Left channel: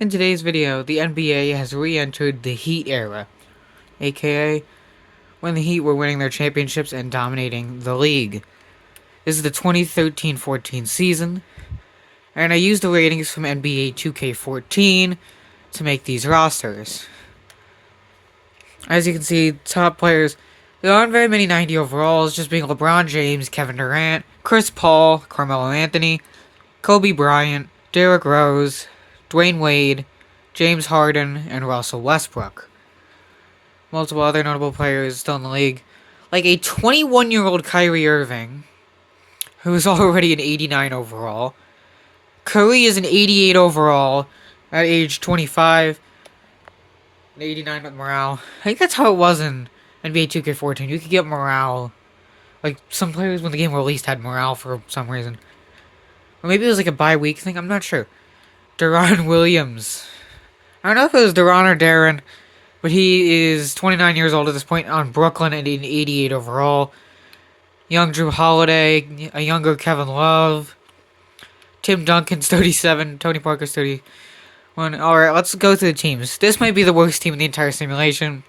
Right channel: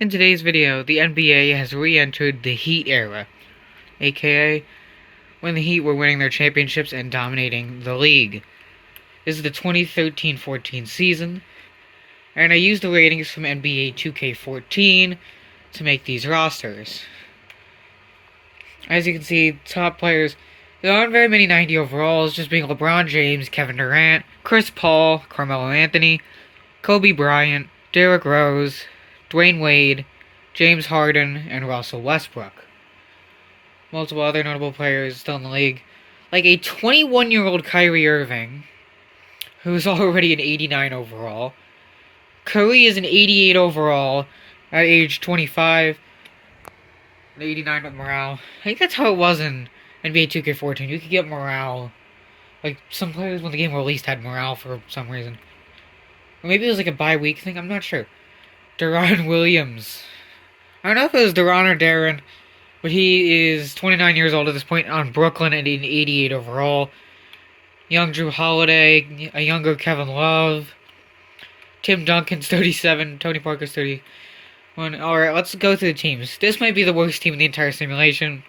In today's video, the NBA has re-entered the Heat era, aka when the Heat were winning their championships and dominating the league. This is the 2013-14 season, and I used the ratings from NBA2K14 to make these rosters. As you can see, top players, there aren't very many 90 overalls, just being LeBron James, Kevin Durant, Chris Paul, Carmelo Anthony, Kobe Bryant, Derrick Rose, Dwayne Wade, James Harden, and Russell Westbrook. Multiple other notable players still in the league, like a 21-year-old Kyrie Irving, who's already an 89 overall. Curry is an 88 overall at age 25. An 89 with morale. I think that's how it was in NBA 2K14. You could get morale. Like, some players when the game released had morale for some reason. Or maybe it was like a bye-week thing, I'm not sure. Deron Williams. I don't know if it was Deron or Darren, but he is 29 years old at this point on Brooklyn and an 88 overall. Young Drew Holiday, a younger Kevin Love. Tim Duncan's 37, Tony Parker's 31. Alright, let's go through the teams. This might be the worst team in the entire simulation.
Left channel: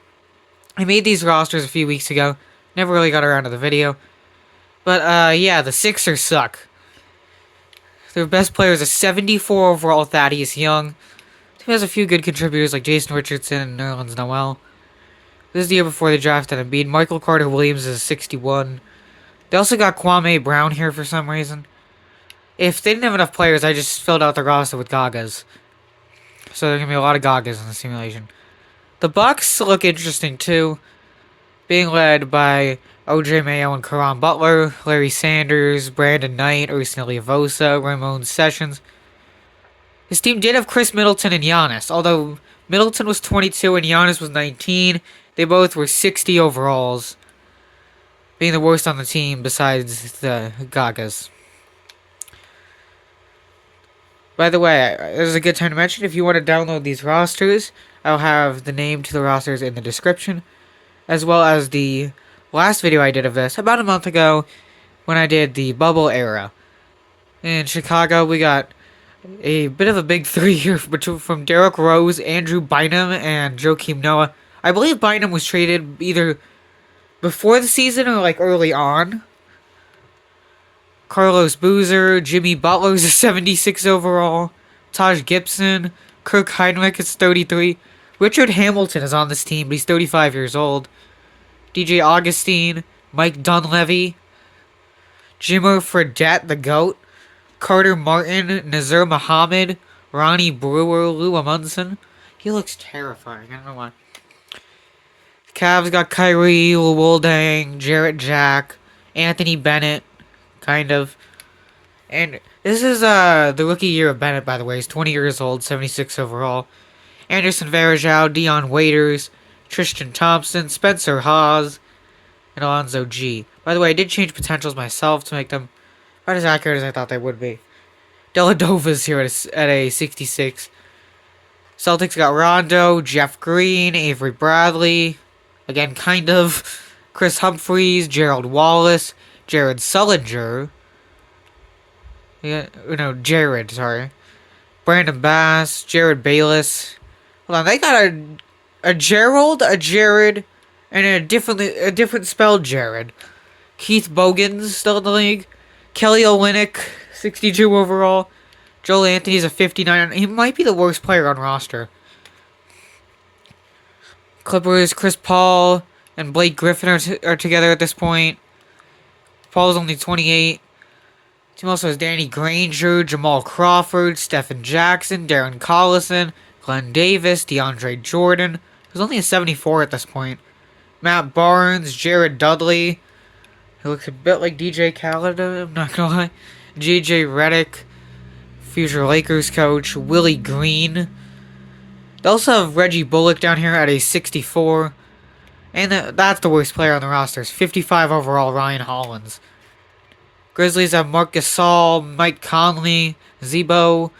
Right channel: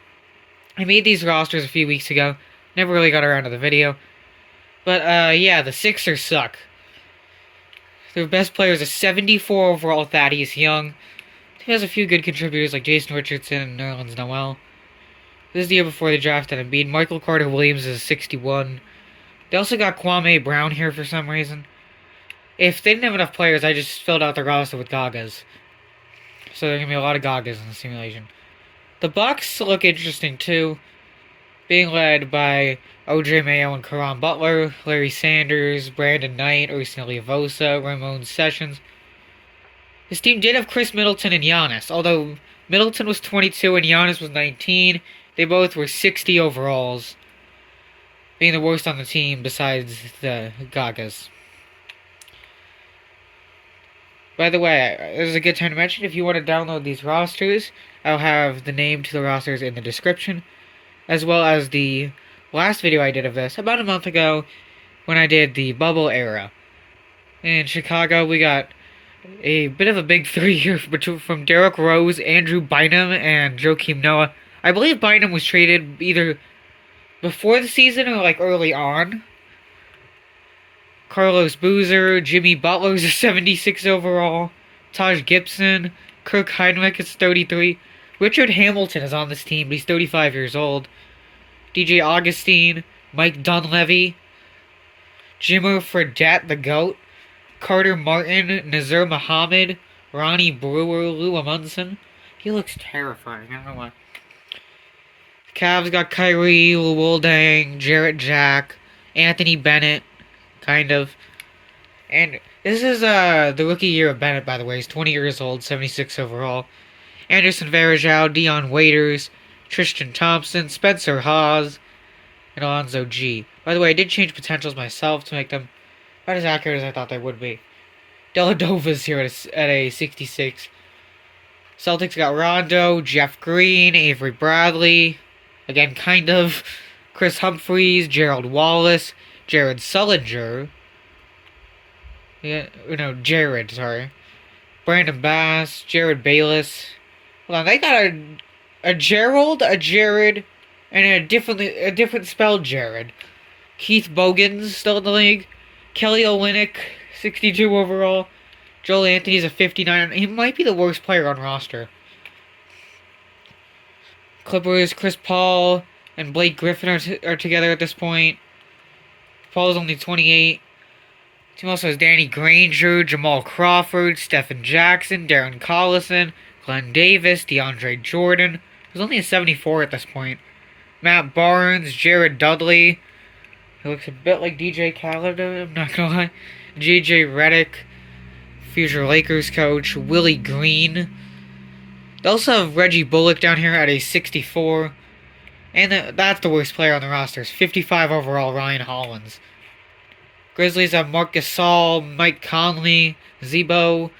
I made these rosters a few weeks ago. Never really got around to the video. But, yeah, the Sixers suck. Their best player is a 74 overall Thaddeus Young. He has a few good contributors like Jason Richardson and Nerlens Noel. This is the year before they drafted Embiid. Michael Carter Williams is a 61. They also got Kwame Brown here for some reason. If they didn't have enough players, I just filled out the roster with Gagas. So there's going to be a lot of Gagas in the simulation. The Bucks look interesting too. Being led by OJ Mayo and Caron Butler, Larry Sanders, Brandon Knight, Ersan Ilyasova, Ramon Sessions. His team did have Chris Middleton and Giannis, although Middleton was 22 and Giannis was 19. They both were 60 overalls, being the worst on the team besides the Gagas. By the way, this is a good time to mention, if you want to download these rosters, I'll have the name to the rosters in the description, as well as the last video I did of this, about a month ago, when I did the bubble era. In Chicago, we got a bit of a big three here from Derrick Rose, Andrew Bynum, and Joakim Noah. I believe Bynum was traded either before the season or like early on. Carlos Boozer, Jimmy Butler's a 76 overall, Taj Gibson, Kirk Heinrich is 33. Richard Hamilton is on this team, but he's 35 years old. DJ Augustine, Mike Dunleavy, Jimmer Fredette, the GOAT, Carter Martin, Nazir Muhammad, Ronnie Brewer, Lou Amundsen. He looks terrifying, I don't know why. The Cavs got Kyrie, Woldang, Jarrett Jack, Anthony Bennett, kind of. And this is the rookie year of Bennett, by the way. He's 20 years old, 76 overall. Anderson Varejao, Dion Waiters, Tristan Thompson, Spencer Hawes, and Alonzo G. By the way, I did change potentials myself to make them about as accurate as I thought they would be. Deladova's here at a 66. Celtics got Rondo, Jeff Green, Avery Bradley, again, kind of, Chris Humphries, Gerald Wallace, Jared Sullinger, Jared, sorry, Brandon Bass, Jared Bayless. Hold on, they got a Gerald, a Jared, and a different spelled Jared. Keith Bogans still in the league. Kelly Olynyk, 62 overall. Joel Anthony's a 59. He might be the worst player on roster. Clippers, Chris Paul and Blake Griffin are together at this point. Paul's only 28. Team also has Danny Granger, Jamal Crawford, Stephen Jackson, Darren Collison, Glenn Davis, DeAndre Jordan, who's only a 74 at this point. Matt Barnes, Jared Dudley. He looks a bit like DJ Khaled, I'm not gonna lie. JJ Redick, future Lakers coach, Willie Green. They also have Reggie Bullock down here at a 64. And that's the worst player on the roster. 55 overall, Ryan Hollins. Grizzlies have Marc Gasol, Mike Conley, Zebo.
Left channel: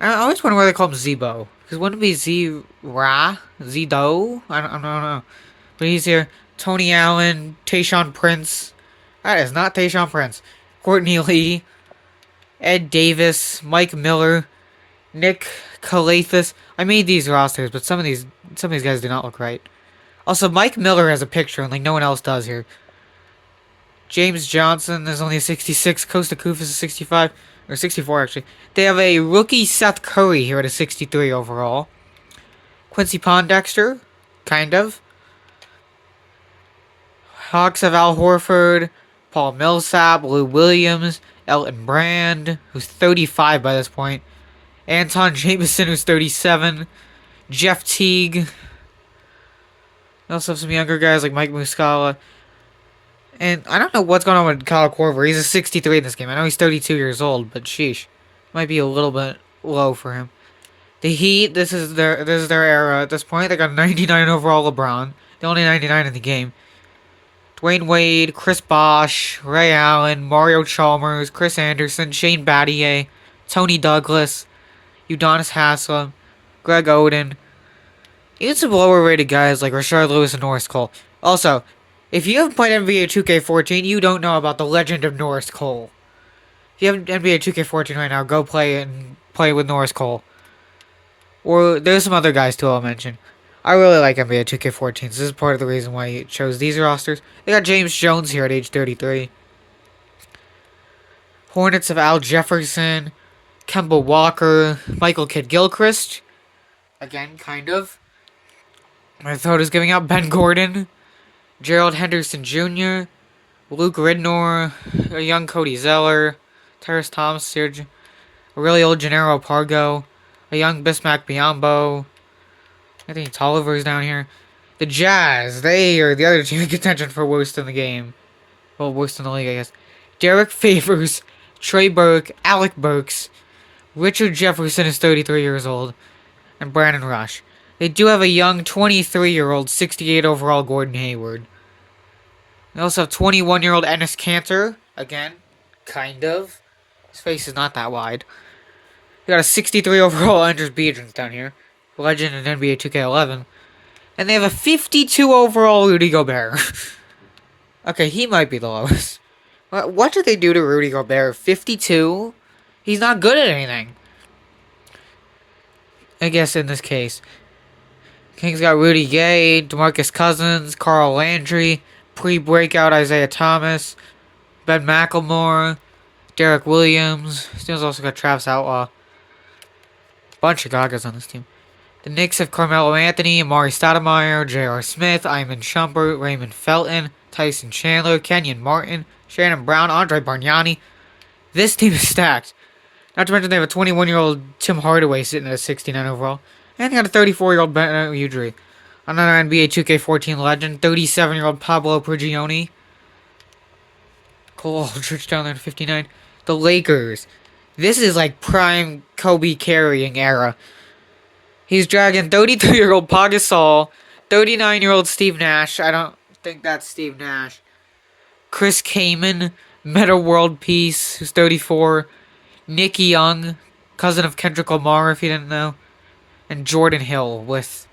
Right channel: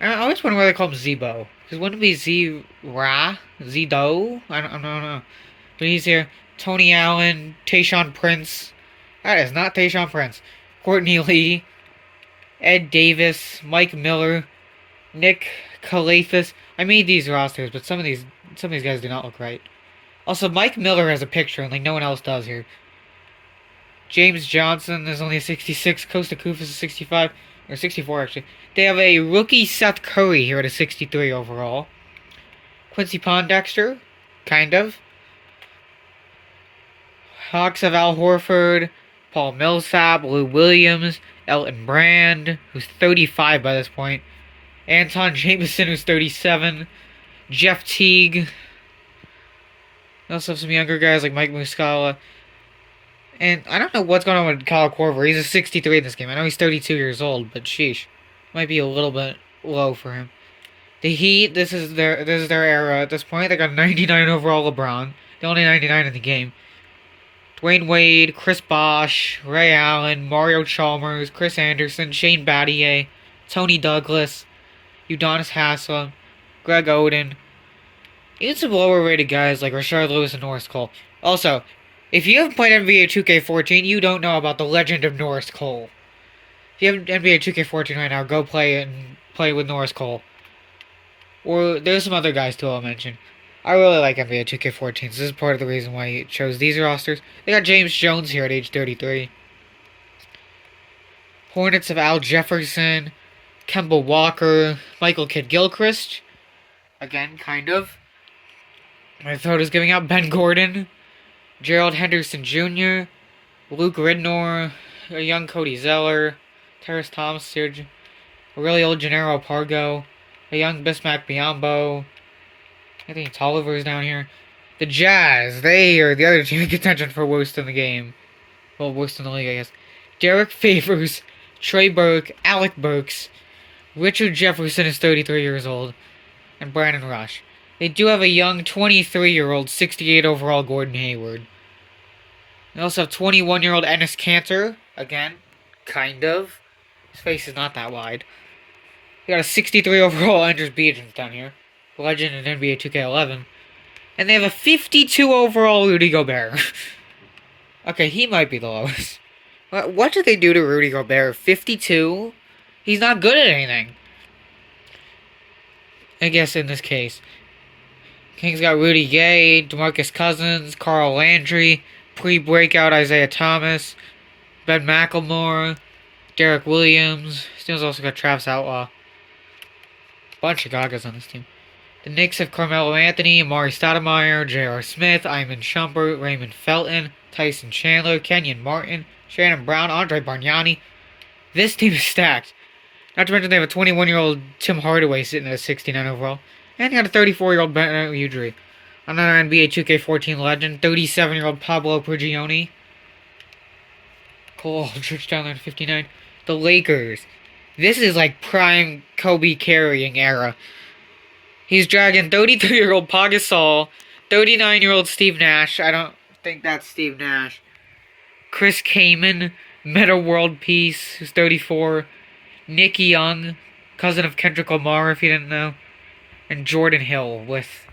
I always wonder why they call him Zebo. Because wouldn't it be Z-Ra? Z-Do? I don't know. But he's here. Tony Allen, Tayshaun Prince. That is not Tayshaun Prince. Courtney Lee, Ed Davis, Mike Miller, Nick Calathis. I made these rosters, but some of these guys do not look right. Also, Mike Miller has a picture, and like no one else does here. James Johnson is only a 66. Costa Kufis is a 65 or 64 actually. They have a rookie Seth Curry here at a 63 overall. Quincy Pondexter, kind of. Hawks have Al Horford, Paul Millsap, Lou Williams, Elton Brand, who's 35 by this point. Anton Jameson, who's 37. Jeff Teague. They also have some younger guys like Mike Muscala. And I don't know what's going on with Kyle Korver. He's a 63 in this game. I know he's 32 years old, but sheesh. Might be a little bit low for him. The Heat, this is their era at this point. They got 99 overall LeBron. The only 99 in the game. Dwayne Wade, Chris Bosh, Ray Allen, Mario Chalmers, Chris Anderson, Shane Battier, Tony Douglas, Udonis Haslem, Greg Oden. Even some lower rated guys like Rashard Lewis and Norris Cole. Also, if you haven't played NBA 2K14, you don't know about the legend of Norris Cole. If you have NBA 2K14 right now, go play it and play with Norris Cole. Or there's some other guys too I'll mention. I really like NBA 2K14, so this is part of the reason why I chose these rosters. They got James Jones here at age 33. Hornets of Al Jefferson, Kemba Walker, Michael Kidd-Gilchrist. Again, kind of. Minnesota's giving out Ben Gordon, Gerald Henderson Jr., Luke Ridnour, a young Cody Zeller, Terrace Thomas, a really old Gennaro Pargo, a young Bismack Biyombo. I think Tolliver's down here. The Jazz, they are the other team in contention for worst in the game. Well, worst in the league, I guess. Derek Favors, Trey Burke, Alec Burks, Richard Jefferson is 33 years old, and Brandon Rush. They do have a young 23-year-old, 68 overall Gordon Hayward. They also have 21-year-old Enes Kanter. Again, kind of. His face is not that wide. They got a 63 overall Andrews Biedrins down here. Legend in NBA 2K11. And they have a 52 overall Rudy Gobert. Okay, he might be the lowest. What did they do to Rudy Gobert? 52? He's not good at anything. I guess in this case. Kings got Rudy Gay, DeMarcus Cousins, Carl Landry, pre-breakout Isaiah Thomas, Ben McLemore, Derek Williams. This team's also got Travis Outlaw. Bunch of Gagas on this team. The Knicks have Carmelo Anthony, Amari Stoudemire, J.R. Smith, Iman Shumpert, Raymond Felton, Tyson Chandler, Kenyon Martin, Shannon Brown, Andre Bargnani. This team is stacked. Not to mention they have a 21-year-old Tim Hardaway sitting at a 69 overall. And they got a 34-year-old Bennett Udry. Another NBA 2K14 legend, 37-year-old Pablo Prigioni. Cole Aldridge down there at 59. The Lakers. This is like prime Kobe carrying era. He's dragging 33-year-old Pau Gasol, 39-year-old Steve Nash. I don't think that's Steve Nash. Chris Kaman, Meta World Peace, who's 34. Nick Young, cousin of Kendrick Lamar, if you didn't know. And Jordan Hill with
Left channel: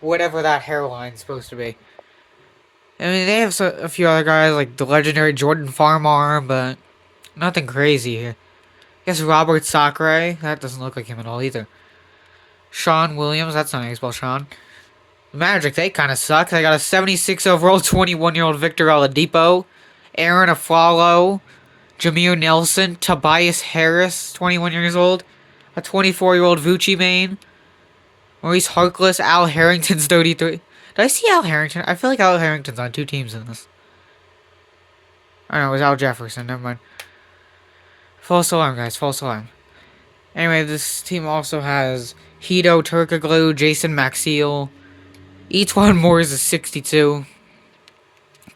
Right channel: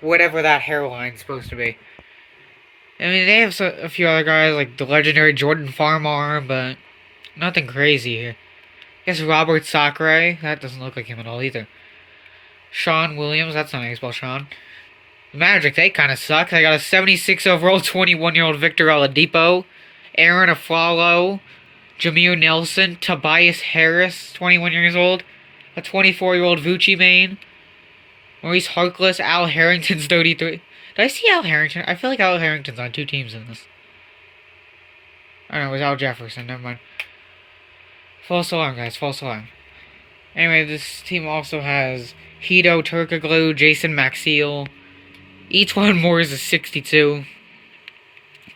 whatever that hairline's supposed to be. I mean, they have a few other guys like the legendary Jordan Farmar, but nothing crazy here. I guess Robert Sacre, that doesn't look like him at all either. Sean Williams, that's not how you spell Sean. The Magic, they kind of suck. They got a 76 overall 21-year-old Victor Oladipo, Aaron Aflalo, Jameer Nelson, Tobias Harris, 21 years old, a 24-year-old Vucci Mane, Maurice Harkless, Al Harrington's 33. Did I see Al Harrington? I feel like Al Harrington's on two teams in this. I don't know, it was Al Jefferson, never mind. False alarm, guys, false alarm. Anyway, this team also has Hito Turkoglu, Jason Maxiel, Etwan Moore is a 62,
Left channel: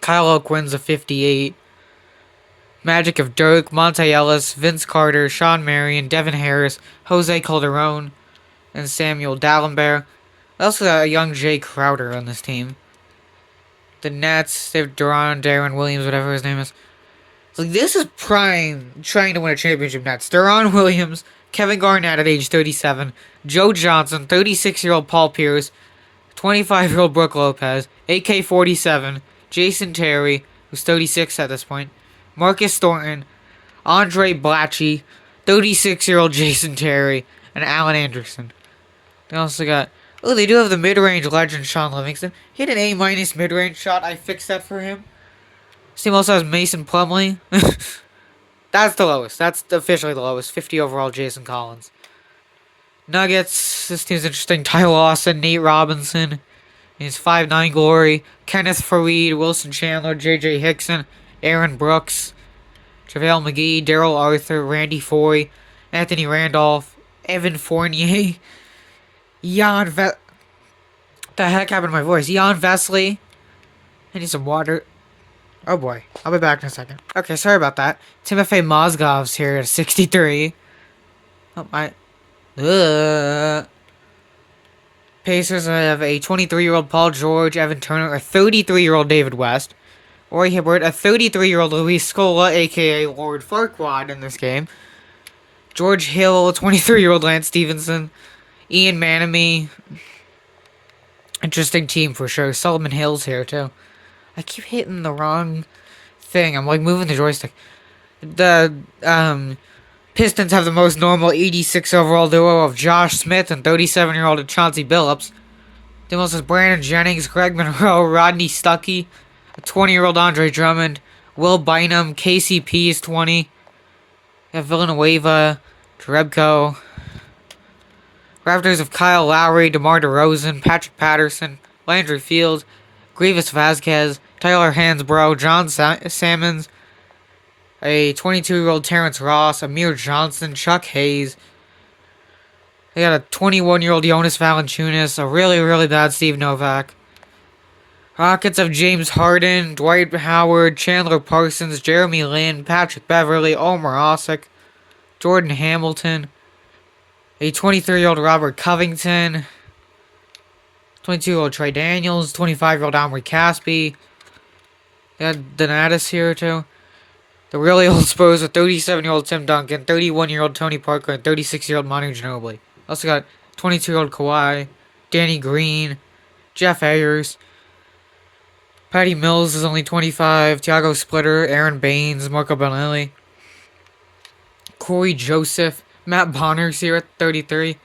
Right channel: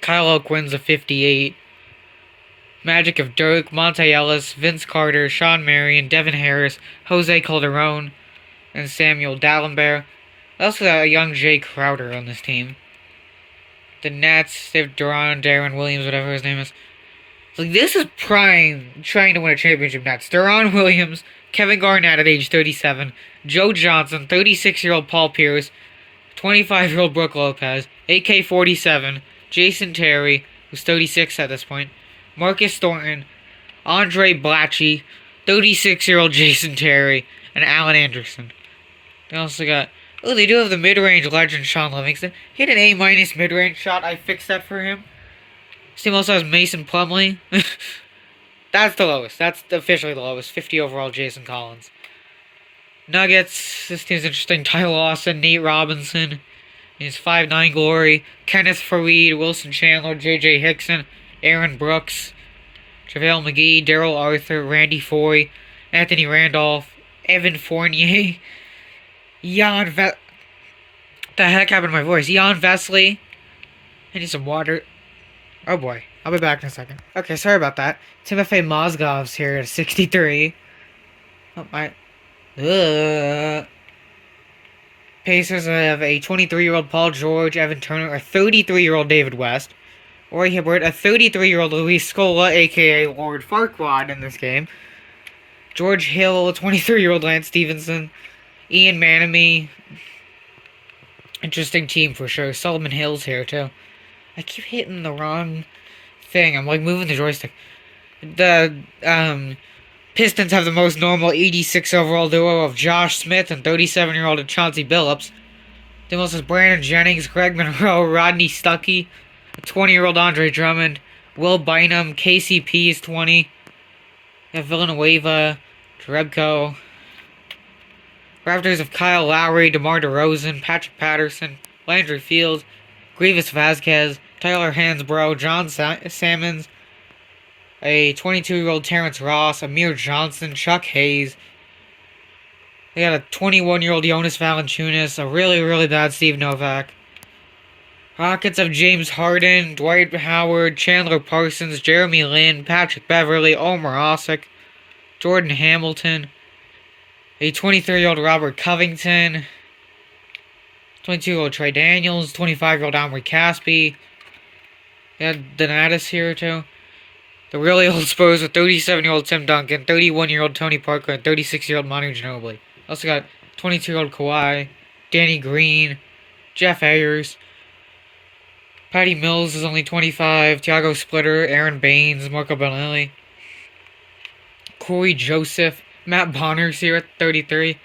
Kyle O'Quinn's a 58, Magic of Dirk, Monte Ellis, Vince Carter, Sean Marion, Devin Harris, Jose Calderon, and Samuel Dalembert. They also got a young Jay Crowder on this team. The Nets, they have Darren Williams, whatever his name is. So this is prime trying to win a championship Nets. Deron Williams, Kevin Garnett at age 37, Joe Johnson, 36-year-old Paul Pierce, 25-year-old Brook Lopez, AK-47, Jason Terry, who's 36 at this point, Marcus Thornton, Andre Blatchy, 36-year-old Jason Terry, and Allen Anderson. They also got. Oh, they do have the mid-range legend Sean Livingston. He had an A- mid-range shot. I fixed that for him. This team also has Mason Plumlee. That's the lowest. That's officially the lowest. 50 overall, Jason Collins. Nuggets. This team's interesting. Tyler Lawson, Nate Robinson. He's 5'9" glory. Kenneth Faried, Wilson Chandler, J.J. Hickson, Aaron Brooks, JaVale McGee, Daryl Arthur, Randy Foy, Anthony Randolph, Evan Fournier, the heck happened to my voice? Jan Vesley. I need some water. Oh boy. I'll be back in a second. Okay, sorry about that. Timofey Mozgov's here at 63. Oh my. Pacers have a 23-year-old Paul George, Evan Turner, a 33-year-old David West, Roy Hibbert, a 33-year-old Luis Scola, aka Lord Farquaad in this game, George Hill, a 23-year-old Lance Stevenson, Ian Manamy. Interesting team for sure. Solomon Hill's here too. I keep hitting the wrong thing. I'm like moving the joystick. The Pistons have the most normal 86 overall duo of Josh Smith and 37-year-old Chauncey Billups. The most is Brandon Jennings, Greg Monroe, Rodney Stuckey, a 20-year-old Andre Drummond, Will Bynum, KCP is 20. We have Villanueva, Trebko. Raptors of Kyle Lowry, DeMar DeRozan, Patrick Patterson, Landry Fields, Grievous Vasquez, Tyler Hansbrough, John Sammons, a 22-year-old Terrence Ross, Amir Johnson, Chuck Hayes. They got a 21-year-old Jonas Valanciunas, a really, really bad Steve Novak. Rockets of James Harden, Dwight Howard, Chandler Parsons, Jeremy Lin, Patrick Beverly, Omar Osik, Jordan Hamilton, a 23-year-old Robert Covington, 22-year-old Trey Daniels, 25-year-old Omri Caspi. They had Donatus here too. The really old Spurs with 37-year-old Tim Duncan, 31-year-old Tony Parker, and 36-year-old Manu Ginobili. Also got 22-year-old Kawhi, Danny Green, Jeff Ayers. Patty Mills is only 25, Thiago Splitter, Aaron Baines, Marco Bellinelli. Corey Joseph, Matt Bonner's here at 33.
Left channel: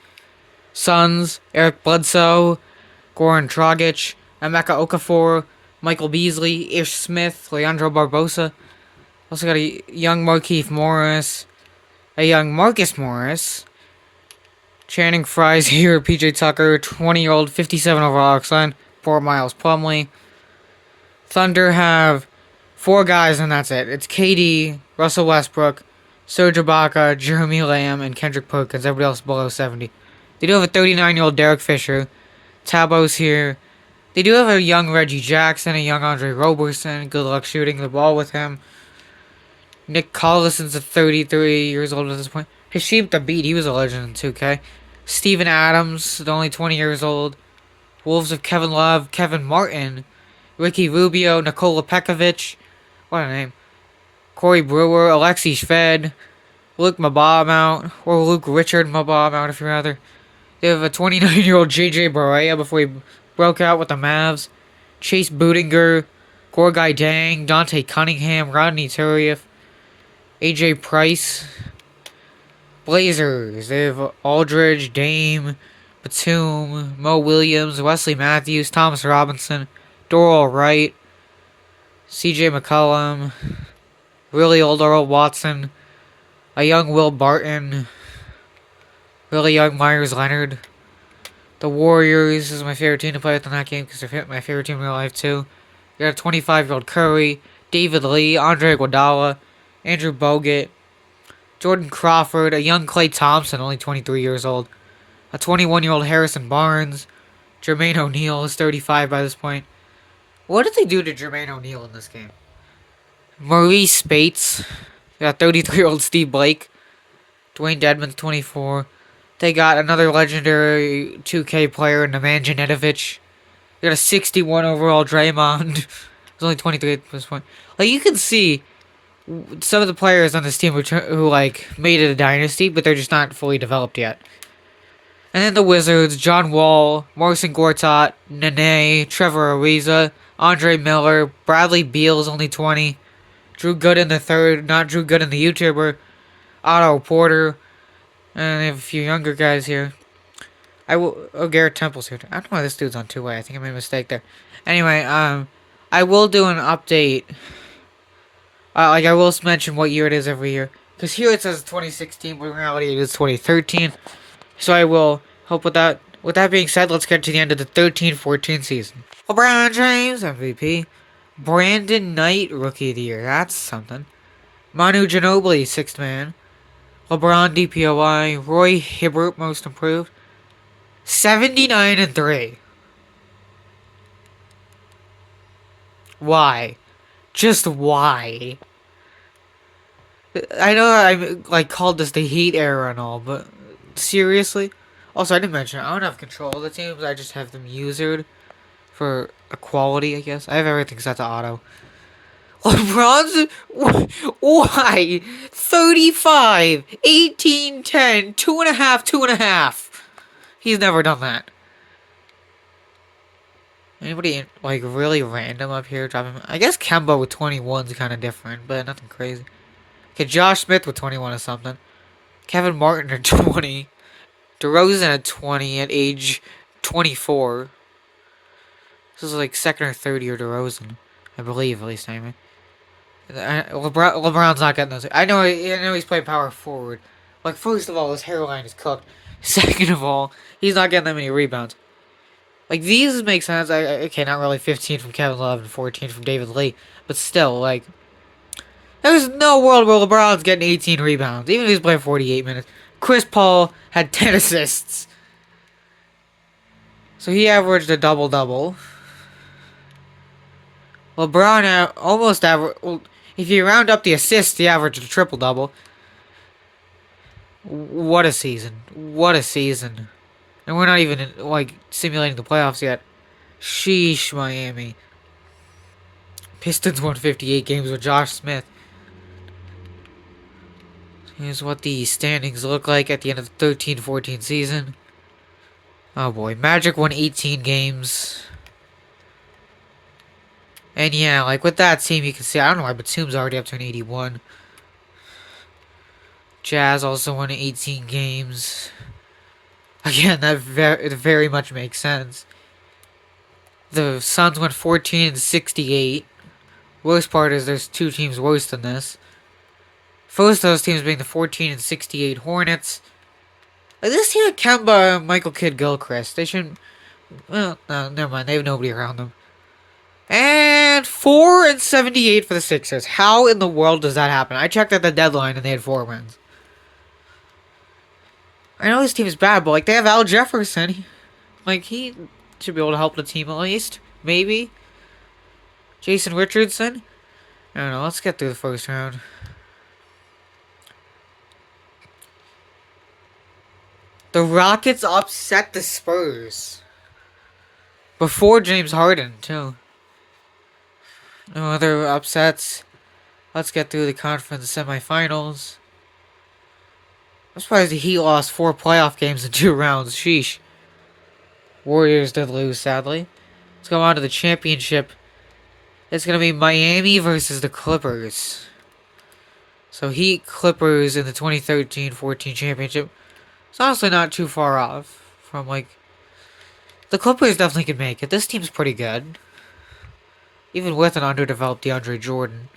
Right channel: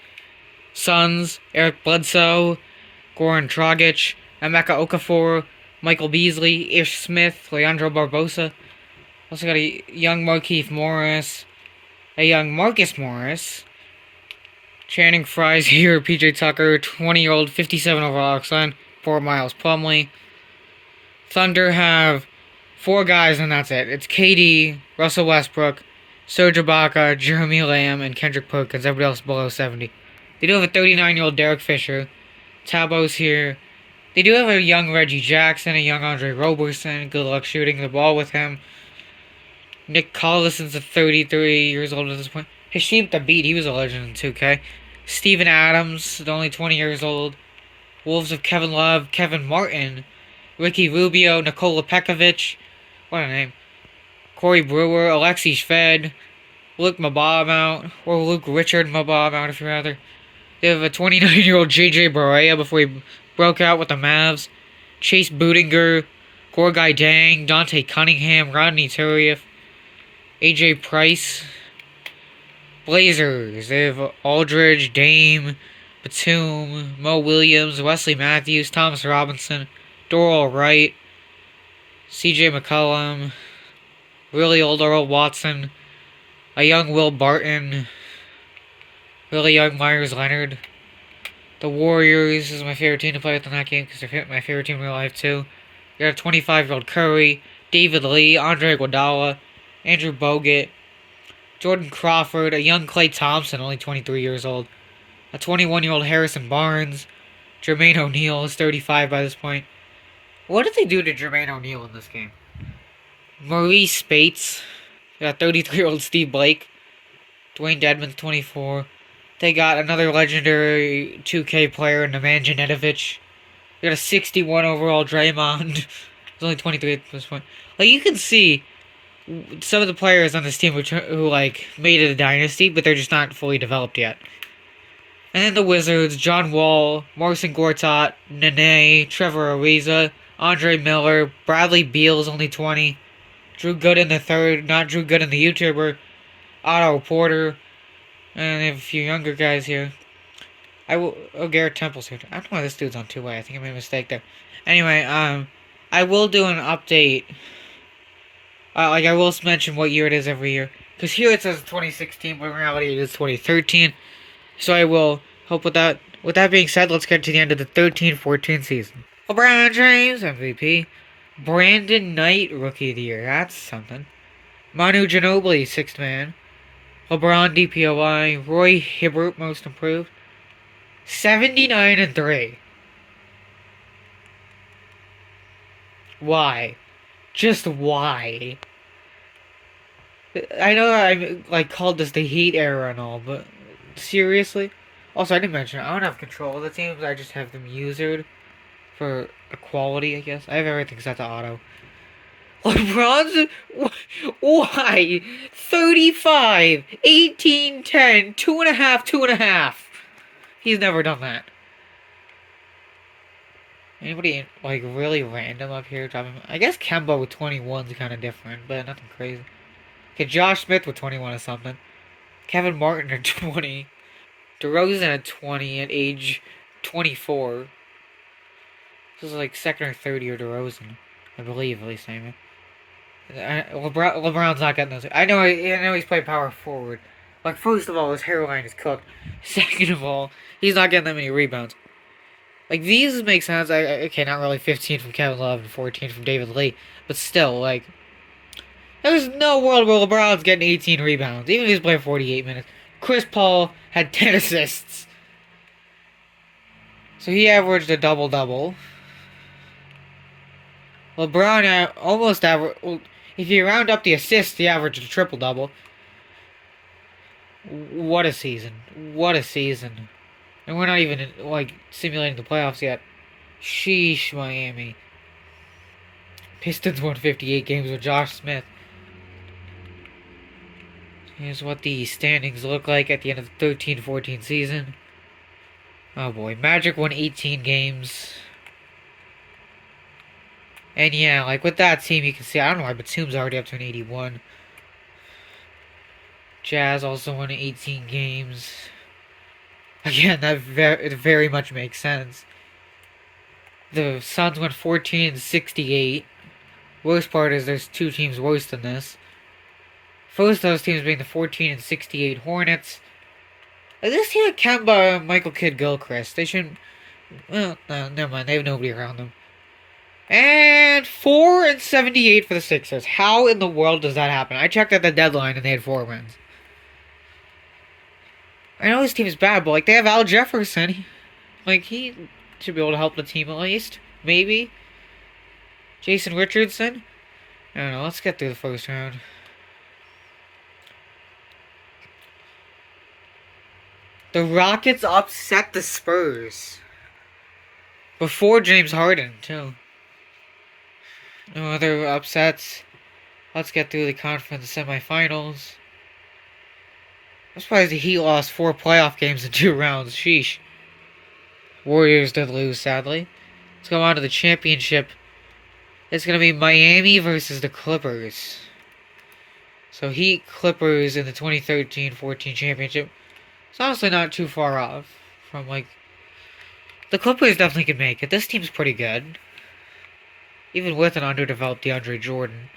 Suns, Eric Bledsoe, Goran Dragic, Emeka Okafor, Michael Beasley, Ish Smith, Leandro Barbosa. Also got a young Markieff Morris, a young Marcus Morris, Channing Frye's here, PJ Tucker, 20-year-old, 57 overall Oakland, poor Miles Plumlee. Thunder have 4 guys and that's it. It's KD, Russell Westbrook, Serge Ibaka, Jeremy Lamb, and Kendrick Perkins. Everybody else below 70. They do have a 39-year-old Derek Fisher. Tabo's here. They do have a young Reggie Jackson, a young Andre Roberson. Good luck shooting the ball with him. Nick Collison's 33 years old at this point. Hashim Thabit, he was a legend in 2K. Steven Adams, only 20 years old. Wolves of Kevin Love, Kevin Martin, Ricky Rubio, Nikola Pekovic. What a name. Corey Brewer, Alexei Shved, Luke Mbamute, or Luke Richard Mbamute if you'd rather. They have a 29-year-old JJ Barea before he broke out with the Mavs. Chase Budinger, Gorgai Dang, Dante Cunningham, Rodney Turieff, AJ Price. Blazers, they have Aldridge, Dame, Batum, Mo Williams, Wesley Matthews, Thomas Robinson, Doral Wright, CJ McCollum, really old Earl Watson, a young Will Barton, really young Myers Leonard. The Warriors is my favorite team to play with in that game because they're my favorite team in real life too. You got a 25-year-old Curry, David Lee, Andre Iguodala, Andrew Bogut, Jordan Crawford, a young Klay Thompson, only 23 years old, a 21-year-old Harrison Barnes, Jermaine O'Neal is 35 by this point. What did they do to Jermaine O'Neal in this game? Maurice Spates, got 33-year-old Steve Blake, Dwayne Dedmon's 24. They got another legendary 2K player, Nemanja Nedovic. They got a 61 overall Draymond. He's only 23 at this point. Like, you can see some of the players on this team who like made it a dynasty, but they're just not fully developed yet. And then the Wizards, John Wall, Marcin Gortat, Nene, Trevor Ariza, Andre Miller, Bradley Beal is only 20, Drew Gooden the third, not Drew Gooden the YouTuber, Otto Porter, And they have a few younger guys here. I will. Oh, Garrett Temple's here. I don't know why this dude's on two-way. I think I made a mistake there. Anyway, I will do an update. Like I will mention what year it is every year, because here it says 2016, but in reality it is 2013. So I will help with that. With that being said, let's get to the end of the 13-14 season. LeBron James MVP, Brandon Knight Rookie of the Year. That's something. Manu Ginobili Sixth Man, LeBron DPOI, Roy Hibbert Most Improved, 79-3. Why? Just why? I know I like called this the Heat era and all, but seriously. Also, I didn't mention I don't have control of the teams. I just have them usered for equality. I guess I have everything set to auto. LeBron's why 35, 18, 10, 2.5, 2.5. He's never done that. Anybody like really random up here dropping? I guess Kemba with 21 is kind of different, but nothing crazy. Okay, Josh Smith with 21 or something. Kevin Martin at 20. DeRozan at 20 at age 24. This is like second or third year DeRozan, I believe, at least anyway. LeBron's not getting those. I know he's playing power forward. Like, first of all, his hairline is cooked. Second of all, he's not getting that many rebounds. Like, these make sense. Okay, not really 15 from Kevin Love and 14 from David Lee. But still, like, there's no world where LeBron's getting 18 rebounds, even if he's playing 48 minutes. Chris Paul had 10 assists. So he averaged a double-double. LeBron almost averaged... Well, if you round up the assists, he averaged a triple-double. What a season. What a season. And we're not even, like, simulating the playoffs yet. Sheesh, Miami. Pistons won 58 games with Josh Smith. Here's what the standings look like at the end of the 13-14 season. Oh boy, Magic won 18 games. And yeah, like with that team, you can see, I don't know why, but Batum's already up to an 81. Jazz also won 18 games. Again, that very much makes sense. The Suns went 14-68. Worst part is there's two teams worse than this. First of those teams being the 14-68 Hornets. Like this team had Kemba, Michael Kidd, Gilchrist. They shouldn't. Well, no, never mind. They have nobody around them. And 4-78 for the Sixers. How in the world does that happen? I checked at the deadline and they had 4 wins. I know this team is bad, but like they have Al Jefferson. Like he should be able to help the team at least. Maybe. Jason Richardson. I don't know. Let's get through the first round. The Rockets upset the Spurs. Before James Harden, too. No other upsets. Let's get through the conference semifinals. I'm surprised the Heat lost 4 playoff games in 2 rounds. Sheesh. Warriors did lose, sadly. Let's go on to the championship. It's going to be Miami versus the Clippers. So Heat Clippers in the 2013-14 championship. It's honestly not too far off from, like... The Clippers definitely can make it. This team's pretty good. Even with an underdeveloped DeAndre Jordan.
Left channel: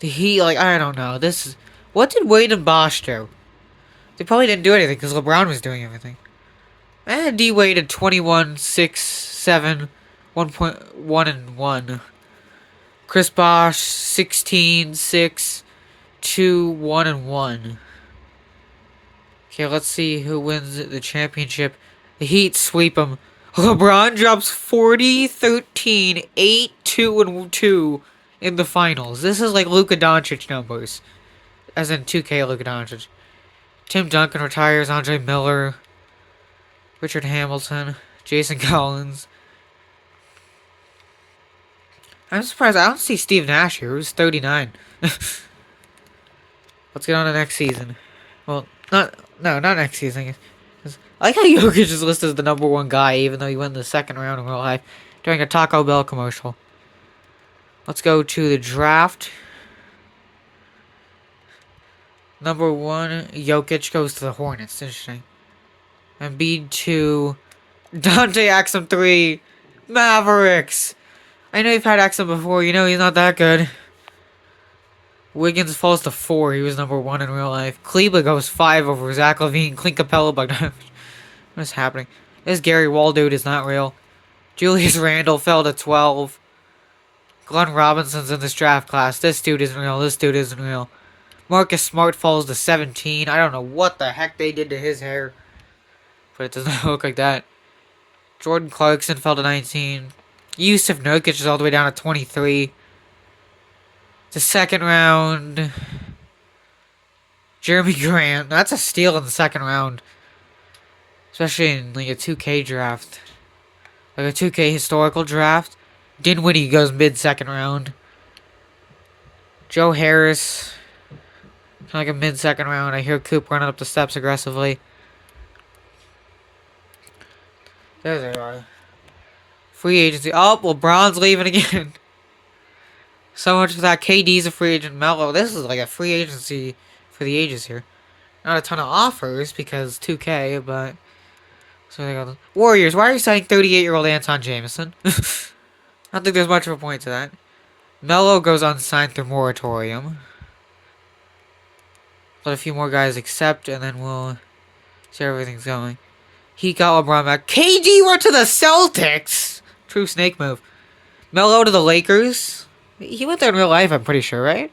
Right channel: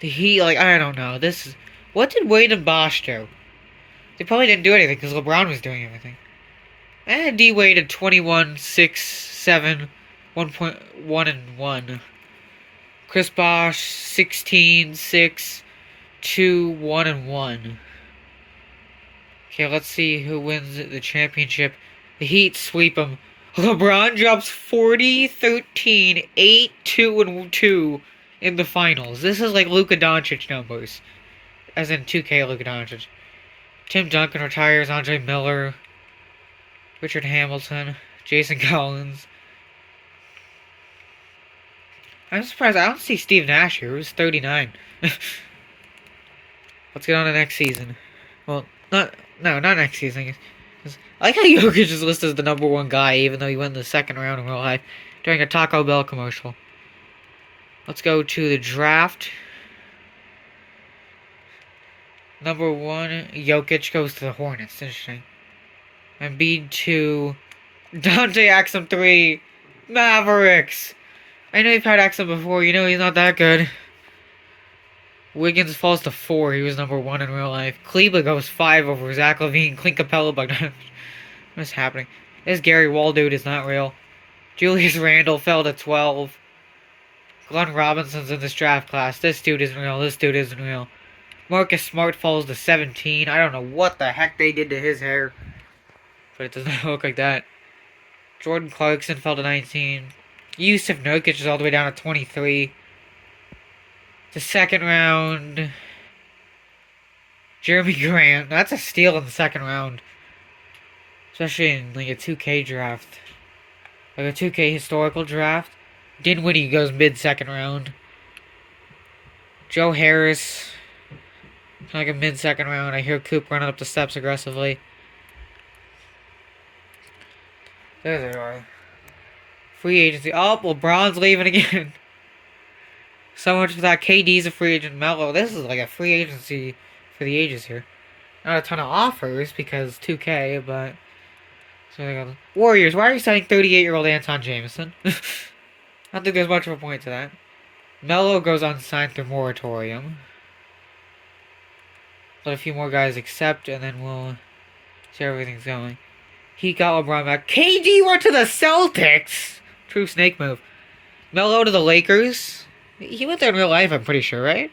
The Heat, like, I don't know. This is... What did Wade and Bosh do? They probably didn't do anything because LeBron was doing everything. And D Wade at 21, 6, 7, 1.1 and 1. Chris Bosh 16, 6, 2, 1 and 1. Okay, let's see who wins the championship. The Heat sweep them. LeBron drops 40, 13, 8, 2 and 2 in the finals. This is like Luka Doncic numbers. As in 2K Luka Doncic. Tim Duncan retires, Andre Miller, Richard Hamilton, Jason Collins. I'm surprised I don't see Steve Nash here, who's 39. Let's get on to next season. Well, not next season. I like how Jokic is listed as the number 1 guy, even though he went in the second round in real life during a Taco Bell commercial. Let's go to the draft. Number 1, Jokic goes to the Hornets. Interesting. Embiid 2, Dante Axum 3, Mavericks. I know you've had Axum before. You know he's not that good. Wiggins falls to 4. He was number 1 in real life. Kleber goes 5 over Zach LaVine, Clint Capella, Bogdanovich. What's happening? This Gary Wall dude is not real. Julius Randle fell to 12. Glenn Robinson's in this draft class. This dude isn't real. This dude isn't real. Marcus Smart falls to 17. I don't know what the heck they did to his hair, but it does not look like that. Jordan Clarkson fell to 19. Yusuf Nurkic is all the way down to 23. The second round, Jeremy Grant. That's a steal in the second round, especially in like a 2K draft, like a 2K historical draft. Dinwiddie goes mid-second round. Joe Harris, like a mid-second round. I hear Coop running up the steps aggressively. There they are. Free agency. Oh, LeBron's leaving again. So much for that. KD's a free agent. Melo. This is like a free agency for the ages here. Not a ton of offers because 2K, but so they got Warriors. Why are you signing 38-year-old Anton Jameson? I don't think there's much of a point to that. Melo goes unsigned through moratorium. Let a few more guys accept, and then we'll see how everything's going. He got LeBron back. KD went to the Celtics. True snake move. Melo to the Lakers. He went there in real life, I'm pretty sure, right?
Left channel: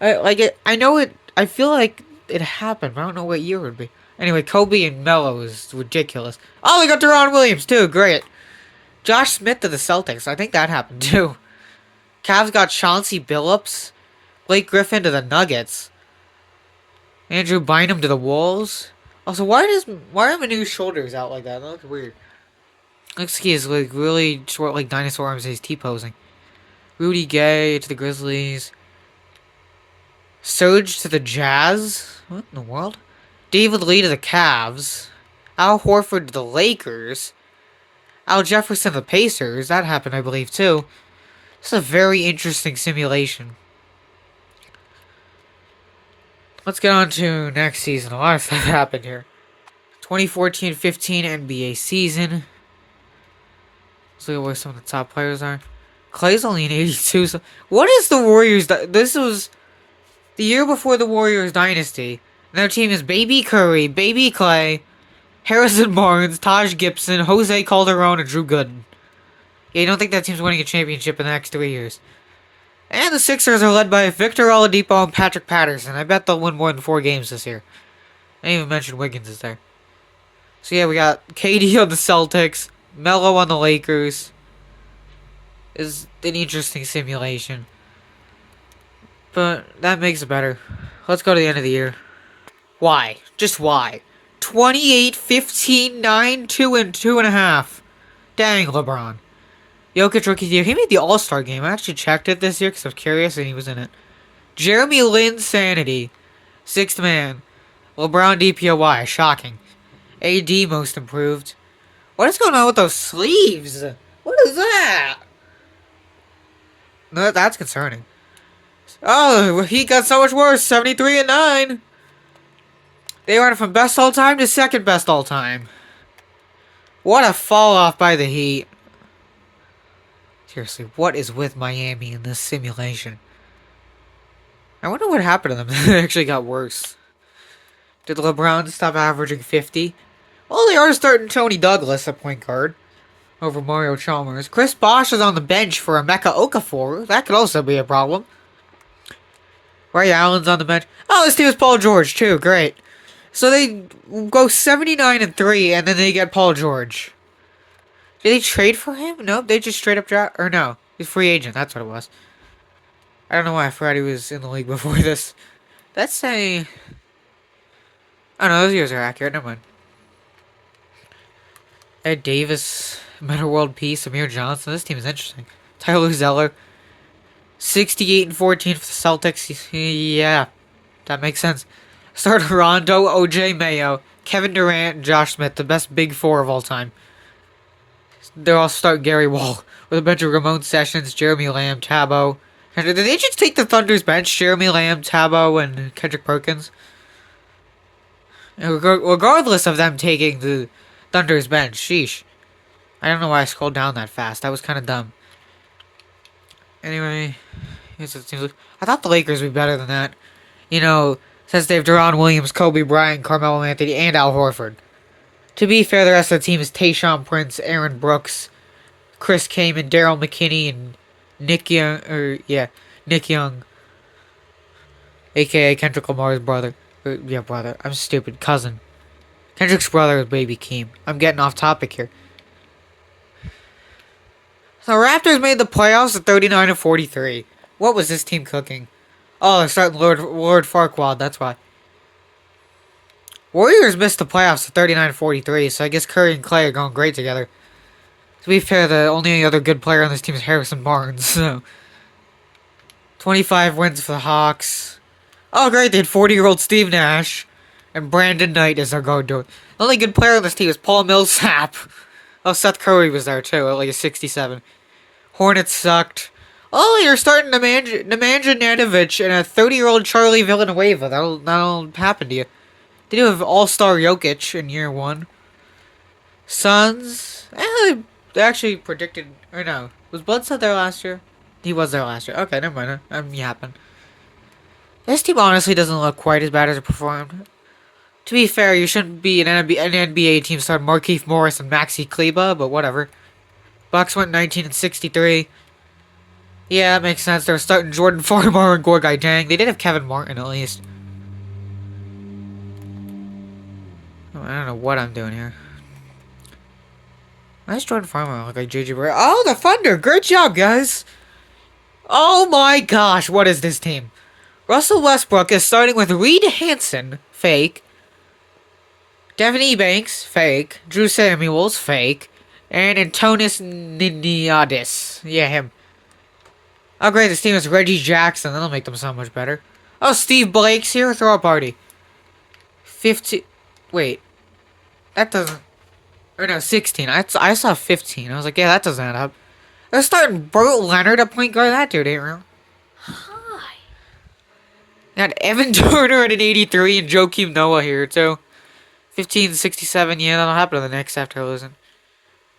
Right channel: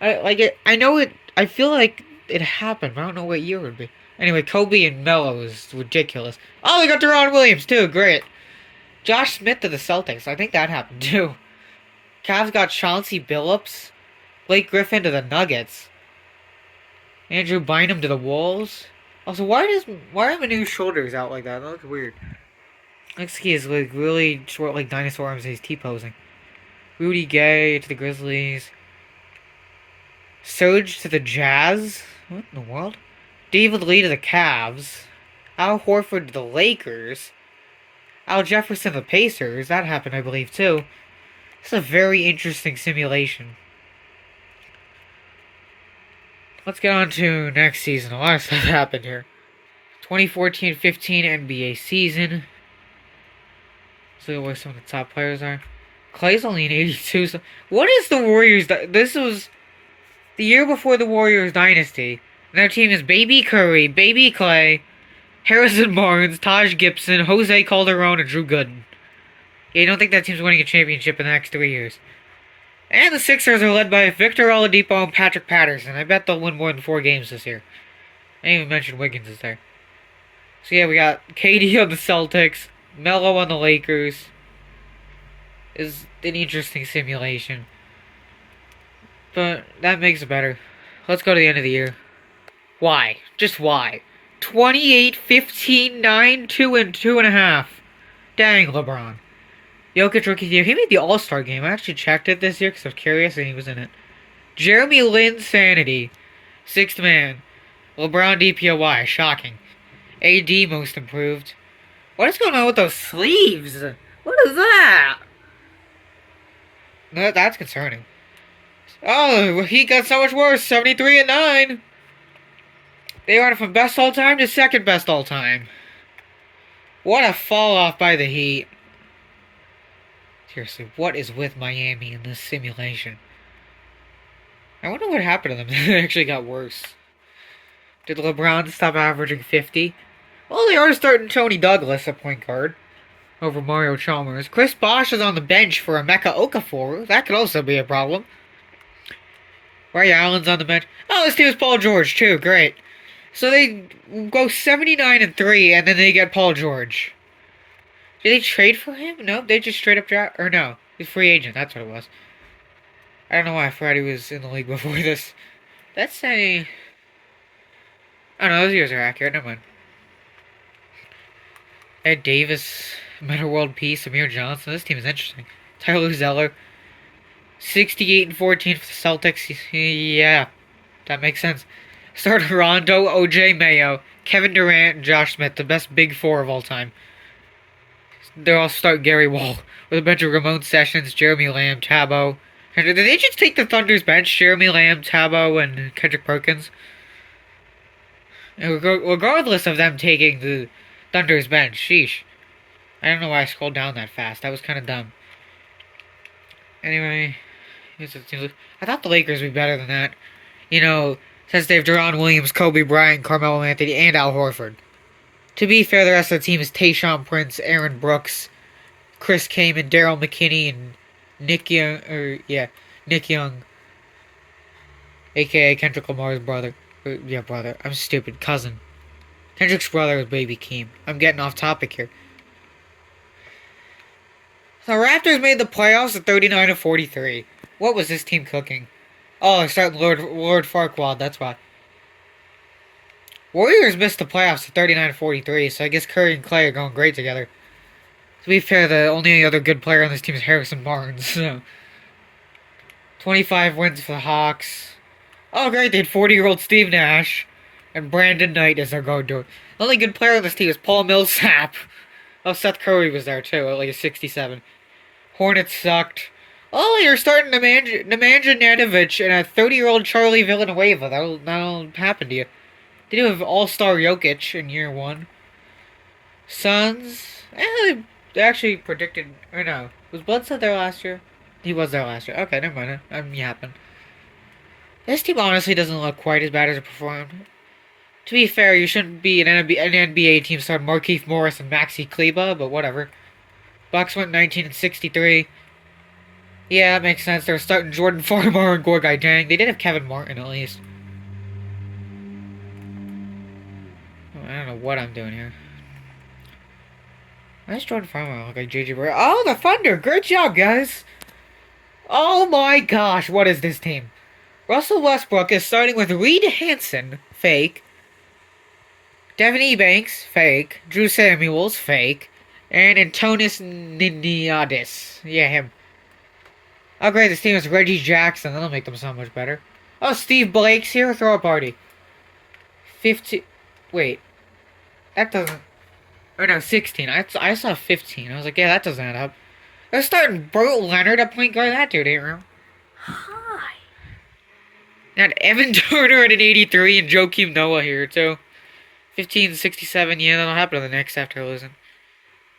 I know it. I feel like it happened, but I don't know what year it would be. Anyway, Kobe and Melo is ridiculous. Oh, they got Deron Williams too. Great. Josh Smith to the Celtics. I think that happened too. Cavs got Chauncey Billups. Blake Griffin to the Nuggets. Andrew Bynum to the Wolves. Also, why are Manu's shoulders out like that? That looks weird. Looks like he's like really short, like dinosaur arms. He's T-posing. Rudy Gay to the Grizzlies. Serge to the Jazz. What in the world? David Lee to the Cavs. Al Horford to the Lakers. Al Jefferson to the Pacers. That happened, I believe, too. This is a very interesting simulation. Let's get on to next season. A lot of stuff happened here. 2014-15 NBA season. Let's look at where some of the top players are. Clay's only an 82. So what is the Warriors? This was the year before the Warriors dynasty. And their team is Baby Curry, Baby Clay, Harrison Barnes, Taj Gibson, Jose Calderon, and Drew Gooden. Yeah, you don't think that team's winning a championship in the next 3 years. And the Sixers are led by Victor Oladipo and Patrick Patterson. I bet they'll win more than 4 games this year. I didn't even mention Wiggins is there. So yeah, we got KD on the Celtics, Melo on the Lakers. Is an interesting simulation. But that makes it better. Let's go to the end of the year. Why? Just why? 28, 15, 9, 2, and 2.5. Dang, LeBron. Jokic rookie of the year. He made the All-Star game. I actually checked it this year because I was curious and he was in it. Jeremy Lin Sanity. 6th man. LeBron DPOY. Shocking. AD most improved. What is going on with those sleeves? What is that? No, that's concerning. Oh, he got so much worse. 73 and 9. They went from best all time to second best all time. What a fall off by the Heat. Seriously, what is with Miami in this simulation? I wonder what happened to them. It actually got worse. Did LeBron stop averaging 50? Well, they are starting Tony Douglas at point guard over Mario Chalmers. Chris Bosh is on the bench for Emeka Okafor. That could also be a problem. Ray Allen's on the bench. Oh, this team is Paul George too. Great. So they go 79 and 3, and then they get Paul George. Did they trade for him? Nope, they just straight up draft. Or no, he's free agent. That's what it was. I don't know why I forgot he was in the league before this. Let's say. I don't know, those years are accurate. Never mind. Ed Davis, Meta World Peace, Amir Johnson. This team is interesting. Tyler Zeller. 68 and 14 for the Celtics. Yeah, that makes sense. Starter Rondo, OJ Mayo, Kevin Durant, and Josh Smith, the best big 4 of all time. They'll all start Gary Wall with a bunch of Ramon Sessions, Jeremy Lamb, Tabo, Did they just take the Thunder's bench? Jeremy Lamb, Tabo, and Kendrick Perkins? Regardless of them taking the Thunder's bench, sheesh. I don't know why I scrolled down that fast. That was kind of dumb. Anyway, I thought the Lakers would be better than that. You know, since they have Deron Williams, Kobe Bryant, Carmelo Anthony, and Al Horford. To be fair, the rest of the team is Tayshaun Prince, Aaron Brooks, Chris Kaman, Daryl McKinney, and Nick Young, aka Kendrick Lamar's brother. Brother. I'm stupid. Cousin. Kendrick's brother is Baby Keem. I'm getting off topic here. So Raptors made the playoffs at 39-43. What was this team cooking? Oh, they're starting Lord Farquaad. That's why. Warriors missed the playoffs at 39-43, so I guess Curry and Clay are going great together. To be fair, the only other good player on this team is Harrison Barnes. So 25 wins for the Hawks. Oh, great, they had 40-year-old Steve Nash. And Brandon Knight is their go-to. The only good player on this team is Paul Millsap. Oh, Seth Curry was there, too, at like a 67. Hornets sucked. Oh, you're starting Nemanja Nanovic and a 30-year-old Charlie Villanueva. That'll happen to you. They do have All-Star Jokic in year one. Suns. They actually predicted... Or no. Was Bledsoe there last year? He was there last year. Okay, never mind. I'm yapping. This team honestly doesn't look quite as bad as it performed. To be fair, you shouldn't be an NBA team starting Markieff Morris and Maxi Kleber, but whatever. Bucks went 19-63. Yeah, that makes sense. They're starting Jordan Farmar and Gorgai Dang. They did have Kevin Martin at least. Oh, I don't know what I'm doing here. Why does Jordan Farmar look like JJ Barea? Oh, the Thunder! Great job, guys! Oh my gosh, what is this team? Russell Westbrook is starting with Reed Hansen, fake. Devin Ebanks, fake. Drew Samuels, fake. And Antonis Niniadis. Yeah, him. Oh, great, this team is Reggie Jackson. That'll make them so much better. Oh, Steve Blake's here. Throw a party. 15. Wait. That doesn't... Or no, 16. I saw 15. I was like, yeah, that doesn't add up. They're starting Burt Leonard at point guard. That dude ain't real. Hi. Got Evan Turner at an 83 and Joakim Noah here, too. 15-67. Yeah, that'll happen to the Knicks after losing.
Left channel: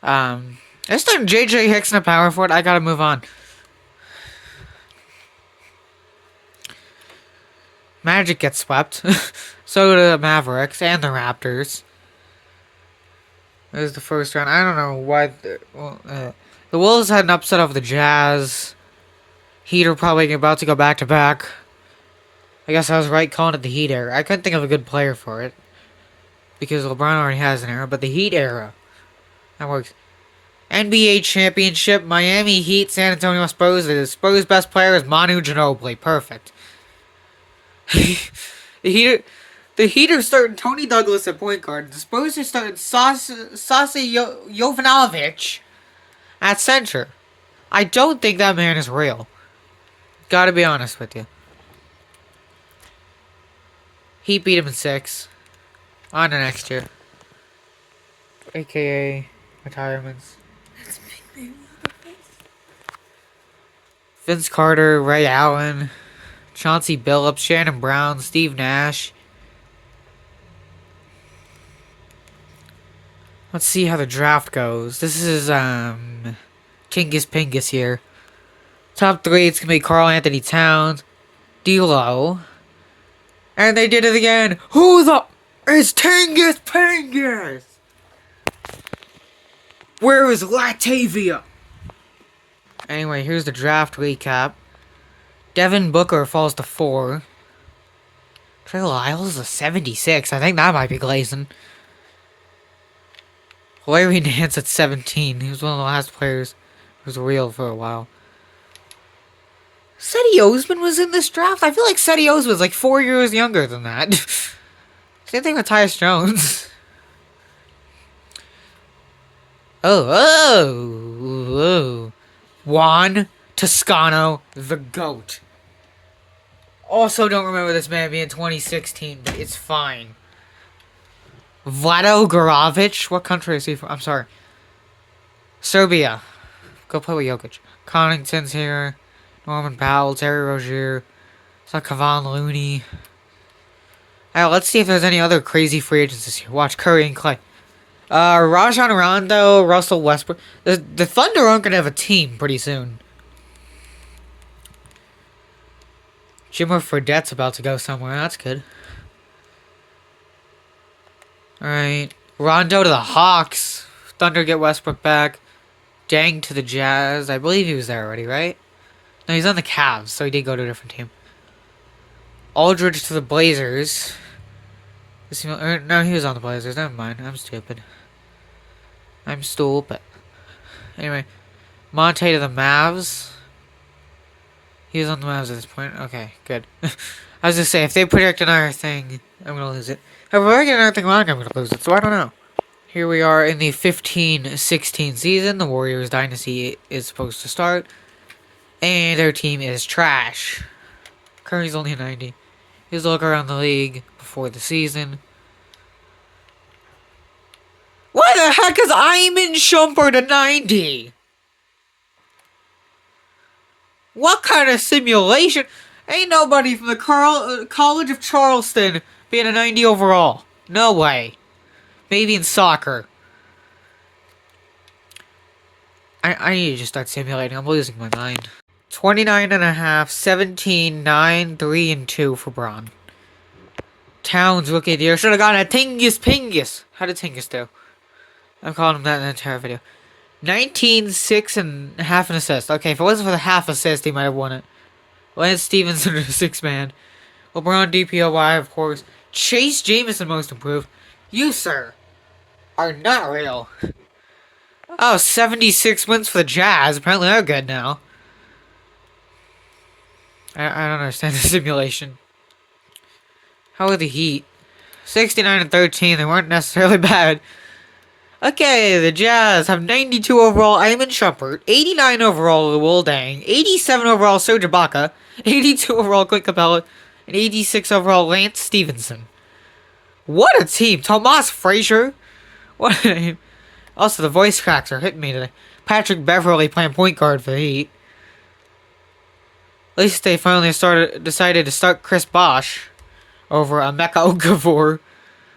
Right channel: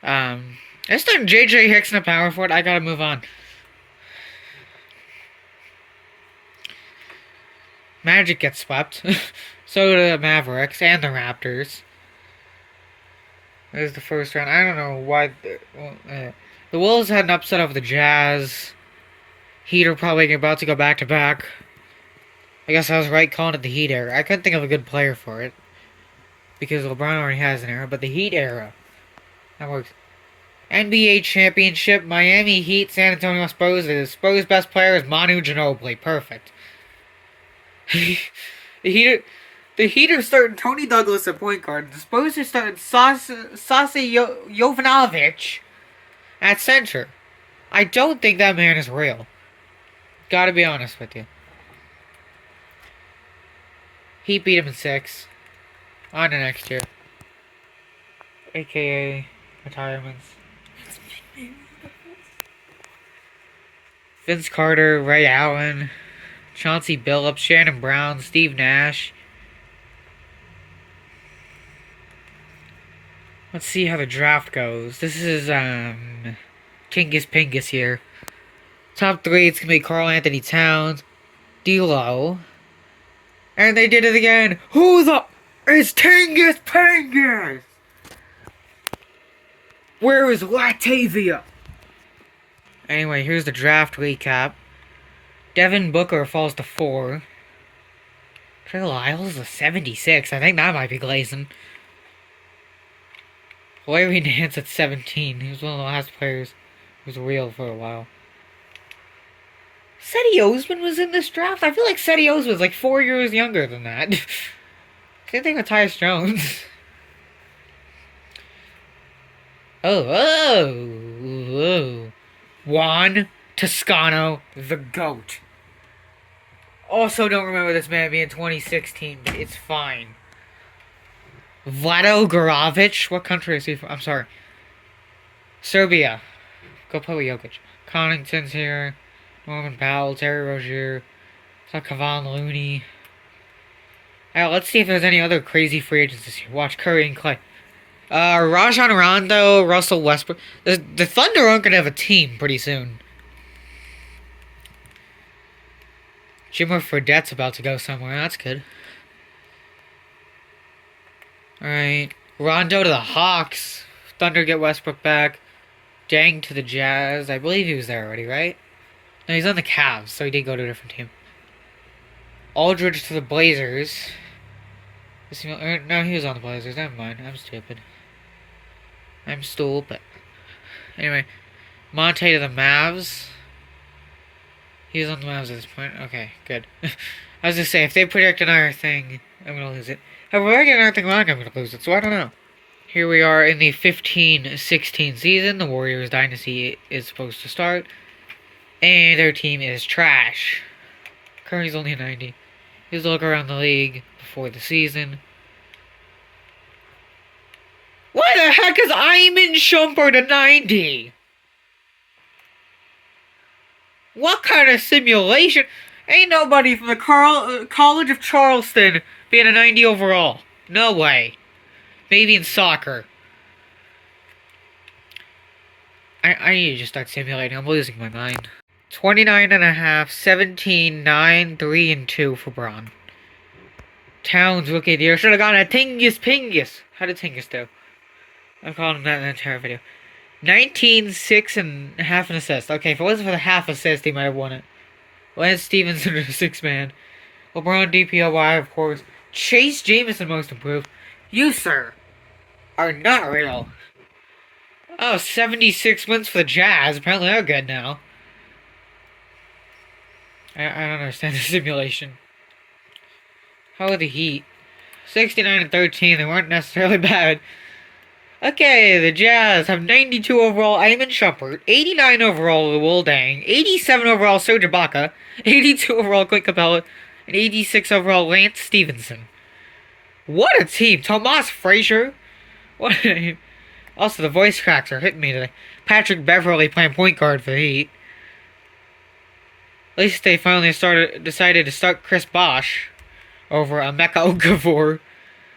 They're starting JJ Hicks in a power forward. I gotta move on. Magic gets swept. So do the Mavericks and the Raptors. There's the first round. I don't know why. The Wolves had an upset over the Jazz. Heat are probably about to go back to back. I guess I was right calling it the Heat era. I couldn't think of a good player for it. Because LeBron already has an era. But the Heat era. That works. NBA Championship. Miami Heat. San Antonio Spurs. The Spurs' best player is Manu Ginobili. Perfect. The Heat are starting Tony Douglas at point guard. The Spurs are starting Sasi Jovanovic at center. I don't think that man is real. Gotta be honest with you. Heat beat him in 6. On to next year. AKA retirements. Vince Carter, Ray Allen, Chauncey Billups, Shannon Brown, Steve Nash. Let's see how the draft goes. This is, Tingus Pingus here. Top 3, it's gonna be Karl Anthony Towns, D'Lo. And they did it again. Who the... It's Tingus Pingus! Where is Latavia? Anyway, here's the draft recap. Devin Booker falls to 4. Trey Lyles is a 76. I think that might be glazing. Larry Nance at 17. He was one of the last players who was real for a while. Seti Osman was in this draft? I feel like Seti Osman was like 4 years younger than that. Same thing with Tyus Jones. Oh. Juan Toscano, the GOAT. Also don't remember this man being 2016, but it's fine. Vlado Goravic, what country is he from? I'm sorry. Serbia. Go play with Jokic. Connington's here. Norman Powell, Terry Rozier, it's not Kevon Looney. Alright, let's see if there's any other crazy free agents this year. Watch Curry and Clay. Rajon Rondo, Russell Westbrook. The Thunder aren't gonna have a team pretty soon. Jimmer Fredette's about to go somewhere. That's good. Alright. Rondo to the Hawks. Thunder get Westbrook back. Dang to the Jazz. I believe he was there already, right? No, he's on the Cavs, so he did go to a different team. Aldridge to the Blazers. No, he was on the Blazers. Never mind. I'm stupid. Anyway. Monte to the Mavs. He's on the Mavs at this point. Okay, good. I was just saying, if they predict another thing, I'm going to lose it. If I get another thing wrong, I'm going to lose it, so I don't know. Here we are in the 15-16 season. The Warriors dynasty is supposed to start. And their team is trash. Curry's only a 90. Here's a look around the league before the season. Why the heck is Iman Shumpert a 90? What kind of simulation? Ain't nobody from the College of Charleston being a 90 overall. No way. Maybe in soccer. I need to just start simulating. I'm losing my mind. 29.5, 17, 9, 3, and 2 for Braun. Towns rookie of the year. Should have gotten a Tingus Pingus. How did Tingus do? I'm calling him that in the entire video. 19, 6, and half an assist. Okay, if it wasn't for the half assist, he might have won it. Lance Stevenson, a 6-man. LeBron DPOY, of course. Chase Jameson, most improved. You, sir, are not real. Oh, 76 wins for the Jazz. Apparently they're good now. I don't understand the simulation. How are the Heat? 69 and 13. They weren't necessarily bad. Okay, the Jazz have 92 overall Iman Shumpert, 89 overall Will Dang, 87 overall Serge Ibaka, 82 overall Clint Capella, and 86 overall Lance Stevenson. What a team! Tomas Frazier? What a name. Also, the voice cracks are hitting me today. Patrick Beverly playing point guard for the Heat. At least they finally decided to start Chris Bosh over Emeka Okafor.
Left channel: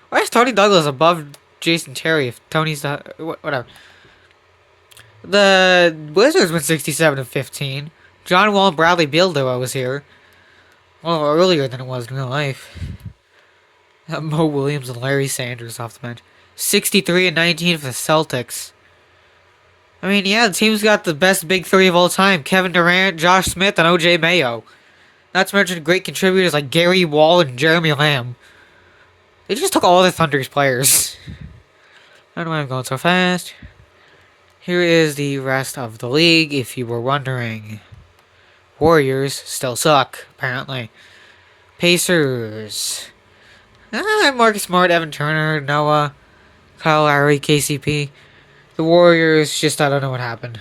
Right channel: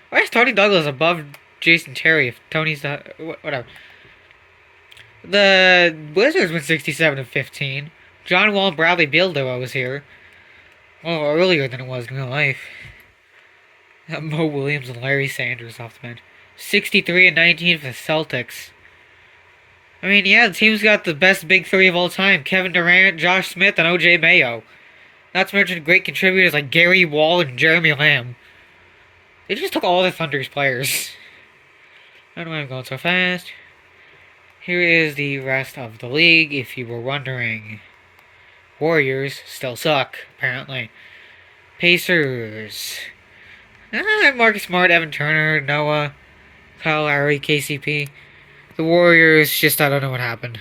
Why is Tony Douglas above Jason Terry if Tony's not... Whatever. The Wizards went 67 and 15. John Wall and Bradley Beal duo was here. Well, earlier than it was in real life. Mo Williams and Larry Sanders off the bench. 63 and 19 for the Celtics. I mean, yeah, the team's got the best big three of all time. Kevin Durant, Josh Smith, and OJ Mayo. Not to mention great contributors like Gary Wall and Jeremy Lamb. They just took all the Thunder's players. I don't know why I'm going so fast. Here is the rest of the league, if you were wondering. Warriors still suck, apparently. Pacers. Marcus Smart, Evan Turner, Noah, Kyle Lowry, KCP. The Warriors, just I don't know what happened.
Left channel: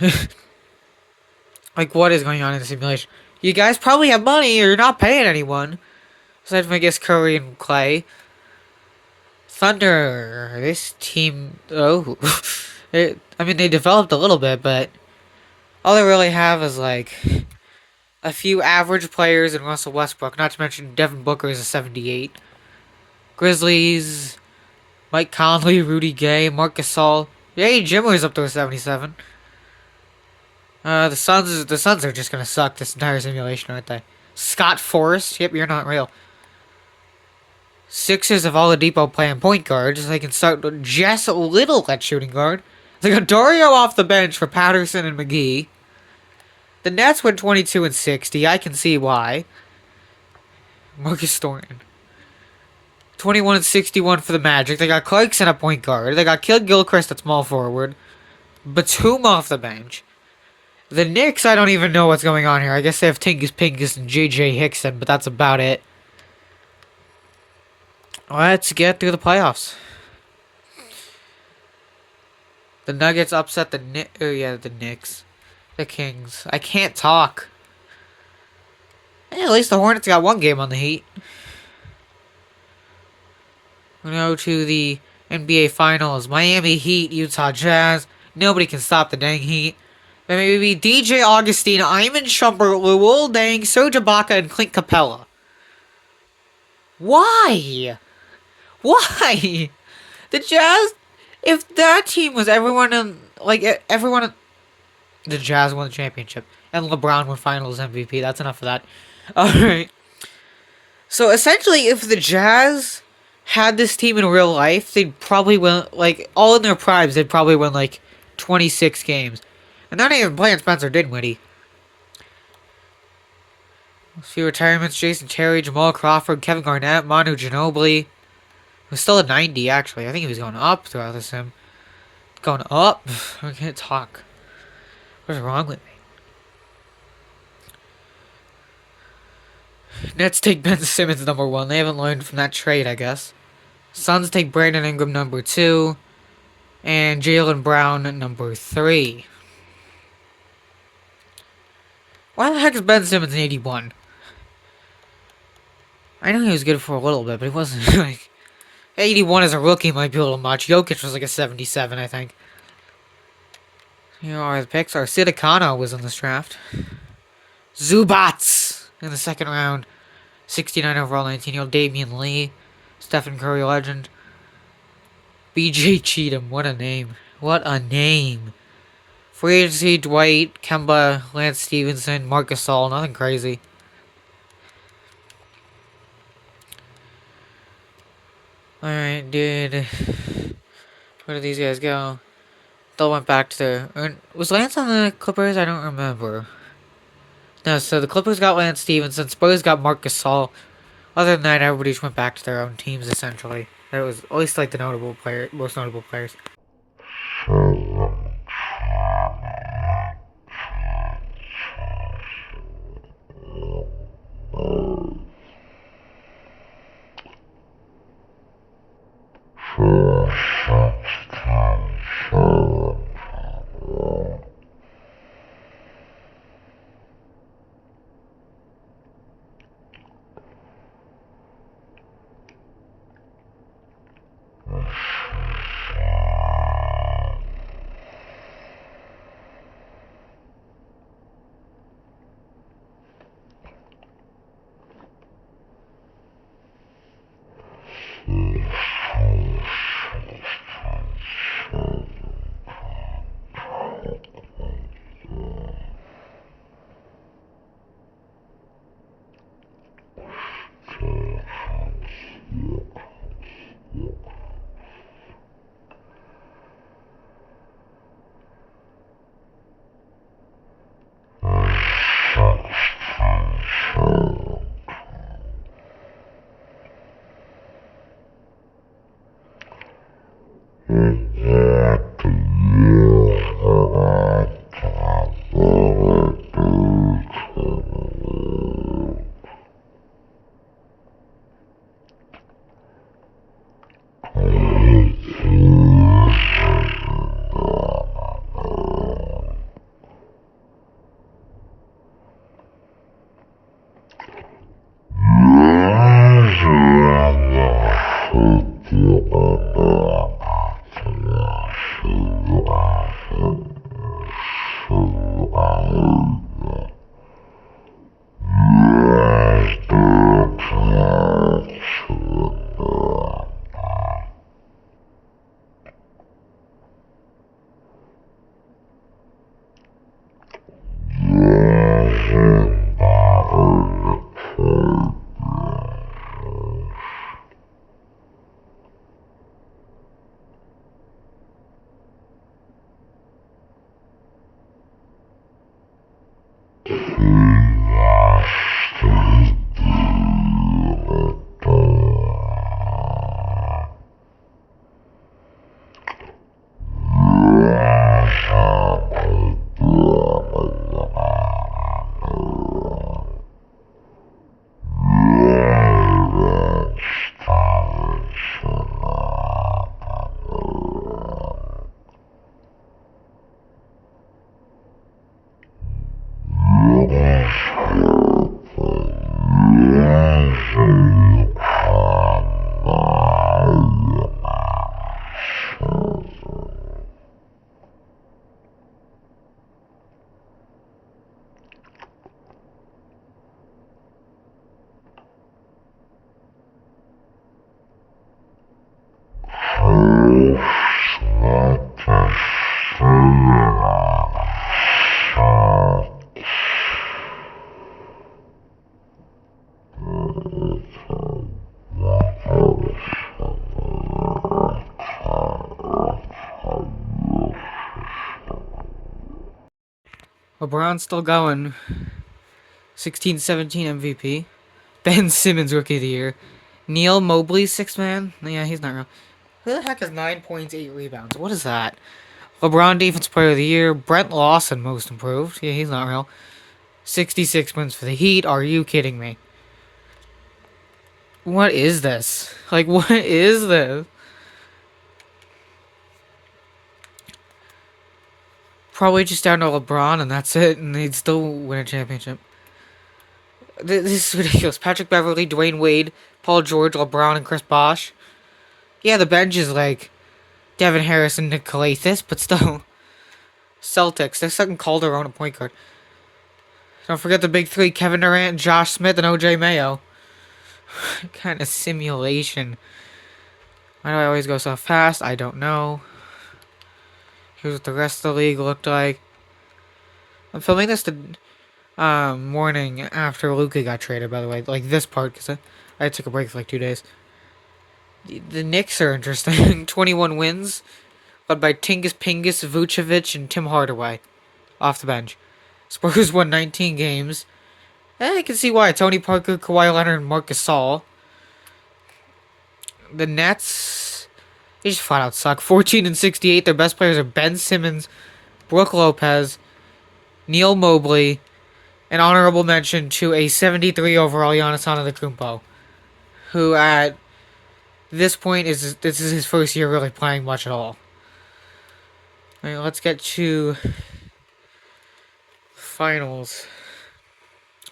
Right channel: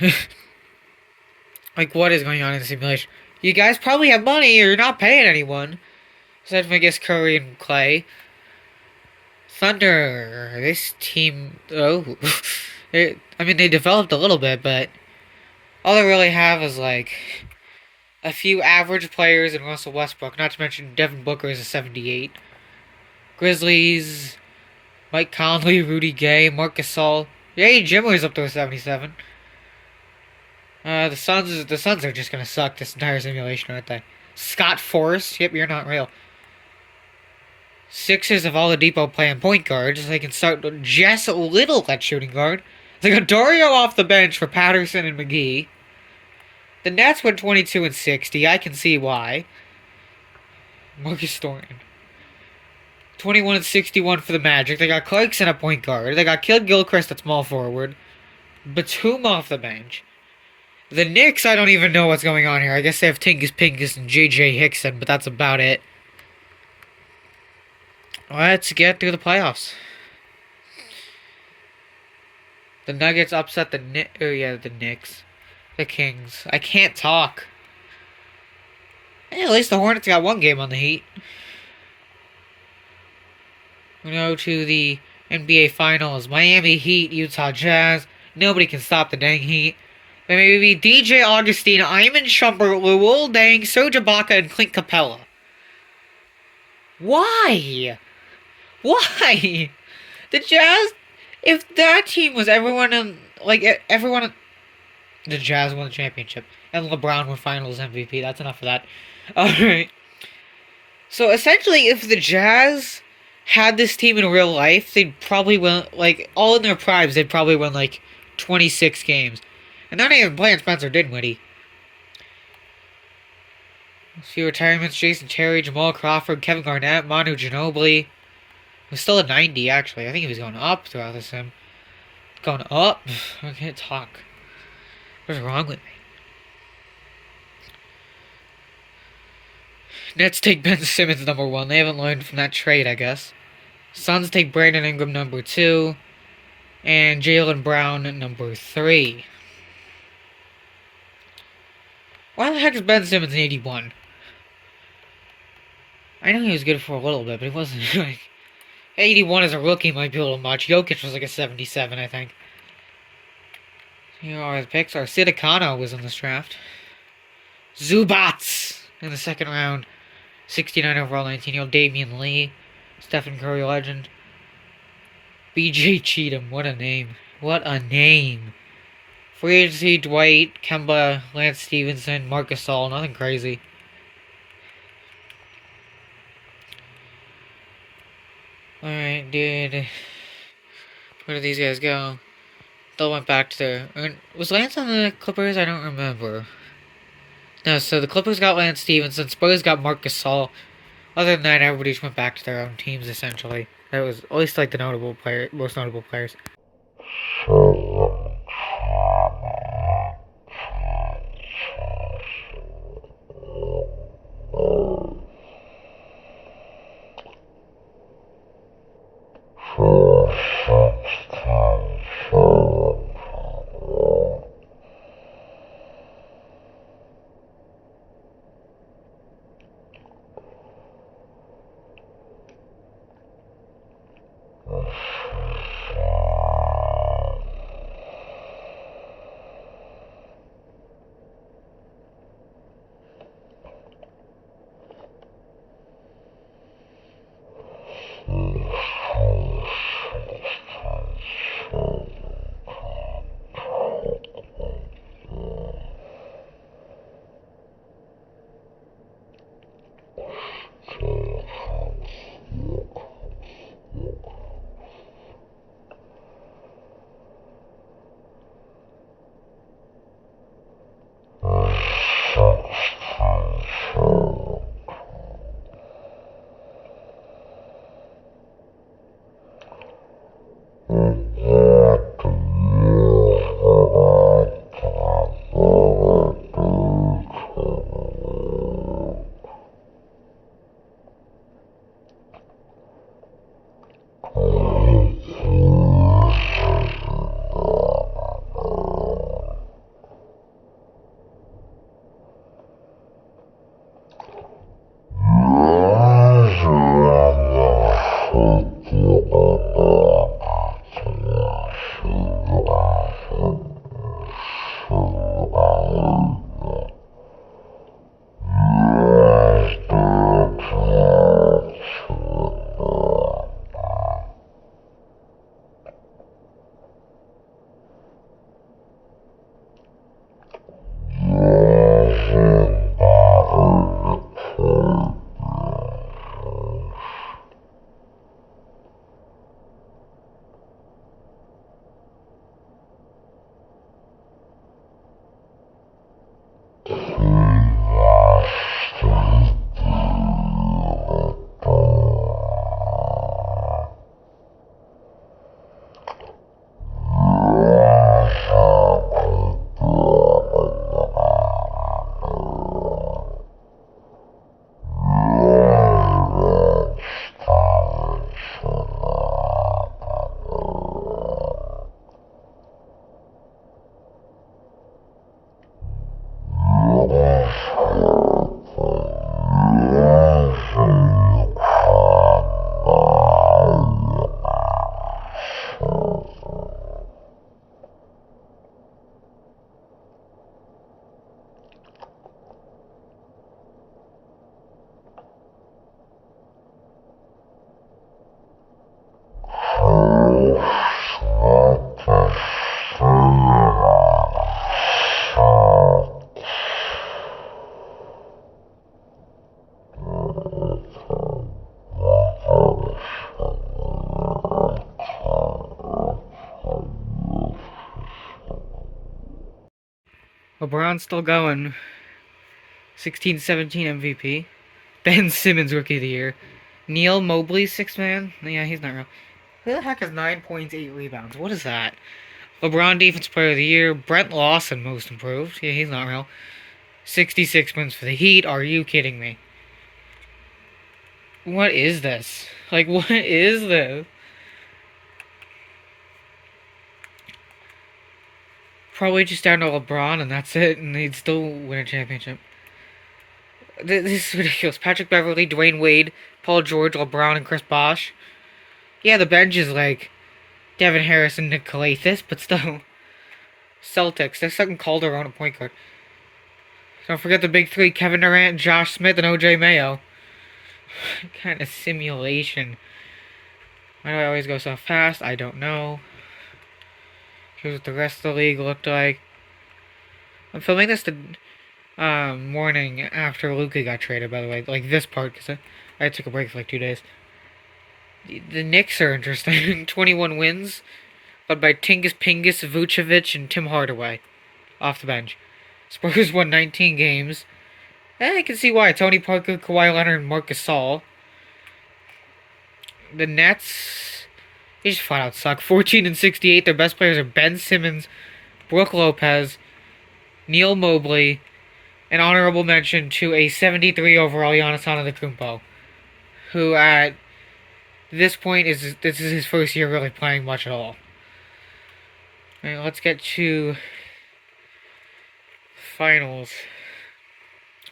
Like, what is going on in the simulation? You guys probably have money, or you're not paying anyone. Aside from, I guess, Curry and Clay. Thunder, this team, I mean, they developed a little bit, but all they really have is, like, a few average players and Russell Westbrook, not to mention Devin Booker is a 78. Grizzlies, Mike Conley, Rudy Gay, Marc Gasol. Yay, Jimmer's up to a 77. The Suns are just gonna suck this entire simulation, aren't they? Scott Forrest, yep, you're not real. Sixers of Oladipo playing point guard, so they can start Jess Little at shooting guard. They got Dario off the bench for Patterson and McGee. The Nets went 22 and 60. I can see why. Marcus Thornton. 21 and 61 for the Magic. They got Clarkson at point guard. They got Kid Gilchrist at small forward. Batum off the bench. The Knicks, I don't even know what's going on here. I guess they have Tingus Pingus and JJ Hickson, but that's about it. Let's get through the playoffs. The Nuggets upset the Knicks. The Kings. I can't talk. Hey, at least the Hornets got one game on the Heat. We go to the NBA Finals. Miami Heat, Utah Jazz. Nobody can stop the dang Heat. Then maybe DJ Augustine, Iman Shumpert, Lowell Dang, Serge Ibaka, and Clint Capella. Why? Why? The Jazz, if that team was everyone in, like, everyone, the Jazz won the championship, and LeBron won finals MVP. That's enough of that. Alright. So essentially, if the Jazz had this team in real life, they'd probably win, like, all in their primes, they'd probably win, like, 26 games. And they're not even playing Spencer Dinwiddie. See retirements: Jason Terry, Jamal Crawford, Kevin Garnett, Manu Ginobili. Who's still at 90, actually. I think he was going up throughout this sim. Going up? I can't talk. What's wrong with me? Nets take Ben Simmons number 1. They haven't learned from that trade, I guess. Suns take Brandon Ingram number 2. And Jaylen Brown number 3. Why the heck is Ben Simmons an 81? I know he was good for a little bit, but he wasn't like... 81 as a rookie might be a little much. Jokic was like a 77, I think. You know, our picks are Sidakano was in this draft. Zubats in the second round. 69 overall, 19-year-old Damian Lee. Stephen Curry legend. BJ Cheatham, what a name. What a name. Free agency: Dwight, Kemba, Lance Stevenson, Marc Gasol, nothing crazy. Alright, dude. Where did these guys go? They went back to their... Was Lance on the Clippers? I don't remember. No, so the Clippers got Lance Stevenson, Spurs got Marc Gasol. Other than that, everybody just went back to their own teams, essentially. That was at least like the most notable players. LeBron's still going. 16-17 MVP. Ben Simmons Rookie of the Year. Neil Mobley, sixth man. Yeah, he's not real. Who the heck has 9 points, 8 rebounds? What is that? LeBron Defense Player of the Year. Brent Lawson Most Improved. Yeah, he's not real. 66 wins for the Heat. Are you kidding me? What is this? Like, what is this? Probably just down to LeBron and that's it, and they'd still win a championship. This is ridiculous. Patrick Beverly, Dwayne Wade, Paul George, LeBron, and Chris Bosh. Yeah, the bench is like Devin Harris and Nick Calathis, but still. Celtics, they're second Calderon at point guard. Don't forget the big three, Kevin Durant, Josh Smith, and OJ Mayo. What kind of simulation? Why do I always go so fast? I don't know. Here's what the rest of the league looked like. I'm filming this the morning after Luka got traded, by the way. Like this part, because I took a break for like 2 days. The Knicks are interesting. 21 wins, led by Tingis Pingus, Vucevic, and Tim Hardaway. Off the bench. Spurs won 19 games. I can see why. Tony Parker, Kawhi Leonard, and Marc Gasol. The Nets, they just flat out suck. 14-68. Their best players are Ben Simmons, Brook Lopez, Neil Mobley, an honorable mention to a 73 overall Giannis Antetokounmpo, who at this point this is his first year really playing much at all. Alright, let's get to finals.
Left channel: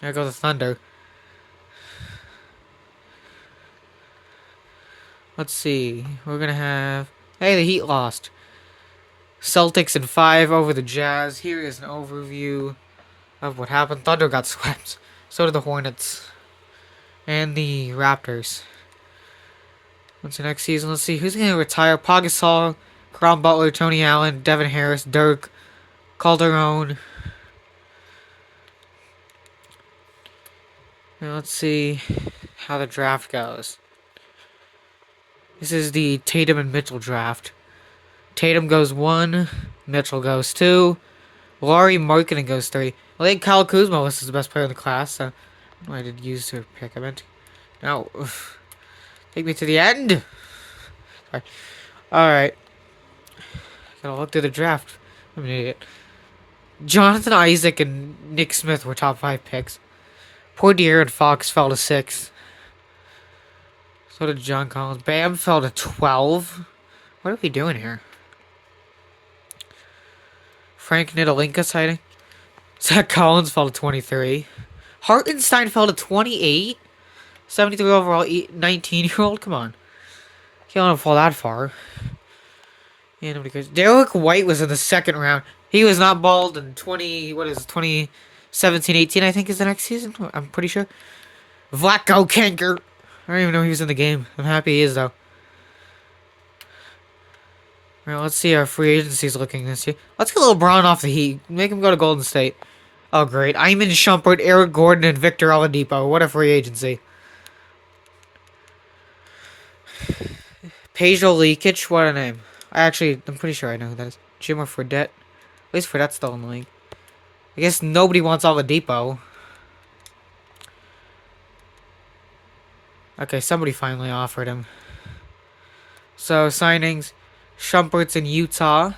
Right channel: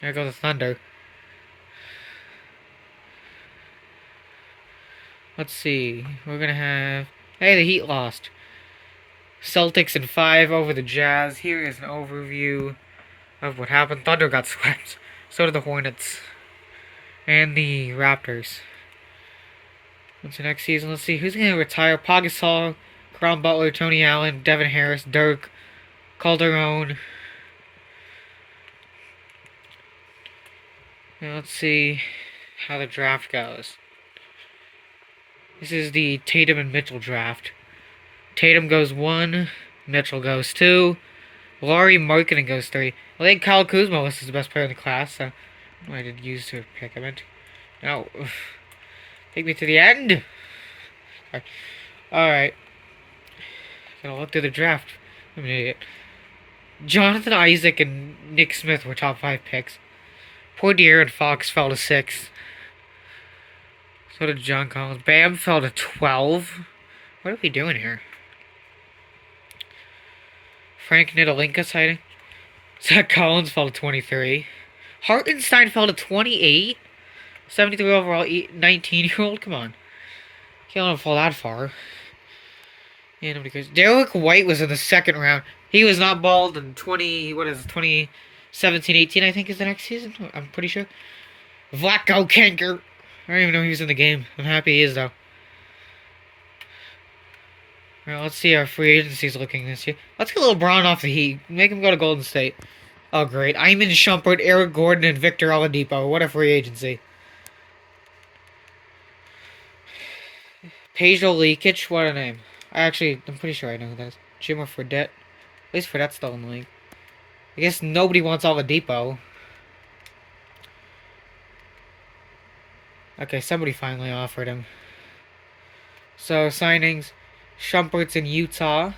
There goes the Thunder. Let's see. We're gonna have. Hey, the Heat lost. Celtics in 5 over the Jazz. Here is an overview of what happened. Thunder got swept. So did the Hornets. And the Raptors. What's the next season? Let's see. Who's gonna retire? Pau Gasol, Caron Butler, Tony Allen, Devin Harris, Dirk, Calderon. Now let's see how the draft goes. This is the Tatum and Mitchell draft. Tatum goes 1, Mitchell goes 2, Laurie Markkinen goes 3. I think Kyle Kuzma was the best player in the class, so I did use to pick him. No. Take me to the end. Alright. Gotta look through the draft. I'm an idiot. Jonathan Isaac and Nick Smith were top 5 picks. Poor De'Aaron Fox fell to 6. So did John Collins. Bam fell to 12. What are we doing here? Frank Nidalinka sighting. Zach Collins fell to 23. Hartenstein fell to 28. 73 overall, 19-year-old. Come on. Can't let him fall that far. Yeah, nobody cares. Derek White was in the second round. He was not bald in 2017-18, I think is the next season. I'm pretty sure. Vlatko Kanker. I don't even know he was in the game. I'm happy he is, though. Alright, let's see how free agency's looking this year. Let's get LeBron off the Heat. Make him go to Golden State. Oh, great. Iman Shumpert, Eric Gordon, and Victor Oladipo. What a free agency. Pedro Lekic, what a name. I'm pretty sure I know who that is. Jimmer Fredette. At least Fredette's still in the league. I guess nobody wants Oladipo. Okay, somebody finally offered him. So, signings. Shumpert's in Utah.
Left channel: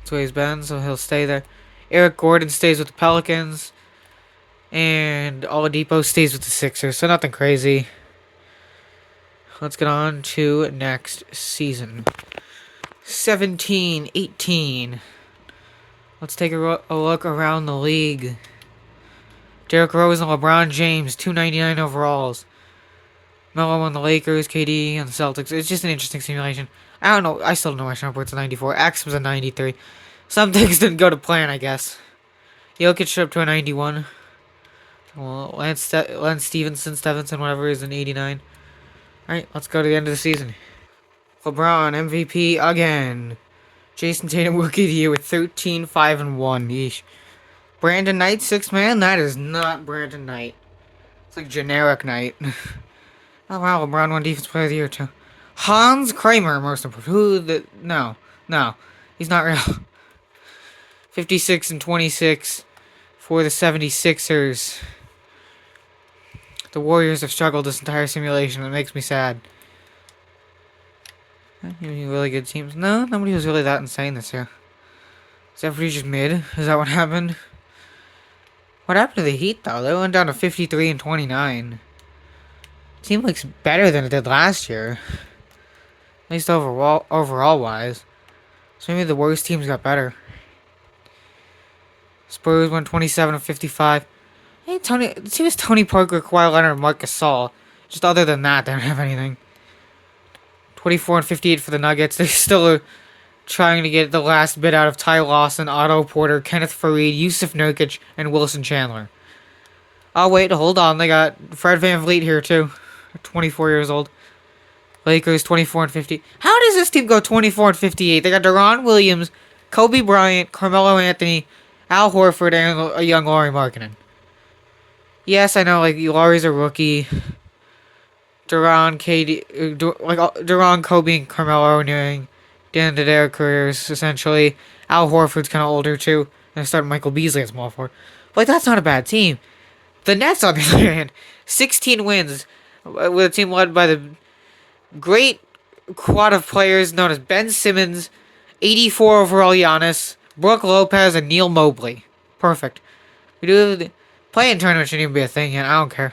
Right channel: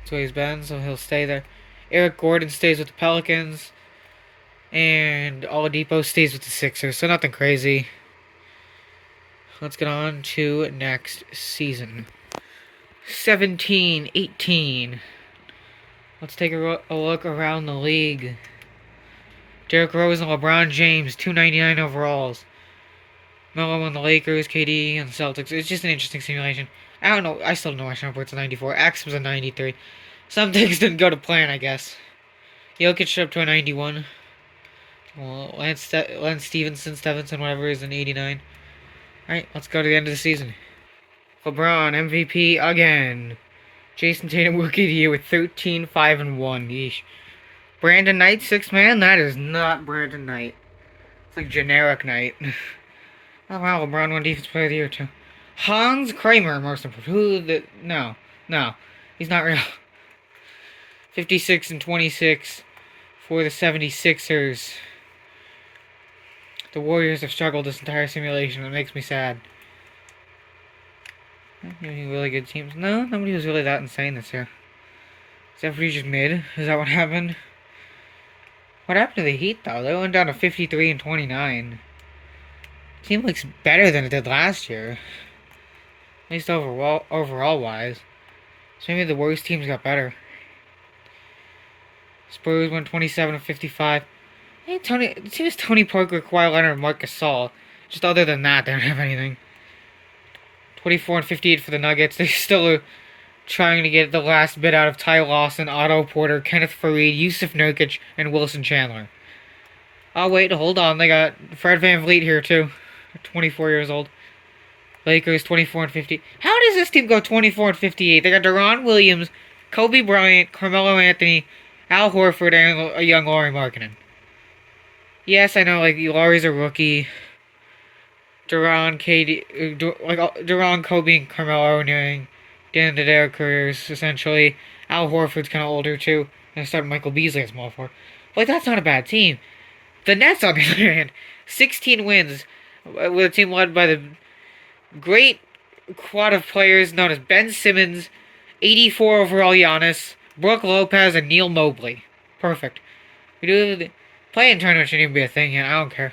That's where he's been, so he'll stay there. Eric Gordon stays with the Pelicans. And Oladipo stays with the Sixers, so nothing crazy. Let's get on to next season. 17-18. Let's take a look around the league. Derrick Rose and LeBron James, 299 overalls. Melo on the Lakers, KD on the Celtics. It's just an interesting simulation. I don't know. I still don't know why Shumpert's a 94. Axe was a 93. Some things didn't go to plan, I guess. Jokic up to a 91. Well, Lance Stevenson, whatever, is an 89. Alright, let's go to the end of the season. LeBron, MVP again. Jason Tatum, Rookie of the Year with 13, 5, and 1. Yeesh. Brandon Knight, 6th man? That is not Brandon Knight. It's like generic Knight. Oh wow, LeBron won Defense Player of the Year too. Hans Kramer, most improved. No. He's not real. 56-26 for the 76ers. The Warriors have struggled this entire simulation. It makes me sad. Really good teams. No, nobody was really that insane this year. Is everybody just mid? Is that what happened? What happened to the Heat, though? They went down to 53-29. Team looks better than it did last year. At least overall wise. So maybe the worst teams got better. Spurs went 27-55. Hey, the team is Tony Parker, Kawhi Leonard, and Marc Gasol. Just other than that, they don't have anything. 24-58 for the Nuggets. They still are trying to get the last bit out of Ty Lawson, Otto Porter, Kenneth Faried, Yusuf Nurkic, and Wilson Chandler. Oh, wait, hold on. They got Fred VanVleet here, too. 24 years old. Lakers 24-50. How does this team go 24-58? They got Deron Williams, Kobe Bryant, Carmelo Anthony, Al Horford, and a young Lauri Markkanen. Yes, I know, like, Lauri's a rookie. Deron, Kobe, and Carmelo are nearing the end of their careers, essentially. Al Horford's kind of older, too. And I started Michael Beasley at small forward. Like, that's not a bad team. The Nets, on the other hand, 16 wins, with a team led by the great quad of players known as Ben Simmons, 84 overall Giannis, Brook Lopez, and Neil Mobley. Perfect. We do the play-in tournament shouldn't even be a thing yet. I don't care.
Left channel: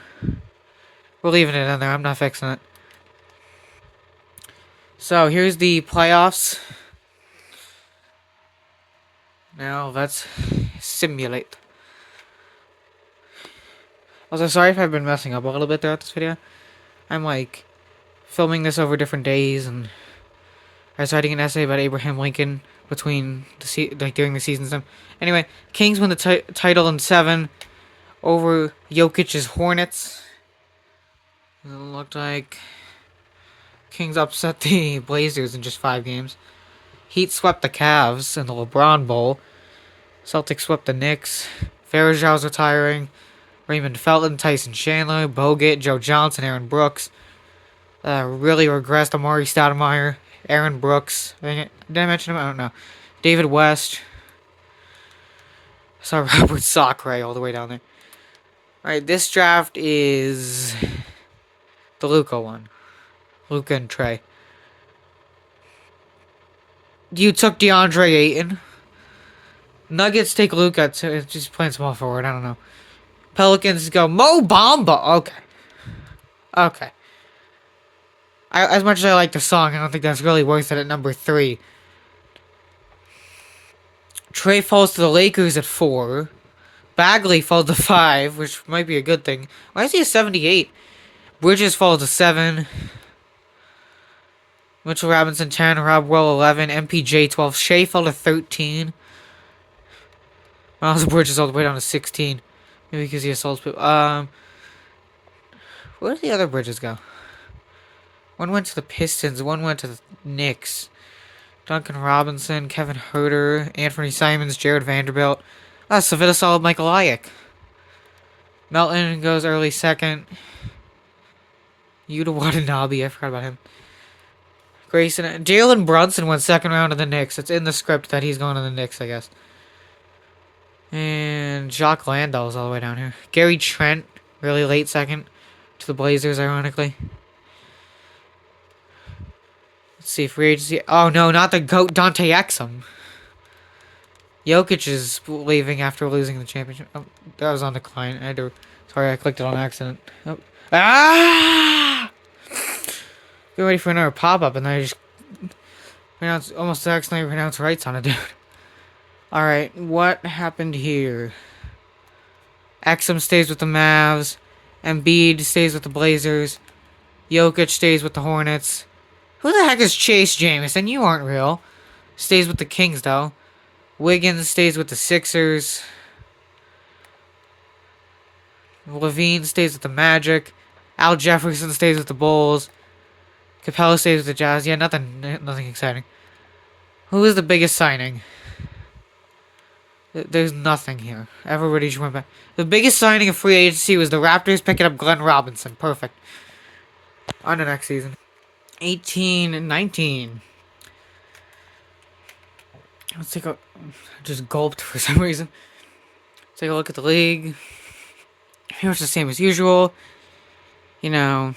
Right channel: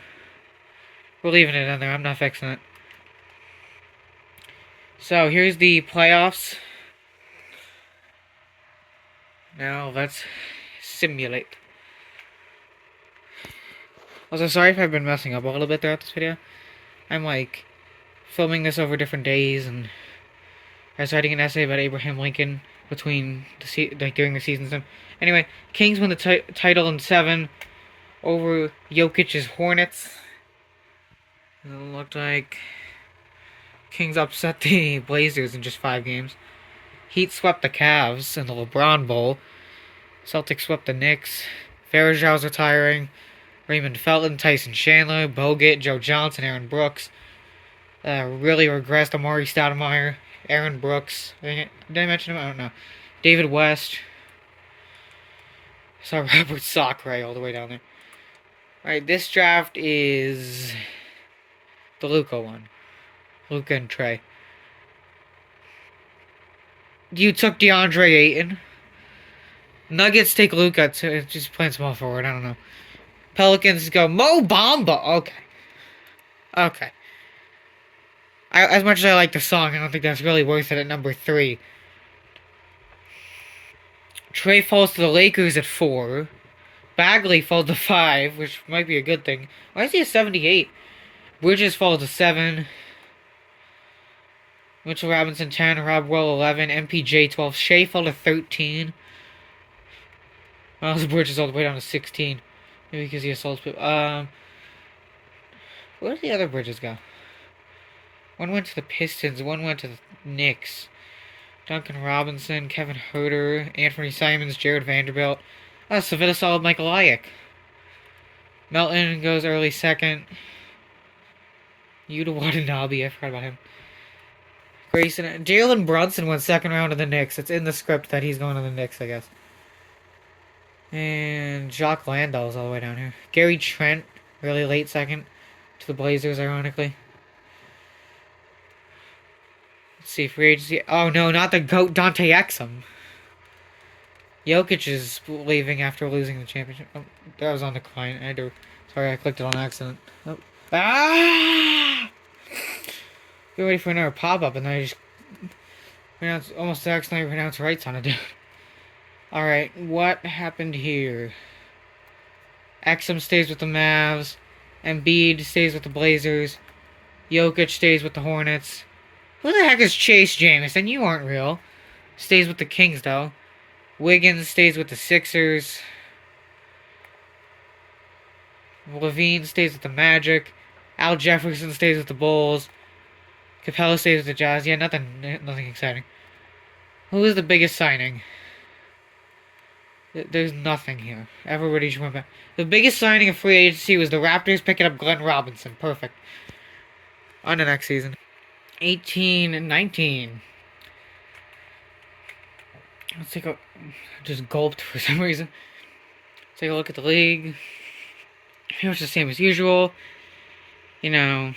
We're leaving it in there. I'm not fixing it. So here's the playoffs. Now let's simulate. Also, sorry if I've been messing up a little bit throughout this video. I'm like filming this over different days, and I was writing an essay about Abraham Lincoln between during the season. Anyway, Kings win the title in 7 over Jokic's Hornets. It looked like Kings upset the Blazers in just 5 games. Heat swept the Cavs in the LeBron Bowl. Celtics swept the Knicks. Varejão's retiring. Raymond Felton, Tyson Chandler, Bogut, Joe Johnson, Aaron Brooks. Really regressed Amari Stoudemire, Aaron Brooks. Did I mention him? I don't know. David West. I saw Robert Sacre all the way down there. Alright, this draft is the Luka one. Luka and Trey. You took DeAndre Ayton. Nuggets take Luka. Just playing small forward. I don't know. Pelicans go Mo Bamba. Okay. As much as I like the song, I don't think that's really worth it at number 3. Trey falls to the Lakers at 4. Bagley falls to 5, which might be a good thing. Why is he a 78? Bridges falls to 7. Mitchell Robinson 10. Rob Will 11. MPJ 12. Shea fell to 13. Miles Bridges all the way down to 16. Maybe because he assaults people. Where did the other Bridges go? One went to the Pistons. One went to the Knicks. Duncan Robinson, Kevin Huerter, Anthony Simons, Jared Vanderbilt. Savita Solid, Michael Ayek. Melton goes early 2nd. Yuta Watanabe, I forgot about him. Grayson, Jalen Brunson went 2nd round of the Knicks. It's in the script that he's going to the Knicks, I guess. And Jacques Landale's all the way down here. Gary Trent, really late 2nd to the Blazers, ironically. Let's see, free agency. Oh no, not the GOAT, Dante Exum. Jokic is leaving after losing the championship. Oh, that was on decline. Sorry, I clicked it on accident. Oh. Ah! Get ready for another pop-up, and then I just almost accidentally pronounced rights on it, dude. Alright, what happened here? Exum stays with the Mavs. Embiid stays with the Blazers. Jokic stays with the Hornets. Who the heck is Chase Jamison? You aren't real. Stays with the Kings, though. Wiggins stays with the Sixers. Levine stays with the Magic. Al Jefferson stays with the Bulls. Capella stays with the Jazz. Yeah, nothing exciting. Who is the biggest signing? There's nothing here. Everybody just went back. The biggest signing of free agency was the Raptors picking up Glenn Robinson. Perfect. On to next season. 18 and 19. Let's take a... Just gulped for some reason. Take a look at the league. It was the same as usual. You know,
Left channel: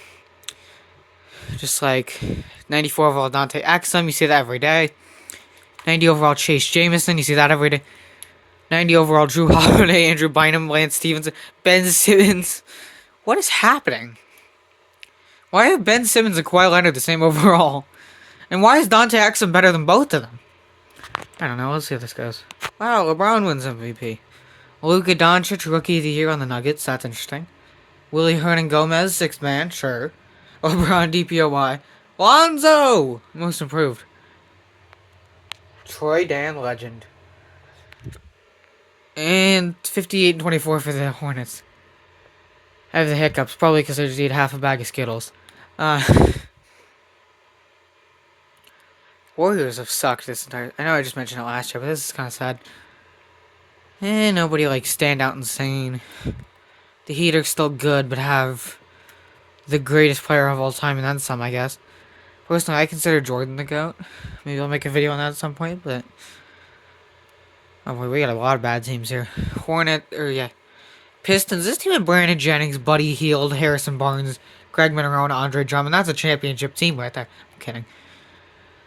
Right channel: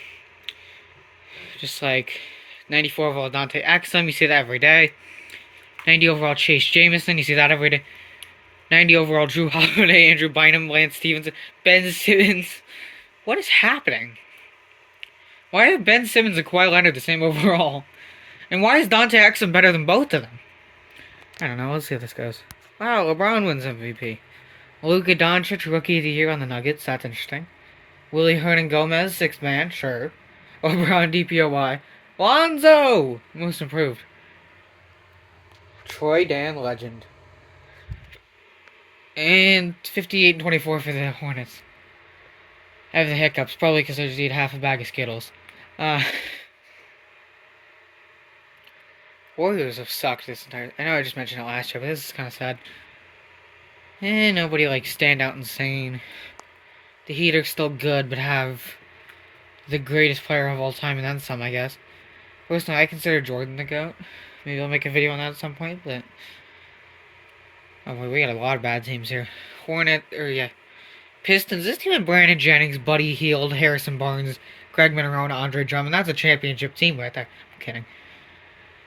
just like 94 overall Dante Exum, you see that every day. 90 overall Chase Jamison, you see that every day. 90 overall Drew Holiday, Andrew Bynum, Lance Stevenson, Ben Simmons. What is happening? Why are Ben Simmons and Kawhi Leonard the same overall? And why is Dante Exum better than both of them? I don't know. Let's see how this goes. Wow, LeBron wins MVP. Luka Doncic, Rookie of the Year on the Nuggets. That's interesting. Willie Hernan Gomez, Sixth Man. Sure. LeBron DPOY. Lonzo! Most improved. Troy Dan Legend. And 58-24 for the Hornets. I have the hiccups, probably because I just ate half a bag of Skittles. Warriors have sucked this entire... I know I just mentioned it last year, but this is kind of sad. Nobody, like, stand out insane. The Heat are still good, but have the greatest player of all time, and then some, I guess. Personally, I consider Jordan the GOAT. Maybe I'll make a video on that at some point, but... Oh, boy, we got a lot of bad teams here. Pistons. This team had Brandon Jennings, Buddy Hield, Harrison Barnes, Greg Monroe, and Andre Drummond. That's a championship team right there. I'm kidding.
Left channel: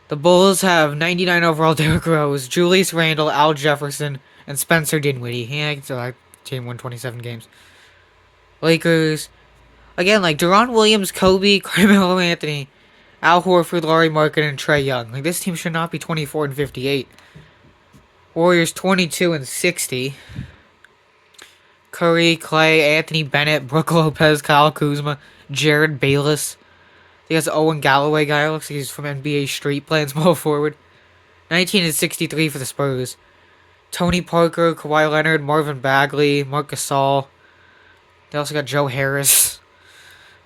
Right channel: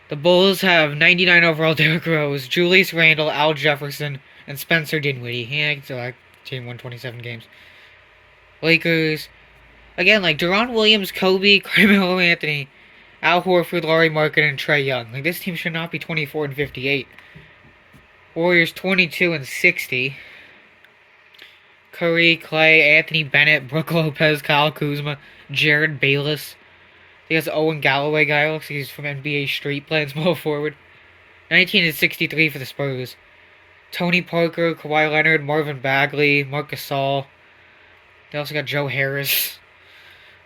The Bulls have 99 overall Derrick Rose, Julius Randle, Al Jefferson, and Spencer Dinwiddie. Yeah, I can still team won 27 games. Lakers. Again, like Deron Williams, Kobe, Carmelo Anthony, Al Horford, Laurie Marketing, and Trae Young. Like, this team should not be 24-58. Warriors 22-60. Curry, Clay, Anthony Bennett, Brook Lopez, Kyle Kuzma, Jared Bayless. He has Owen Galloway guy. Looks like he's from NBA Street, playing small forward. 19-63 for the Spurs. Tony Parker, Kawhi Leonard, Marvin Bagley, Marc Gasol. They also got Joe Harris.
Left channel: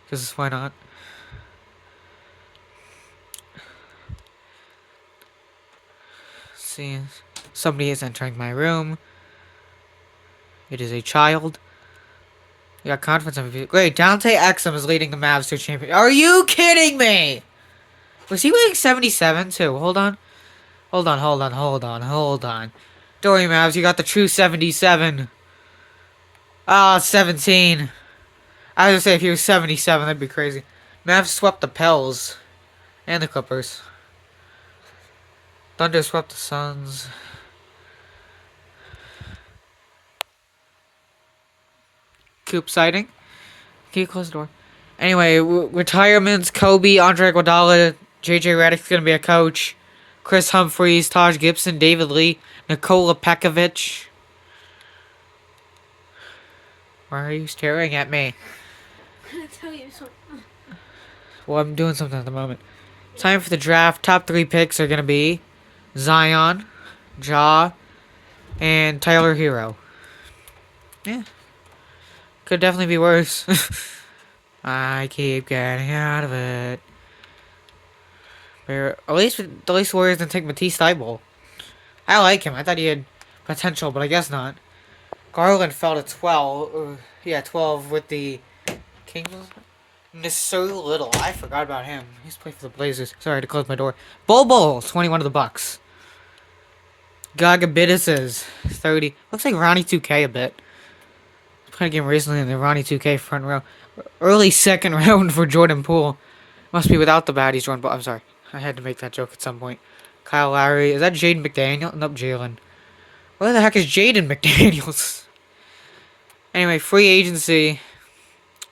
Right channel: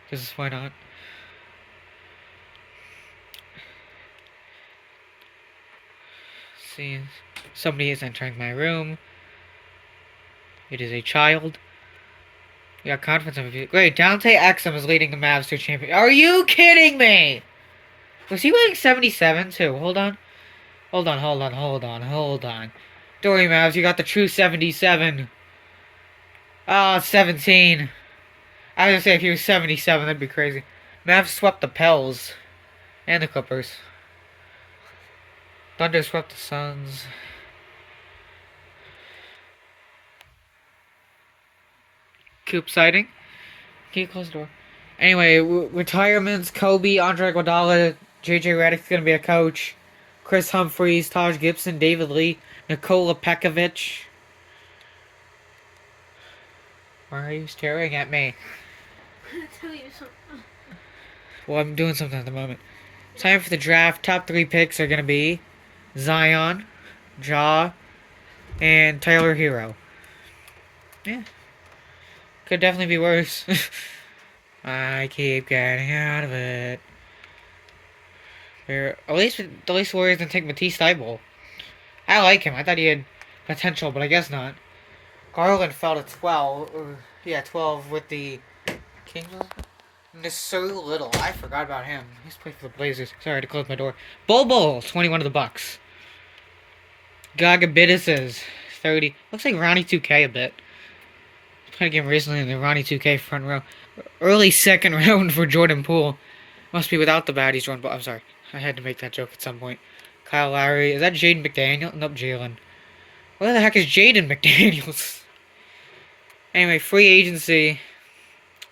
Because why not? Let's see, somebody is entering my room. It is a child. You got confidence MVP. Great, Dante Exum is leading the Mavs to a champion. Are you kidding me? Was he winning 77 too? Hold on. Dorian Mavs, you got the true 77. Ah, 17. I was gonna say if he was 77, that'd be crazy. Mavs swept the Pels. And the Clippers. Thunder swept the Suns. Coop sighting. Can you close the door? Anyway, retirements. Kobe, Andre Iguodala, JJ Redick's gonna be a coach. Chris Humphries, Taj Gibson, David Lee, Nikola Pekovic. Why are you staring at me? I'm gonna tell you something. Well, I'm doing something at the moment. Time for the draft. Top 3 picks are gonna be Zion, Ja, and Tyler Hero. Yeah. Could definitely be worse. I keep getting out of it. At least the Warriors didn't take Matisse Thybulle. I like him. I thought he had potential, but I guess not. Garland fell to 12. 12 with the Kings. Nasir Little. I forgot about him. He's played for the Blazers. Sorry to close my door. Bol 21 of the Bucks. Gagabitis 30. Looks like Ronnie 2K a bit. Played a game recently in the Ronnie 2K front row. Early second round for Jordan Poole. Must be without the baddies, Jordan Poole. I'm sorry. I had to make that joke at some point. Kyle Lowry. Is that Jaden McDaniel? Nope, Jalen. Where the heck is Jaden McDaniels? Anyway, free agency.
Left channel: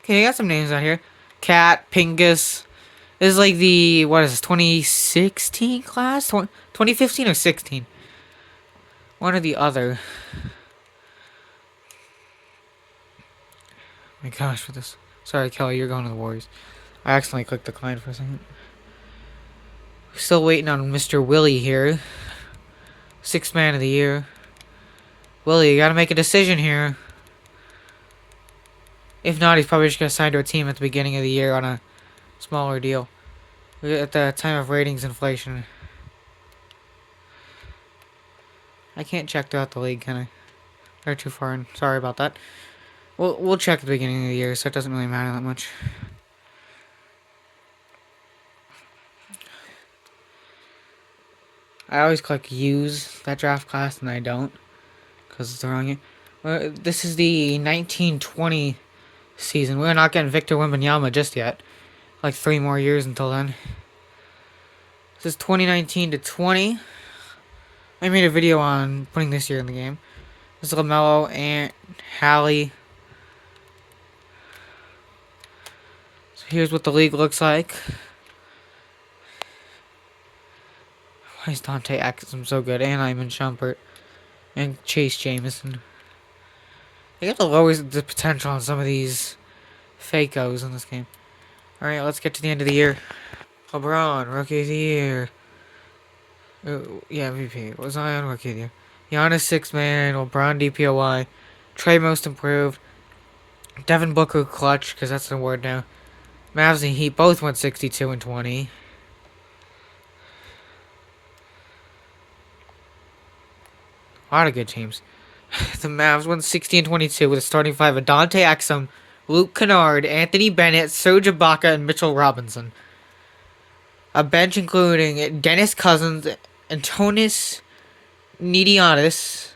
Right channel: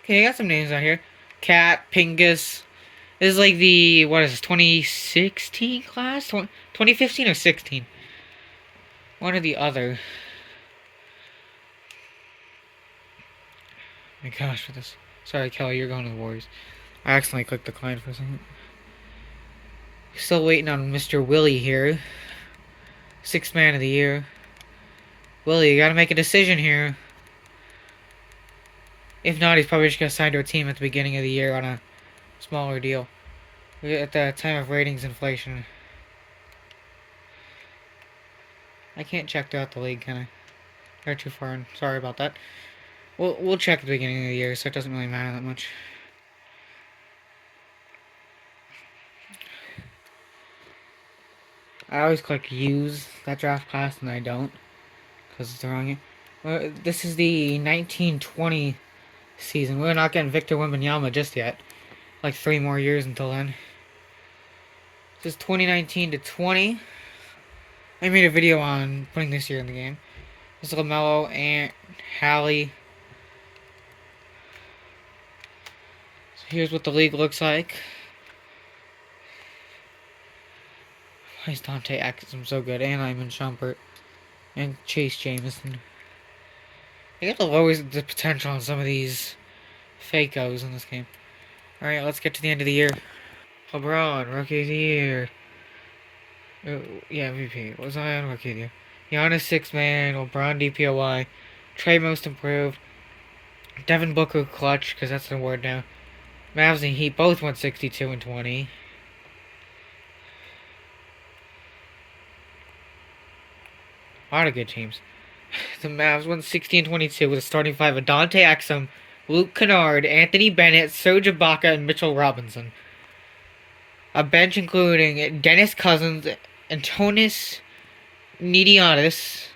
Okay, I got some names out here. Cat, Pingus. This is like the, 2016 class? 2015 or 16? One or the other. Oh my gosh, for this. Sorry, Kelly, you're going to the Warriors. I accidentally clicked decline for a second. Still waiting on Mr. Willie here. 6th man of the year. Willie, you gotta make a decision here. If not, he's probably just gonna sign to a team at the beginning of the year on a smaller deal. At the time of ratings inflation. I can't check throughout the league, can I? They're too far in. Sorry about that. We'll check at the beginning of the year, so it doesn't really matter that much. I always click use that draft class and I don't because it's the wrong year. This is the 1920 season. We're not getting Victor Wembanyama just yet. Like 3 more years until then. This is 2019 to 20. I made a video on putting this year in the game. This is LaMelo, Ant, Hallie. So here's what the league looks like. Why is Dante Exum so good? And Iman Shumpert. And Chase Jamison. They got to lower the potential on some of these fakos in this game. Alright, let's get to the end of the year. LeBron, Rookie of the Year. Yeah, MVP. Was I on Rookie of the Year? Giannis, Sixth Man. LeBron, DPOY. Trey, Most Improved. Devin Booker, Clutch, because that's an award now. Mavs and Heat both went 62 and 20. A lot of good teams. The Mavs won 60 and 22 with a starting five of Dante Exum, Luke Kennard, Anthony Bennett, Serge Ibaka, and Mitchell Robinson. A bench including Dennis Cousins, Antonis Nidiatis,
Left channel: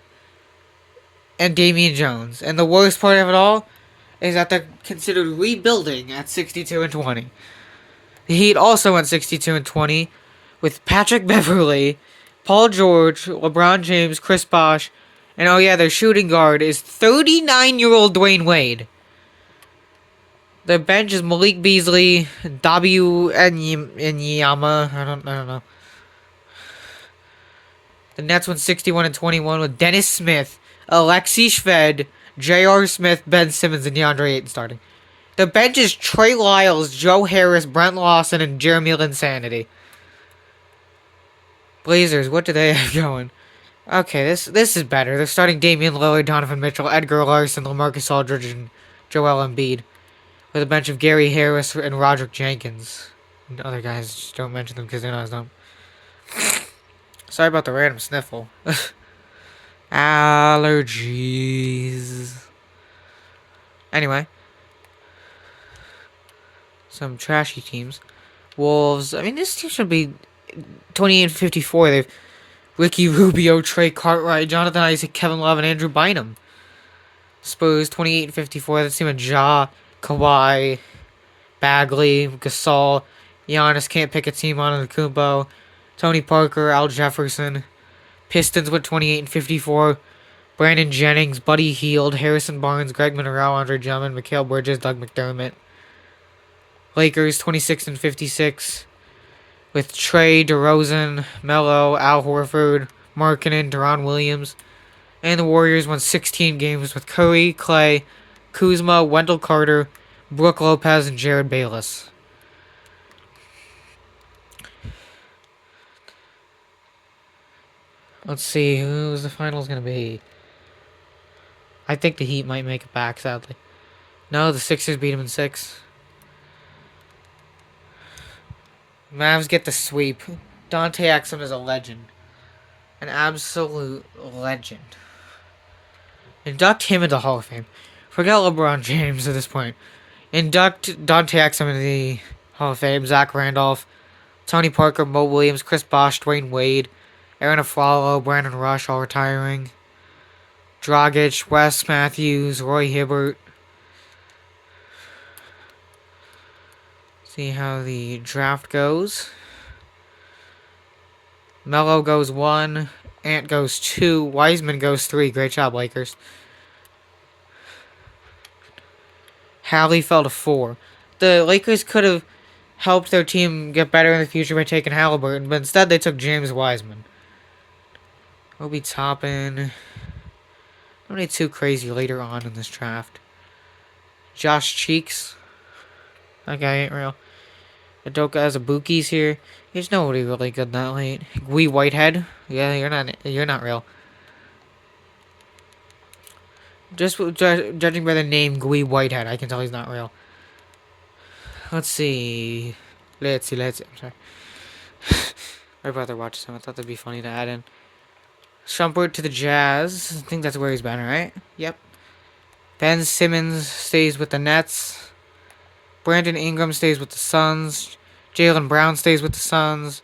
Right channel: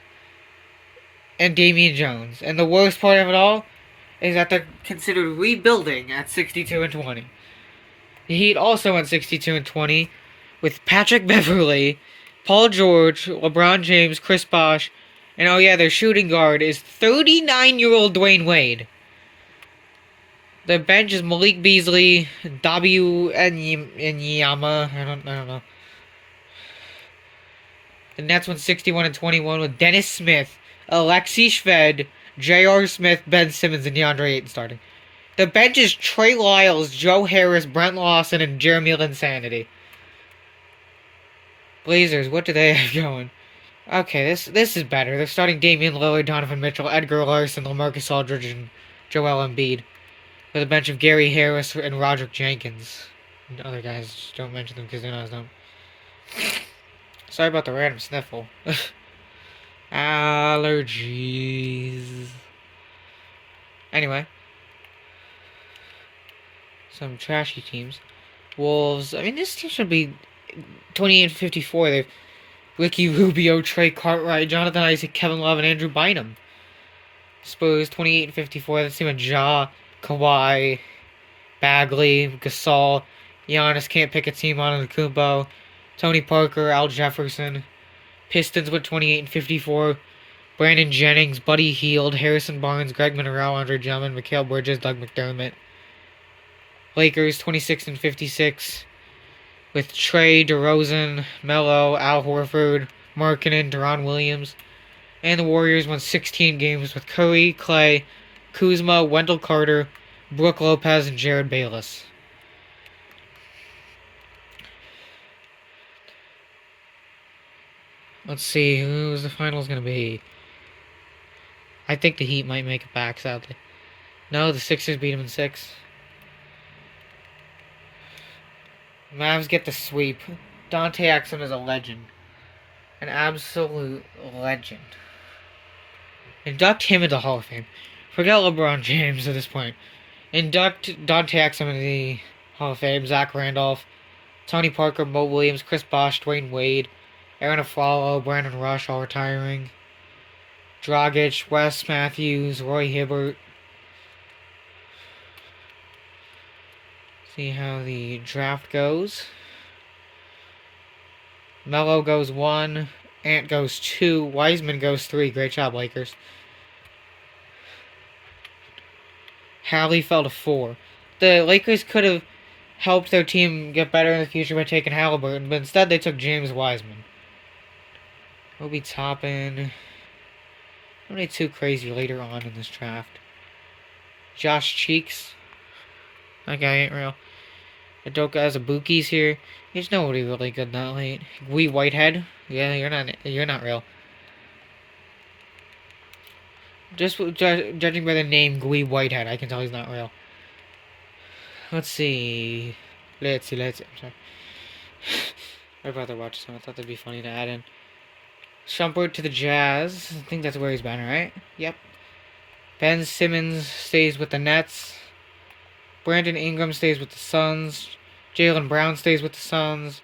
and Damian Jones. And the worst part of it all is that they're considered rebuilding at 62 and 20. The Heat also went 62 and 20 with Patrick Beverley, Paul George, LeBron James, Chris Bosh, and oh yeah, their shooting guard is 39-year-old Dwayne Wade. The bench is Malik Beasley, W. Enyama. I don't know. The Nets went 61 and 21 with Dennis Smith, Alexei Shved, J.R. Smith, Ben Simmons, and DeAndre Ayton starting. The bench is Trey Lyles, Joe Harris, Brent Lawson, and Jeremy Linsanity. Blazers, what do they have going? Okay, this is better. They're starting Damian Lillard, Donovan Mitchell, Edgar Larson, LaMarcus Aldridge, and Joel Embiid. With a bench of Gary Harris and Roderick Jenkins. And other guys, just don't mention them because they're not as dumb. Sorry about the random sniffle. Allergies. Anyway. Some trashy teams. Wolves. I mean, this team should be 28 and 54. They've Ricky Rubio, Trey Cartwright, Jonathan Isaac, Kevin Love, and Andrew Bynum. Spurs 28 and 54. This team of Ja, Kawhi, Bagley, Gasol, Giannis can't pick a team out of the Kumbo. Tony Parker, Al Jefferson. Pistons with 28 and 54. Brandon Jennings, Buddy Hield, Harrison Barnes, Greg Monroe, Andre Drummond, Mikal Bridges, Doug McDermott. Lakers 26 and 56 with Trey, DeRozan, Melo, Al Horford, Markkanen, Deron Williams. And the Warriors won 16 games with Curry, Clay, Kuzma, Wendell Carter, Brook Lopez, and Jared Bayless. Let's see, who's the finals going to be? I think the Heat might make it back, sadly. No, the Sixers beat them in 6. Mavs get the sweep. Dante Exum is a legend. An absolute legend. Induct him into Hall of Fame. Forget LeBron James at this point. Induct Dante Exum into the Hall of Fame. Zach Randolph, Tony Parker, Mo Williams, Chris Bosh, Dwayne Wade, Aaron Aflalo, Brandon Rush, all retiring. Dragic, Wes Matthews, Roy Hibbert. See how the draft goes. Melo goes 1. Ant goes 2. Wiseman goes 3. Great job, Lakers. Hallie fell to 4. The Lakers could have helped their team get better in the future by taking Halliburton, but instead they took James Wiseman. Obi Toppin. Nobody too crazy later on in this draft. Josh Cheeks. That guy ain't real. Adoka Azubuki's here. There's nobody really good that late. Gwee Whitehead. Yeah, you're not real. Just judging by the name Gwee Whitehead, I can tell he's not real. Let's see. Let's see. I'm sorry. I'd rather watch some. I thought that'd be funny to add in. Shumpert to the Jazz. I think that's where he's been, right? Yep. Ben Simmons stays with the Nets. Brandon Ingram stays with the Suns. Jaylen Brown stays with the Suns.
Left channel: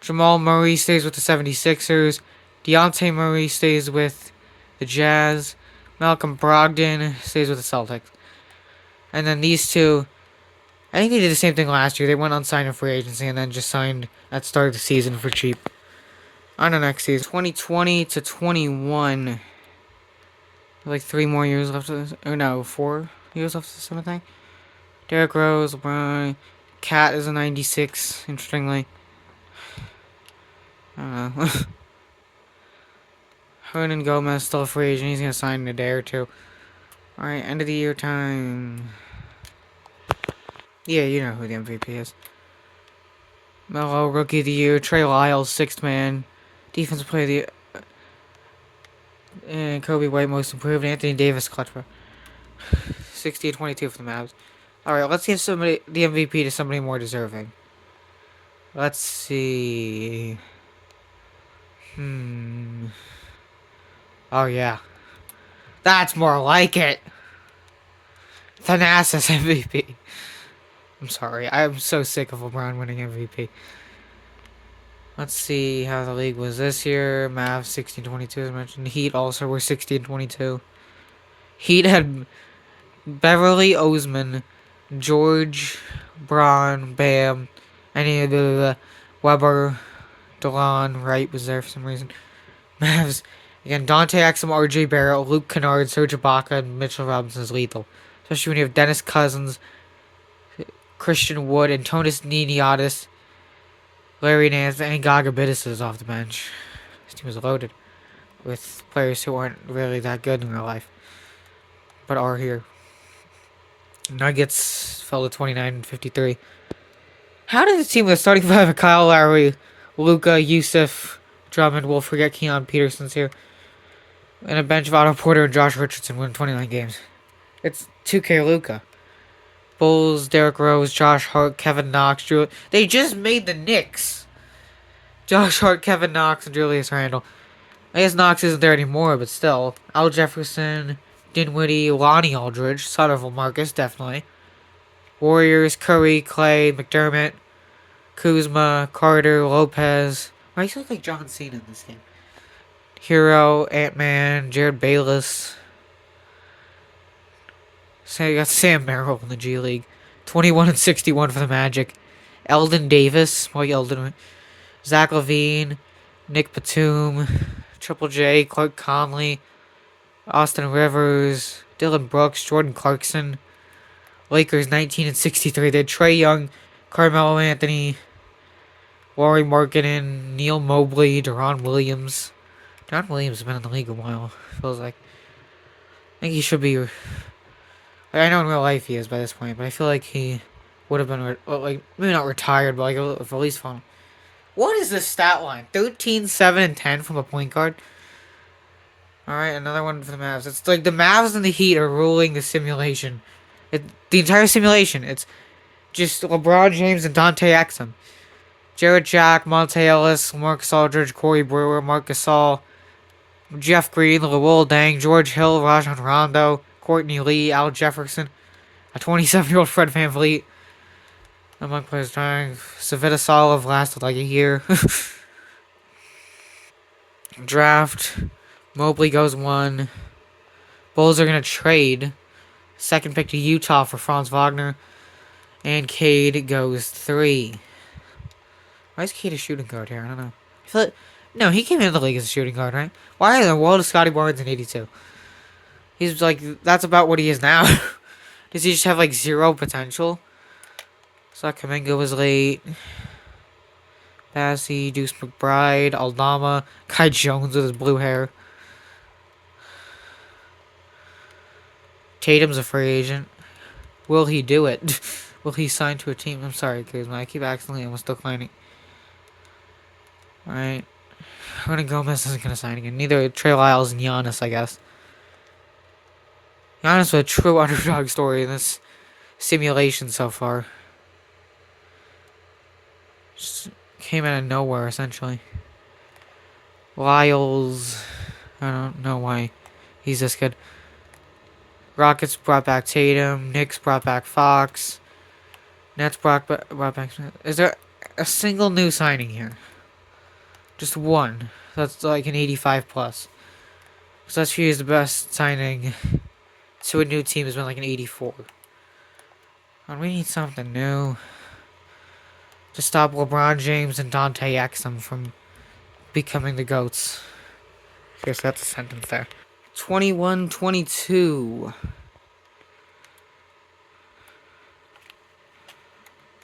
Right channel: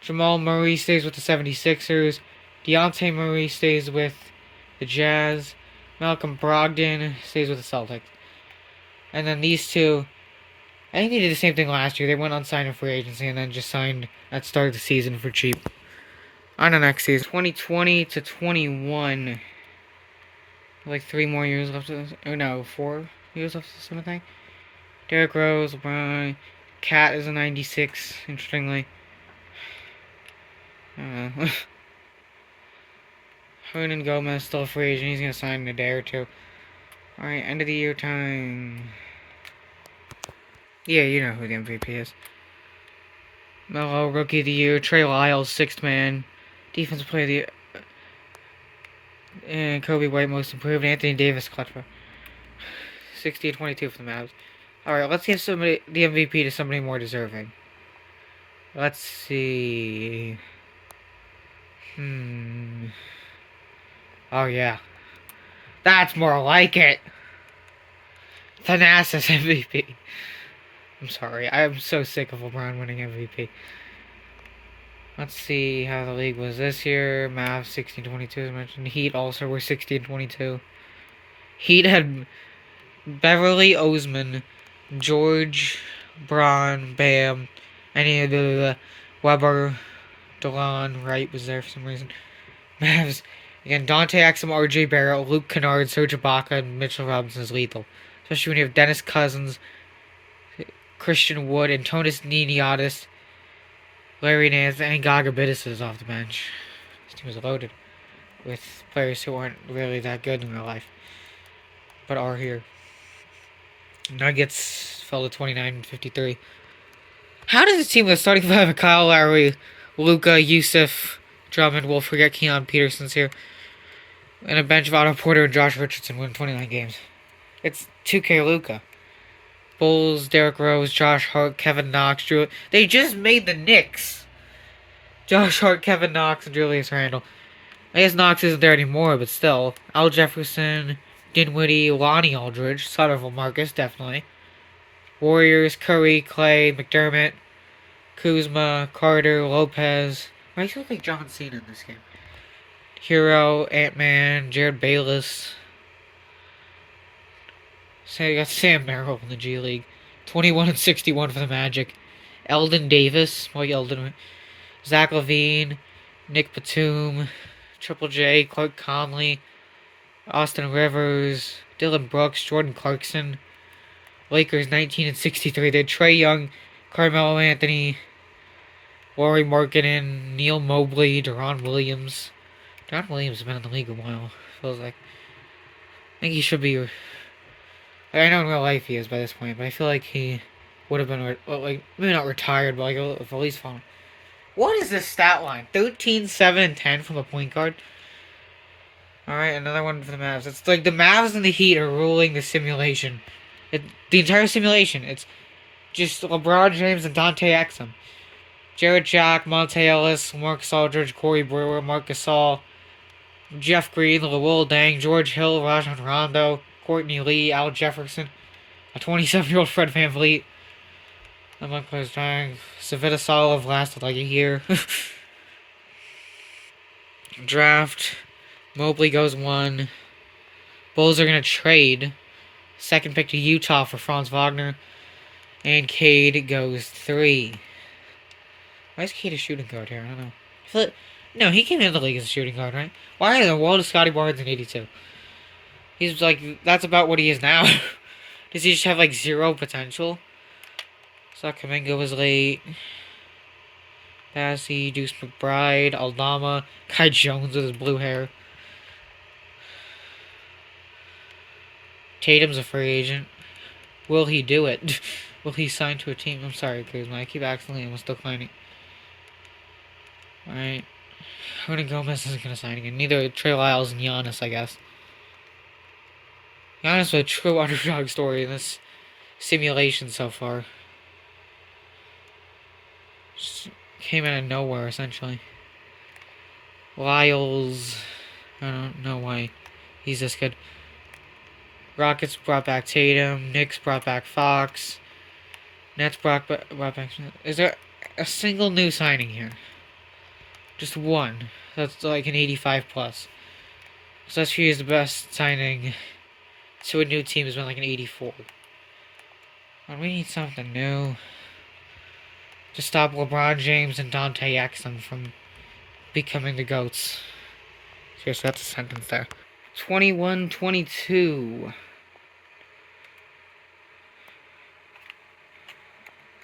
Jamal Murray stays with the 76ers. Deontay Murray stays with the Jazz. Malcolm Brogdon stays with the Celtics. And then these two, I think they did the same thing last year. They went unsigned in free agency and then just signed at the start of the season for cheap. On the next season, 2020 to 21. Like 3 more years left of this. Oh no, 4 years left of this, I think. Derrick Rose, LeBron. Cat is a 96, interestingly. I don't know. Hernan Gomez still a free agent. He's gonna sign in a day or two. Alright, end of the year time. Yeah, you know who the MVP is. Melo, Rookie of the Year. Trey Lyles, sixth man. Defensive Player of the Year. And Kobe White, Most Improved. Anthony Davis, clutch player. 60-22 for the Mavs. Alright, let's give somebody the MVP to somebody more deserving. Let's see. Oh, yeah. That's more like it. Thanasis MVP. I'm sorry. I'm so sick of LeBron winning MVP. Let's see how the league was this year. Mavs 16-22 as mentioned. Heat also were 16-22. Heat had Beverly Osman, George, Braun, Bam, any of the Weber, DeLon, Wright was there for some reason. Mavs, again, Dante Exum, RJ Barrett, Luke Kennard, Serge Ibaka, and Mitchell Robinson is lethal. Especially when you have Dennis Cousins, Christian Wood, Antonis Niniatis, Larry Nance, and Gaga Bittis is off the bench. This team is loaded with players who aren't really that good in real life, but are here. Nuggets fell to 29-53. How did the team with starting five of Kyle Lowry, Luka, Yusuf, Drummond, we'll forget Keon Peterson's here, and a bench of Otto Porter and Josh Richardson win 29 games? It's 2K Luka. Bulls, Derrick Rose, Josh Hart, Kevin Knox, Drew. They just made the Knicks. Josh Hart, Kevin Knox, and Julius Randle. I guess Knox isn't there anymore, but still. Al Jefferson, Dinwiddie, Lonnie Aldridge, son of Marcus, definitely. Warriors, Curry, Clay, McDermott, Kuzma, Carter, Lopez. Why do you look like John Cena in this game? Hero, Ant-Man, Jared Bayless. So you got Sam Merrill in the G League. 21-61 for the Magic. Eldon Davis, Mike Eldon. Zach LaVine, Nick Batum, Triple J, Clark Conley, Austin Rivers, Dylan Brooks, Jordan Clarkson. Lakers 19-63. They had Trae Young, Carmelo Anthony, Laurie Markkinen, Neil Mobley, Deron Williams. Deron Williams has been in the league a while, feels like. I think he should be. I know in real life he is by this point, but I feel like he would have been, like, maybe not retired, but like at least fun. What is this stat line? 13, 7, and 10 from a point guard. Alright, another one for the Mavs. It's like the Mavs and the Heat are ruling the simulation. The entire simulation. It's just LeBron James and Dante Exum. Jarrett Jack, Monte Ellis, Marcus Aldridge, Corey Brewer, Marc Gasol, Jeff Green, Lowell Dang, George Hill, Rajon Rondo, Courtney Lee, Al Jefferson, a 27-year-old Fred VanVleet. Among players dying. Savita Solov lasted like a year. Draft. Mobley goes 1. Bulls are going to trade. Second pick to Utah for Franz Wagner. And Cade goes 3. Why is Cade a shooting guard here? I don't know. I feel like, no, he came into the league as a shooting guard, right? Why in the world is Scotty Barnes in 82? He's like, that's about what he is now. Does he just have like 0 potential? Zach Kaminga was late. Bassey, Deuce McBride, Aldama, Kai Jones with his blue hair. Tatum's a free agent. Will he do it? Will he sign to a team? I'm sorry, Kuzma. I keep accidentally almost declining. Alright. Hernan Gomez isn't going to sign again. Neither Trey Lyles and Giannis, I guess. Giannis with a true underdog story in this simulation so far. Just came out of nowhere, essentially. Lyles. I don't know why he's this good. Rockets brought back Tatum. Knicks brought back Fox. Nets brought back Smith. Is there a single new signing here? Just one. That's like an 85 plus. So last year is the best signing to a new team has been like an 84. And we need something new to stop LeBron James and Dante Exum from becoming the GOATs. Yes, that's a sentence there. 21-22.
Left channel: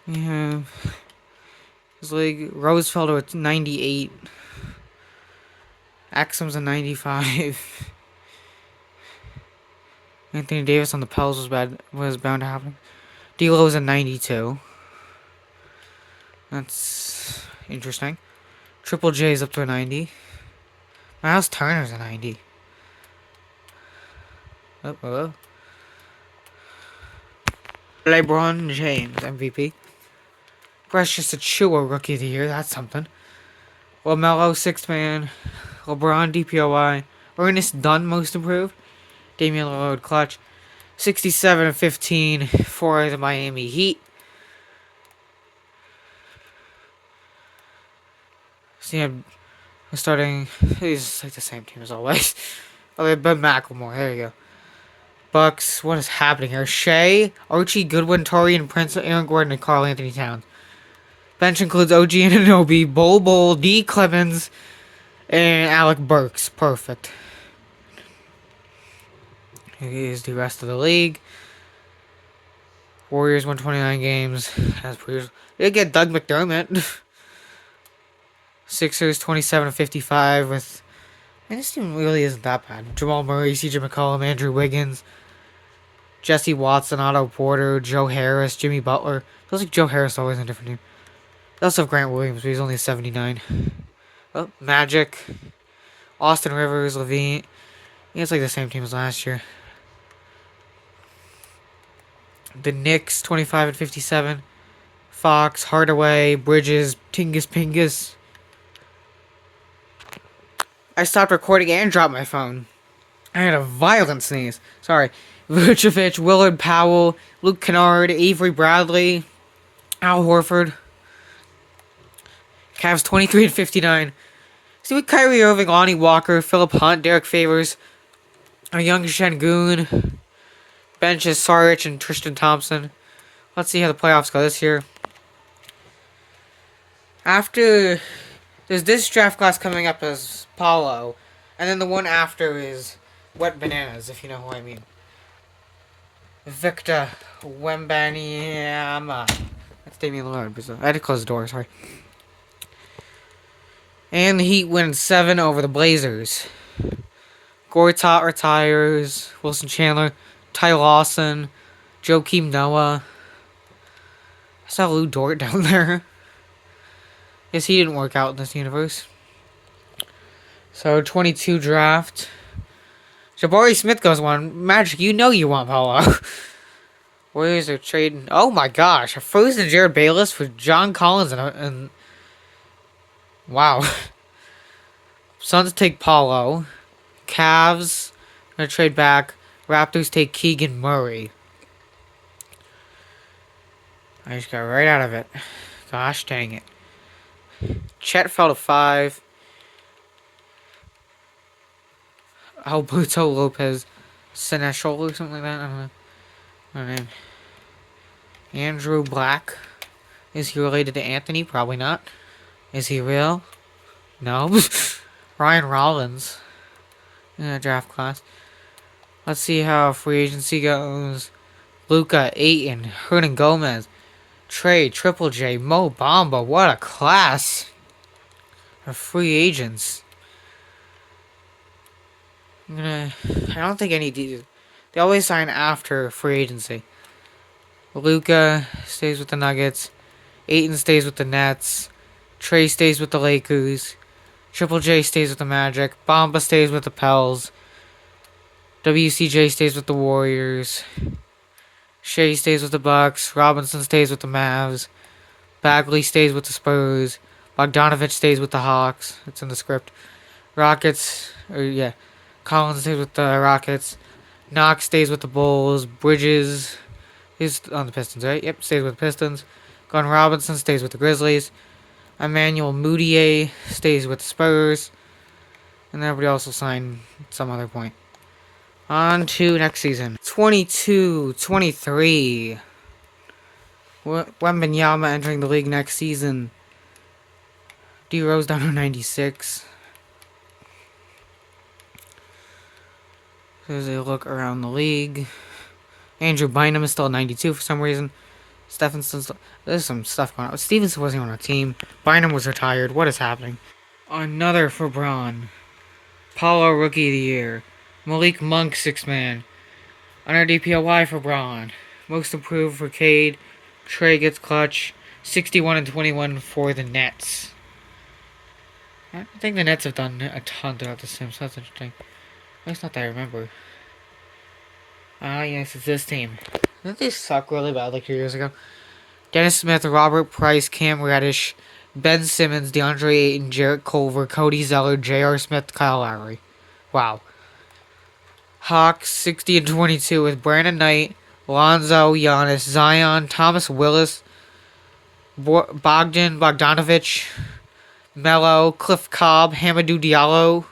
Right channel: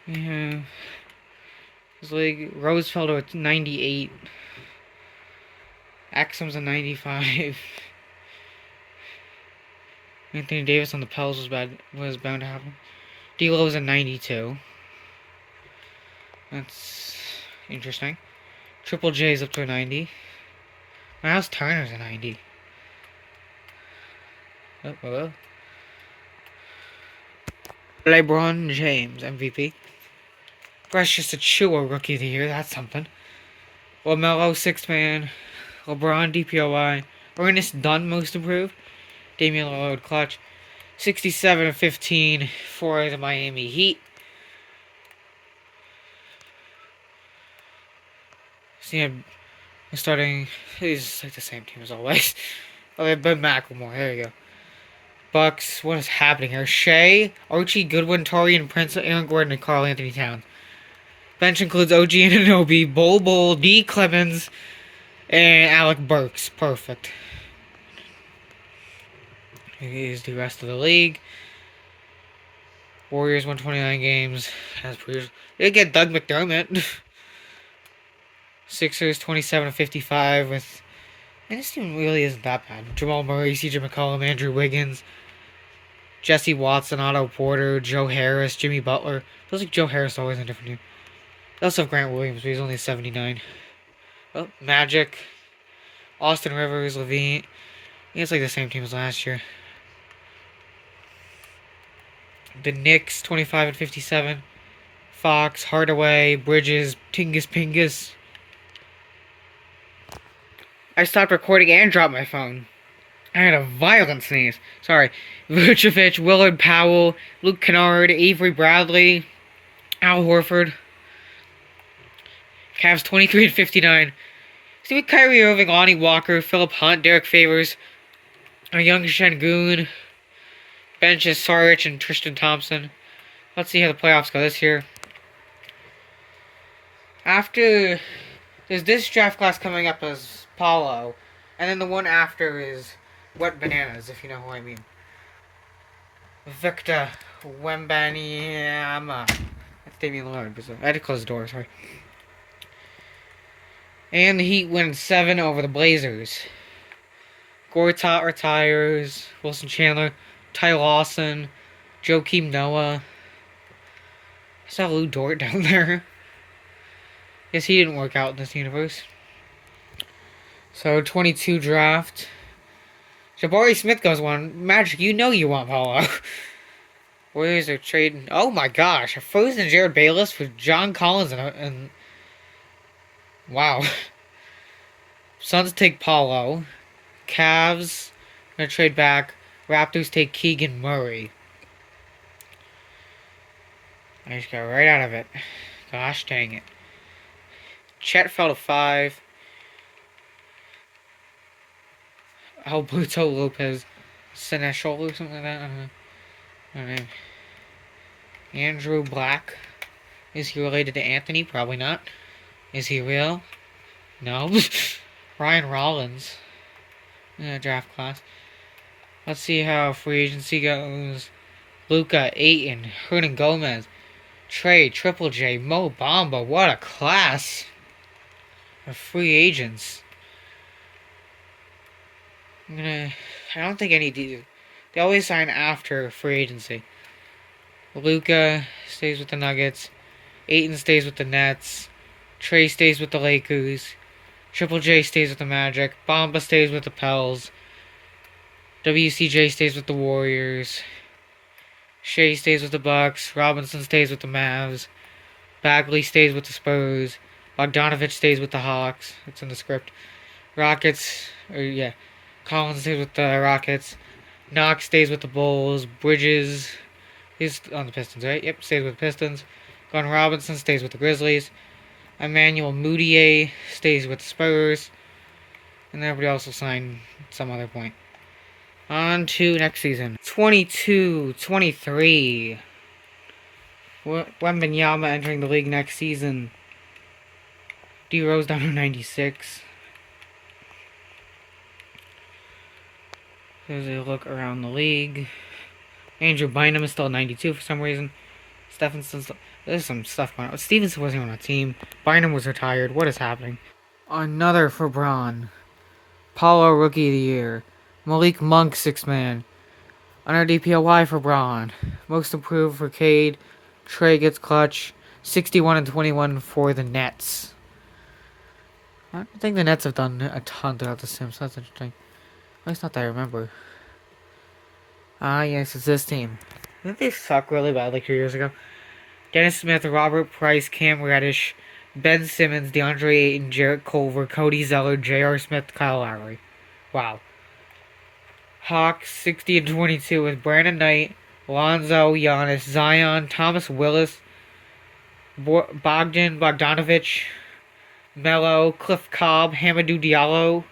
Yeah. It's like Rosefelder at 98. Exum's a 95. Anthony Davis on the Pels was bound to happen. D'Lo's a 92. That's interesting. Triple J's up to a 90. Miles Turner's a 90. Oh. LeBron James, MVP. Precious Achua, Rookie of the Year. That's something. LaMelo, 6th man. LeBron, DPOY. Ernest Dunn, Most Improved. Damian Lillard, Clutch. 67-15 for the Miami Heat. So yeah, starting. He's like the same team as always. Oh, they have Ben McLemore. There you go. Bucks. What is happening here? Shea, Archie Goodwin, Torian Prince, Aaron Gordon, and Karl Anthony Towns. Bench includes OG Anunoby, Bol, D. Clemens, and Alec Burks. Perfect. Here's the rest of the league. Warriors won 29 games. As per usual. They get Doug McDermott. Sixers 27-55 with. And this team really isn't that bad. Jamal Murray, CJ McCollum, Andrew Wiggins, Jesse Watson, Otto Porter, Joe Harris, Jimmy Butler. Feels like Joe Harris is always in a different team. They also have Grant Williams, but he's only 79. Oh, Magic, Austin Rivers, Levine. I think it's like the same team as last year. The Knicks 25-57. Fox, Hardaway, Bridges, Tingus Pingus. I stopped recording and dropped my phone. I had a violent sneeze. Sorry. Vucevic, Willard Powell, Luke Kennard, Avery Bradley, Al Horford. Cavs 23-59. See with Kyrie Irving, Lonnie Walker, Philip Hunt, Derek Favors, a young Şengün. Bench is Saric and Tristan Thompson. Let's see how the playoffs go this year. After there's this draft class coming up as Paulo, and then the one after is Wet Bananas, if you know who I mean. Victor Wembanyama. That's Damian Lillard. I had to close the door, sorry. And the Heat win 7 over the Blazers. Gortat retires. Wilson Chandler. Ty Lawson. Joakim Noah. I saw Lou Dort down there. Guess he didn't work out in this universe. So 22 draft. Jabari Smith goes one. Magic, you know you want Paulo. Where is it trading? Oh my gosh. A frozen Jared Bayless for John Collins and wow. Suns take Paulo. Cavs gonna trade back. Raptors take Keegan Murray. I just got right out of it. Gosh dang it. Chet fell to 5. Alberto Lopez Seneschal or something like that. I don't know. Her name. Andrew Black. Is he related to Anthony? Probably not. Is he real? No. Ryan Rollins. In a draft class. Let's see how free agency goes. Luka, Ayton, Hernan Gomez, Trey, Triple J, Mo Bamba. What a class of free agents. I don't think any of these. They always sign after free agency. Luka stays with the Nuggets. Ayton stays with the Nets. Trey stays with the Lakers. Triple J stays with the Magic. Bamba stays with the Pels. WCJ stays with the Warriors. Shea stays with the Bucks. Robinson stays with the Mavs. Bagley stays with the Spurs. Bogdanovich stays with the Hawks. It's in the script. Rockets. Collins stays with the Rockets. Knox stays with the Bulls. Bridges. He's on the Pistons, right? Yep, stays with the Pistons. Glenn Robinson stays with the Grizzlies. Emmanuel Mudiay stays with Spurs. And everybody else will sign at some other point. On to next season. 22-23. Wembanyama entering the league next season. D Rose down to 96. There's a look around the league. Andrew Bynum is still 92 for some reason. Stephenson's still, there's some stuff going on. Stevenson wasn't on a team. Bynum was retired. What is happening? Another for Braun. Paulo Rookie of the Year. Malik Monk 6-man. Under DPOY for Braun. Most improved for Cade. Trey gets clutch. 61 and 21 for the Nets. I think the Nets have done a ton throughout this team, so that's interesting. At least not that I remember. Yes, it's this team. Didn't they suck really bad like 2 years ago? Dennis Smith, Robert Price, Cam Reddish, Ben Simmons, DeAndre Ayton, Jarrett Culver, Cody Zeller, J.R. Smith, Kyle Lowry. Wow. Hawks 60 and 22 with Brandon Knight, Lonzo, Giannis, Zion, Thomas Willis, Bogdanovich, Melo, Cliff Cobb, Hamidou Diallo.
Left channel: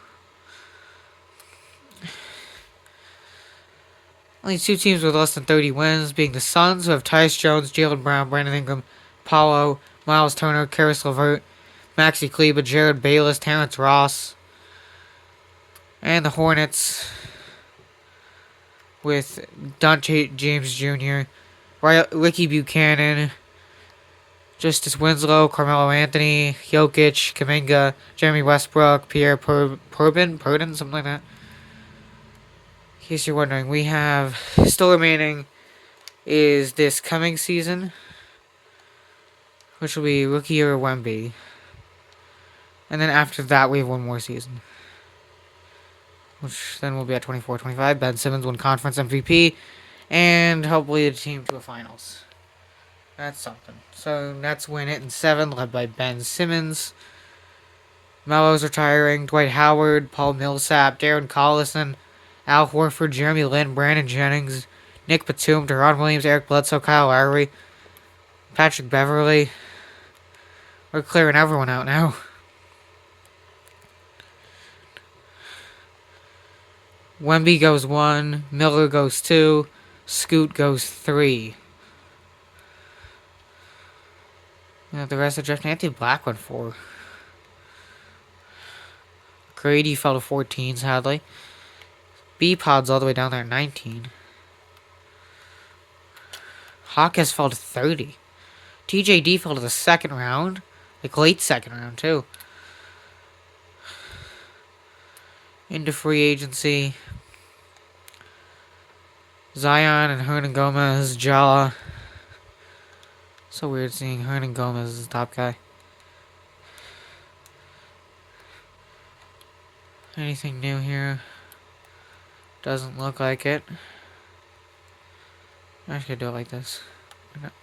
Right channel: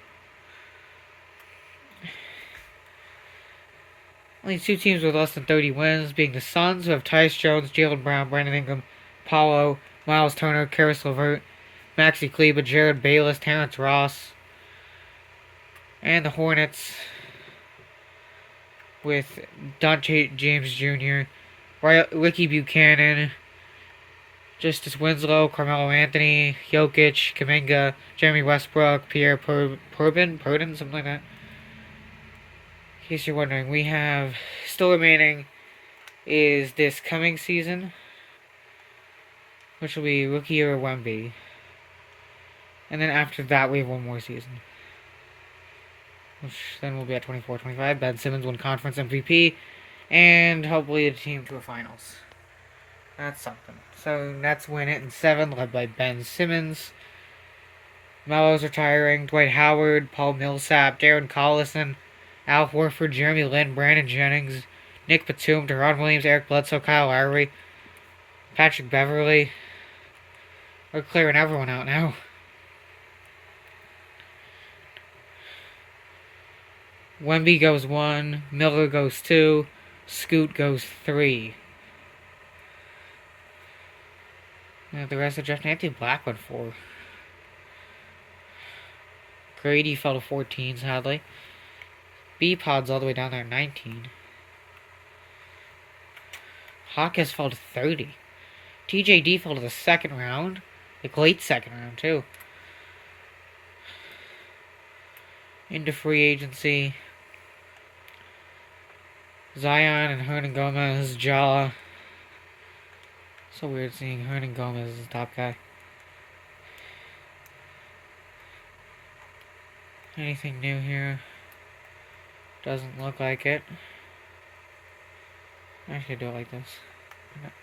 Only 2 teams with less than 30 wins, being the Suns, who have Tyus Jones, Jaylen Brown, Brandon Ingram, Paulo, Miles Turner, Karis LeVert, Maxi Kleber, Jared Bayless, Terrence Ross. And the Hornets with Dante James Jr., Ricky Buchanan, Justice Winslow, Carmelo Anthony, Jokic, Kuminga, Jeremy Westbrook, Pierre Purdon, something like that. In case you're wondering, we have still remaining is this coming season, which will be Rookie or Wemby. And then after that, we have one more season, which then will be at 24-25. Ben Simmons won Conference MVP, and hopefully a team to the finals. That's something. So Nets win it in 7, led by Ben Simmons. Melo's retiring. Dwight Howard, Paul Millsap, Darren Collison, Al Horford, Jeremy Lin, Brandon Jennings, Nick Batum, Deron Williams, Eric Bledsoe, Kyle Lowry, Patrick Beverly. We're clearing everyone out now. Wemby goes 1, Miller goes 2, Scoot goes 3. The rest of Jeff Anthony Black went 4. Grady fell to 14, sadly. B-Pod's all the way down there at 19. Hawkins fell to 30. TJD fell to the second round. Like late second round, too. Into free agency. Zion and Hernan Gomez, Ja. So weird seeing Hernan Gomez as the top guy. Anything new here? Doesn't look like it. I should do it like this.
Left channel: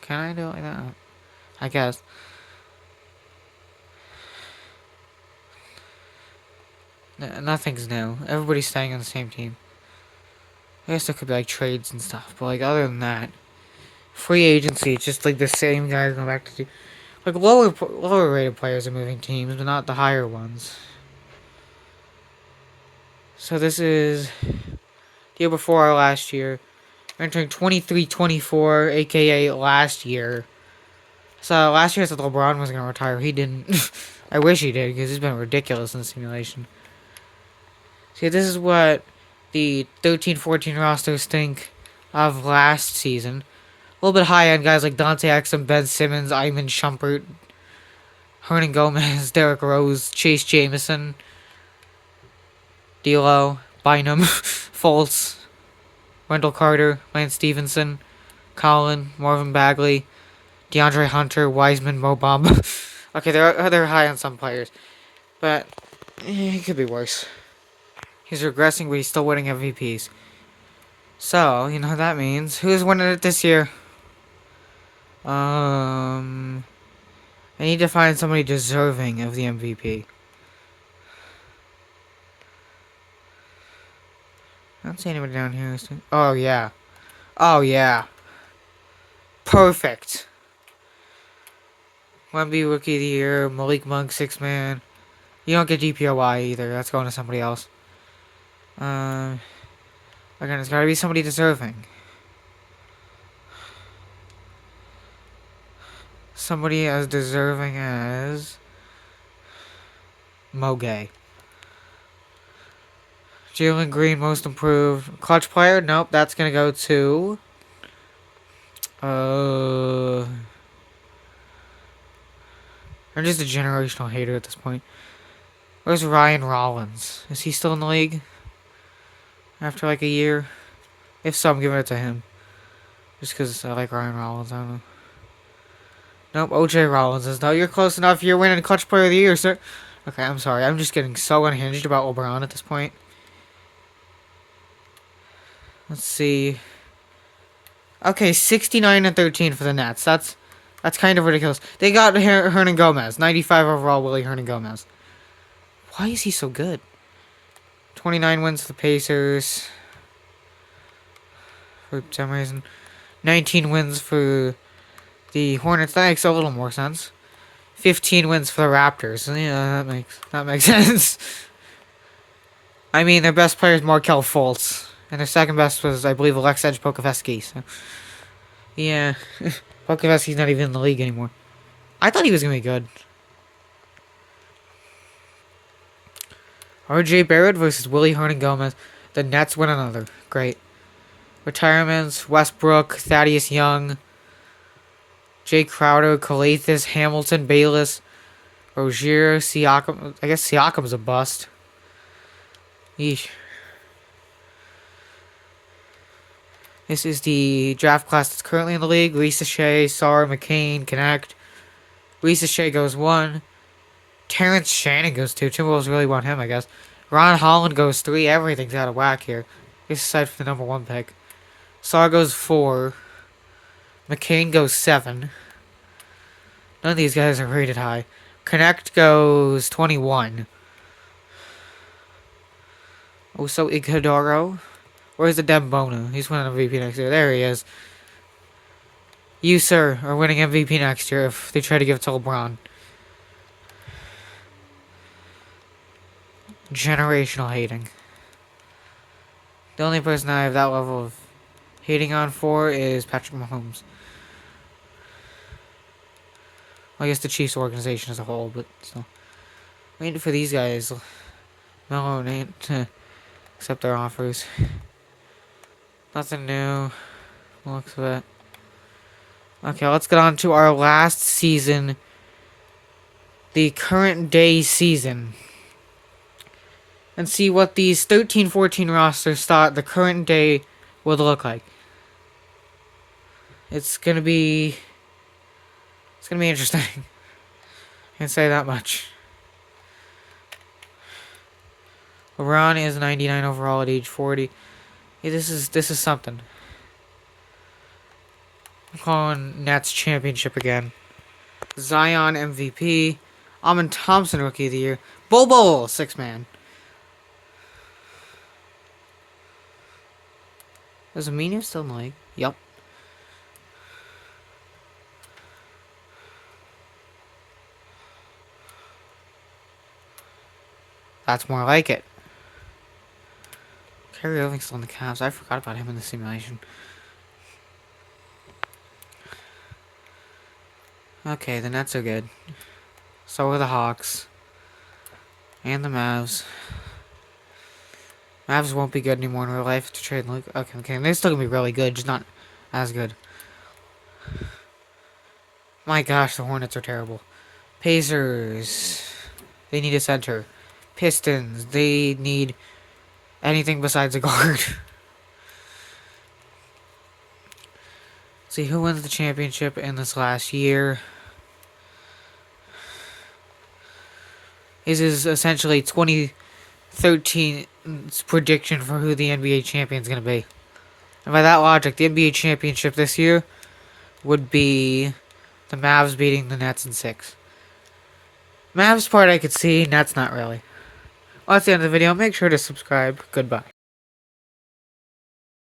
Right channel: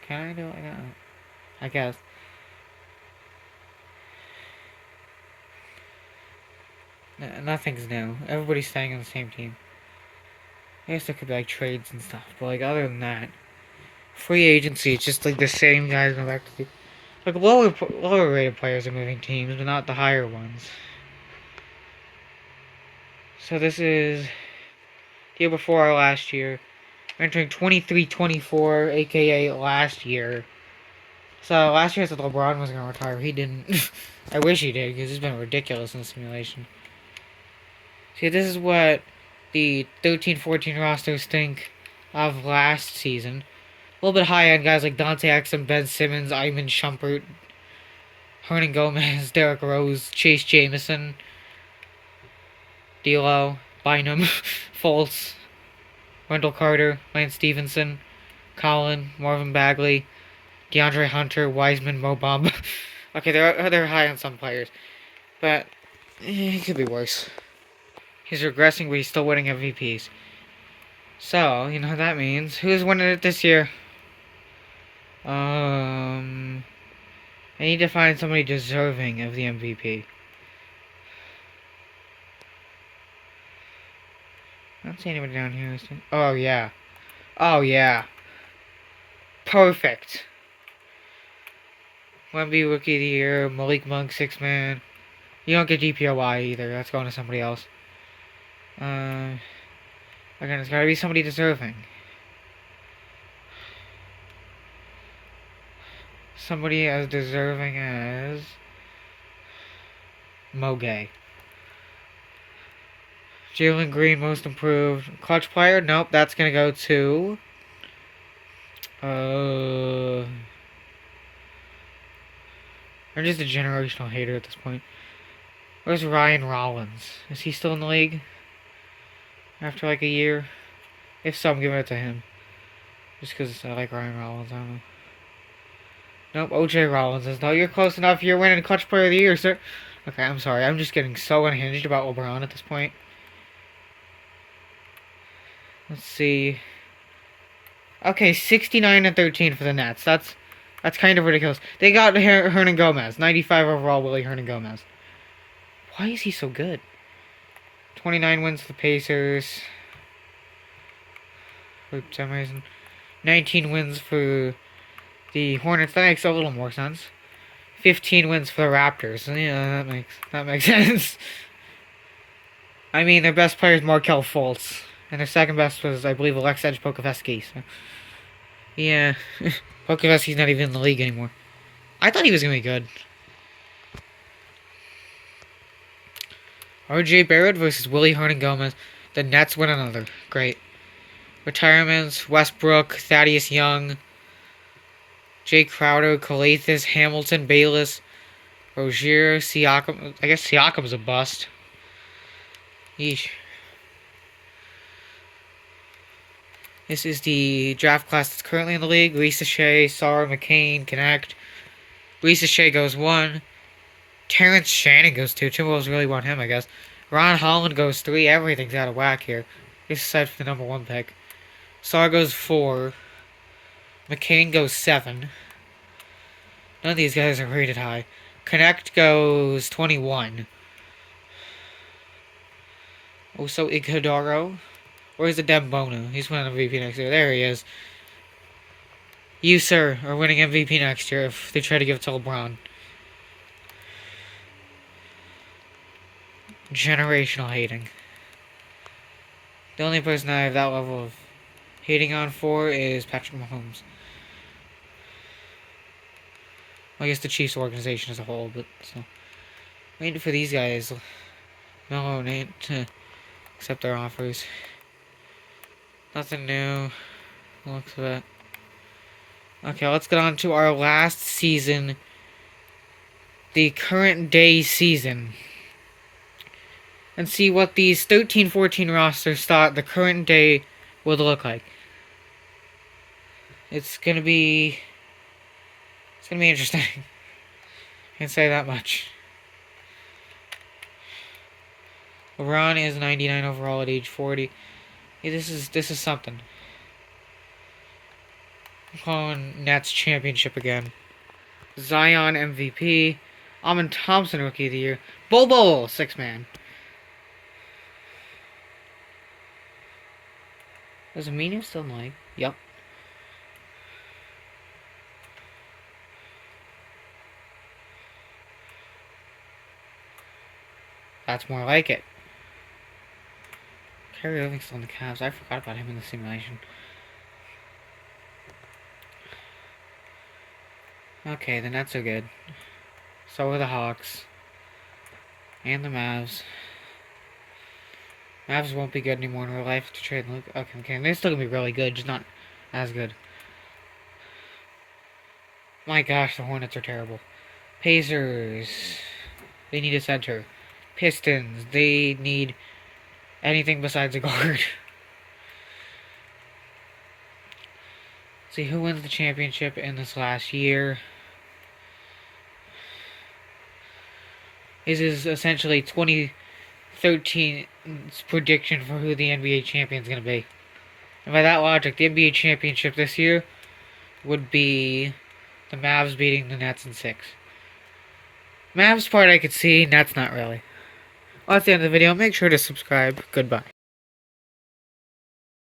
Can I do it like that? I guess. Nothing's new. Everybody's staying on the same team. I guess there could be like trades and stuff, but like other than that, free agency, it's just like the same guys going back to the like lower rated players are moving teams, but not the higher ones. So this is the year before our last year. We're entering 23-24, aka last year. So last year I said LeBron was going to retire. He didn't. I wish he did, because he's been ridiculous in the simulation. See, this is what the 13-14 rosters think of last season. A little bit high on guys like Dante Exum, Ben Simmons, Iman Shumpert, Hernan Gomez, Derrick Rose, Chase Jamison, D'Lo, Bynum, Fultz, Wendell Carter, Lance Stevenson, Colin, Marvin Bagley, DeAndre Hunter, Wiseman, Mo Bamba. Okay, they're high on some players, but it could be worse. He's regressing, but he's still winning MVPs. So, you know what that means. Who's winning it this year? I need to find somebody deserving of the MVP. I don't see anybody down here. Oh, yeah. Oh, yeah. Perfect. Wemby Rookie of the Year, Malik Monk, 6-man. You don't get DPOY either. That's going to somebody else. Again, it's got to be somebody deserving. Somebody as deserving as Mogay. Jalen Green, most improved. Clutch player? Nope, that's going to go to... I'm just a generational hater at this point. Where's Ryan Rollins? Is he still in the league? After like a year? If so, I'm giving it to him. Just because I like Ryan Rollins, I don't know. Nope, OJ Rollins is. No, you're close enough. You're winning Clutch Player of the Year, sir. Okay, I'm sorry. I'm just getting so unhinged about LeBron at this point. Let's see. Okay, 69-13 for the Nets. That's kind of ridiculous. They got Hernan Gomez. 95 overall, Willie Hernan Gomez. Why is he so good? 29 wins for the Pacers. For some reason. 19 wins for the Hornets. That makes a little more sense. 15 wins for the Raptors. Yeah, that makes sense. I mean, their best player is Markelle Fultz. And their second best was, I believe, Aleksej Pokusevski. So. Yeah. Pokusevski's not even in the league anymore. I thought he was going to be good. RJ Barrett versus Willie Hernan Gomez. The Nets win another. Great. Retirements: Westbrook, Thaddeus Young, Jay Crowder, Calathis, Hamilton, Bayless, Rozier, Siakam. I guess Siakam's a bust. Yeesh. This is the draft class that's currently in the league. Risa Shea, Sar, McCain, Connect. Risa Shea goes 1. Terrence Shannon goes 2. Timberwolves really want him, I guess. Ron Holland goes 3. Everything's out of whack here. I guess aside from the number 1 pick. Sar goes 4. McCain goes 7. None of these guys are rated high. Connect goes 21. Also Iguodaro. Where's the Dembona? He's winning MVP next year. There he is. You, sir, are winning MVP next year if they try to give it to LeBron. Generational hating. The only person I have that level of hating on for is Patrick Mahomes. Well, I guess the Chiefs organization as a whole, but still. Waiting for these guys. No, ain't to accept their offers. Nothing new. Looks of it. Okay, let's get on to our last season. The current day season. And see what these 13-14 rosters thought the current day would look like. It's gonna be interesting. Can't say that much. LeBron is 99 overall at age 40. Hey, this is something. I'm calling Nets championship again. Zion MVP. Amin Thompson Rookie of the Year. Bobo 6-man. Is Aminu still in the league? Yup. That's more like it. Kyrie Irving's still in the Cavs. I forgot about him in the simulation. Okay, the Nets are good. So are the Hawks. And the Mavs. Mavs won't be good anymore in real life to trade. Okay, they're still gonna be really good, just not as good. My gosh, the Hornets are terrible. Pacers. They need a center. Pistons. They need anything besides a guard. See who wins the championship in this last year. This is essentially 2013's prediction for who the NBA champion is going to be. And by that logic, the NBA championship this year would be the Mavs beating the Nets in 6. Mavs part I could see, Nets not really. Well, that's the end of the video. Make sure to subscribe. Goodbye.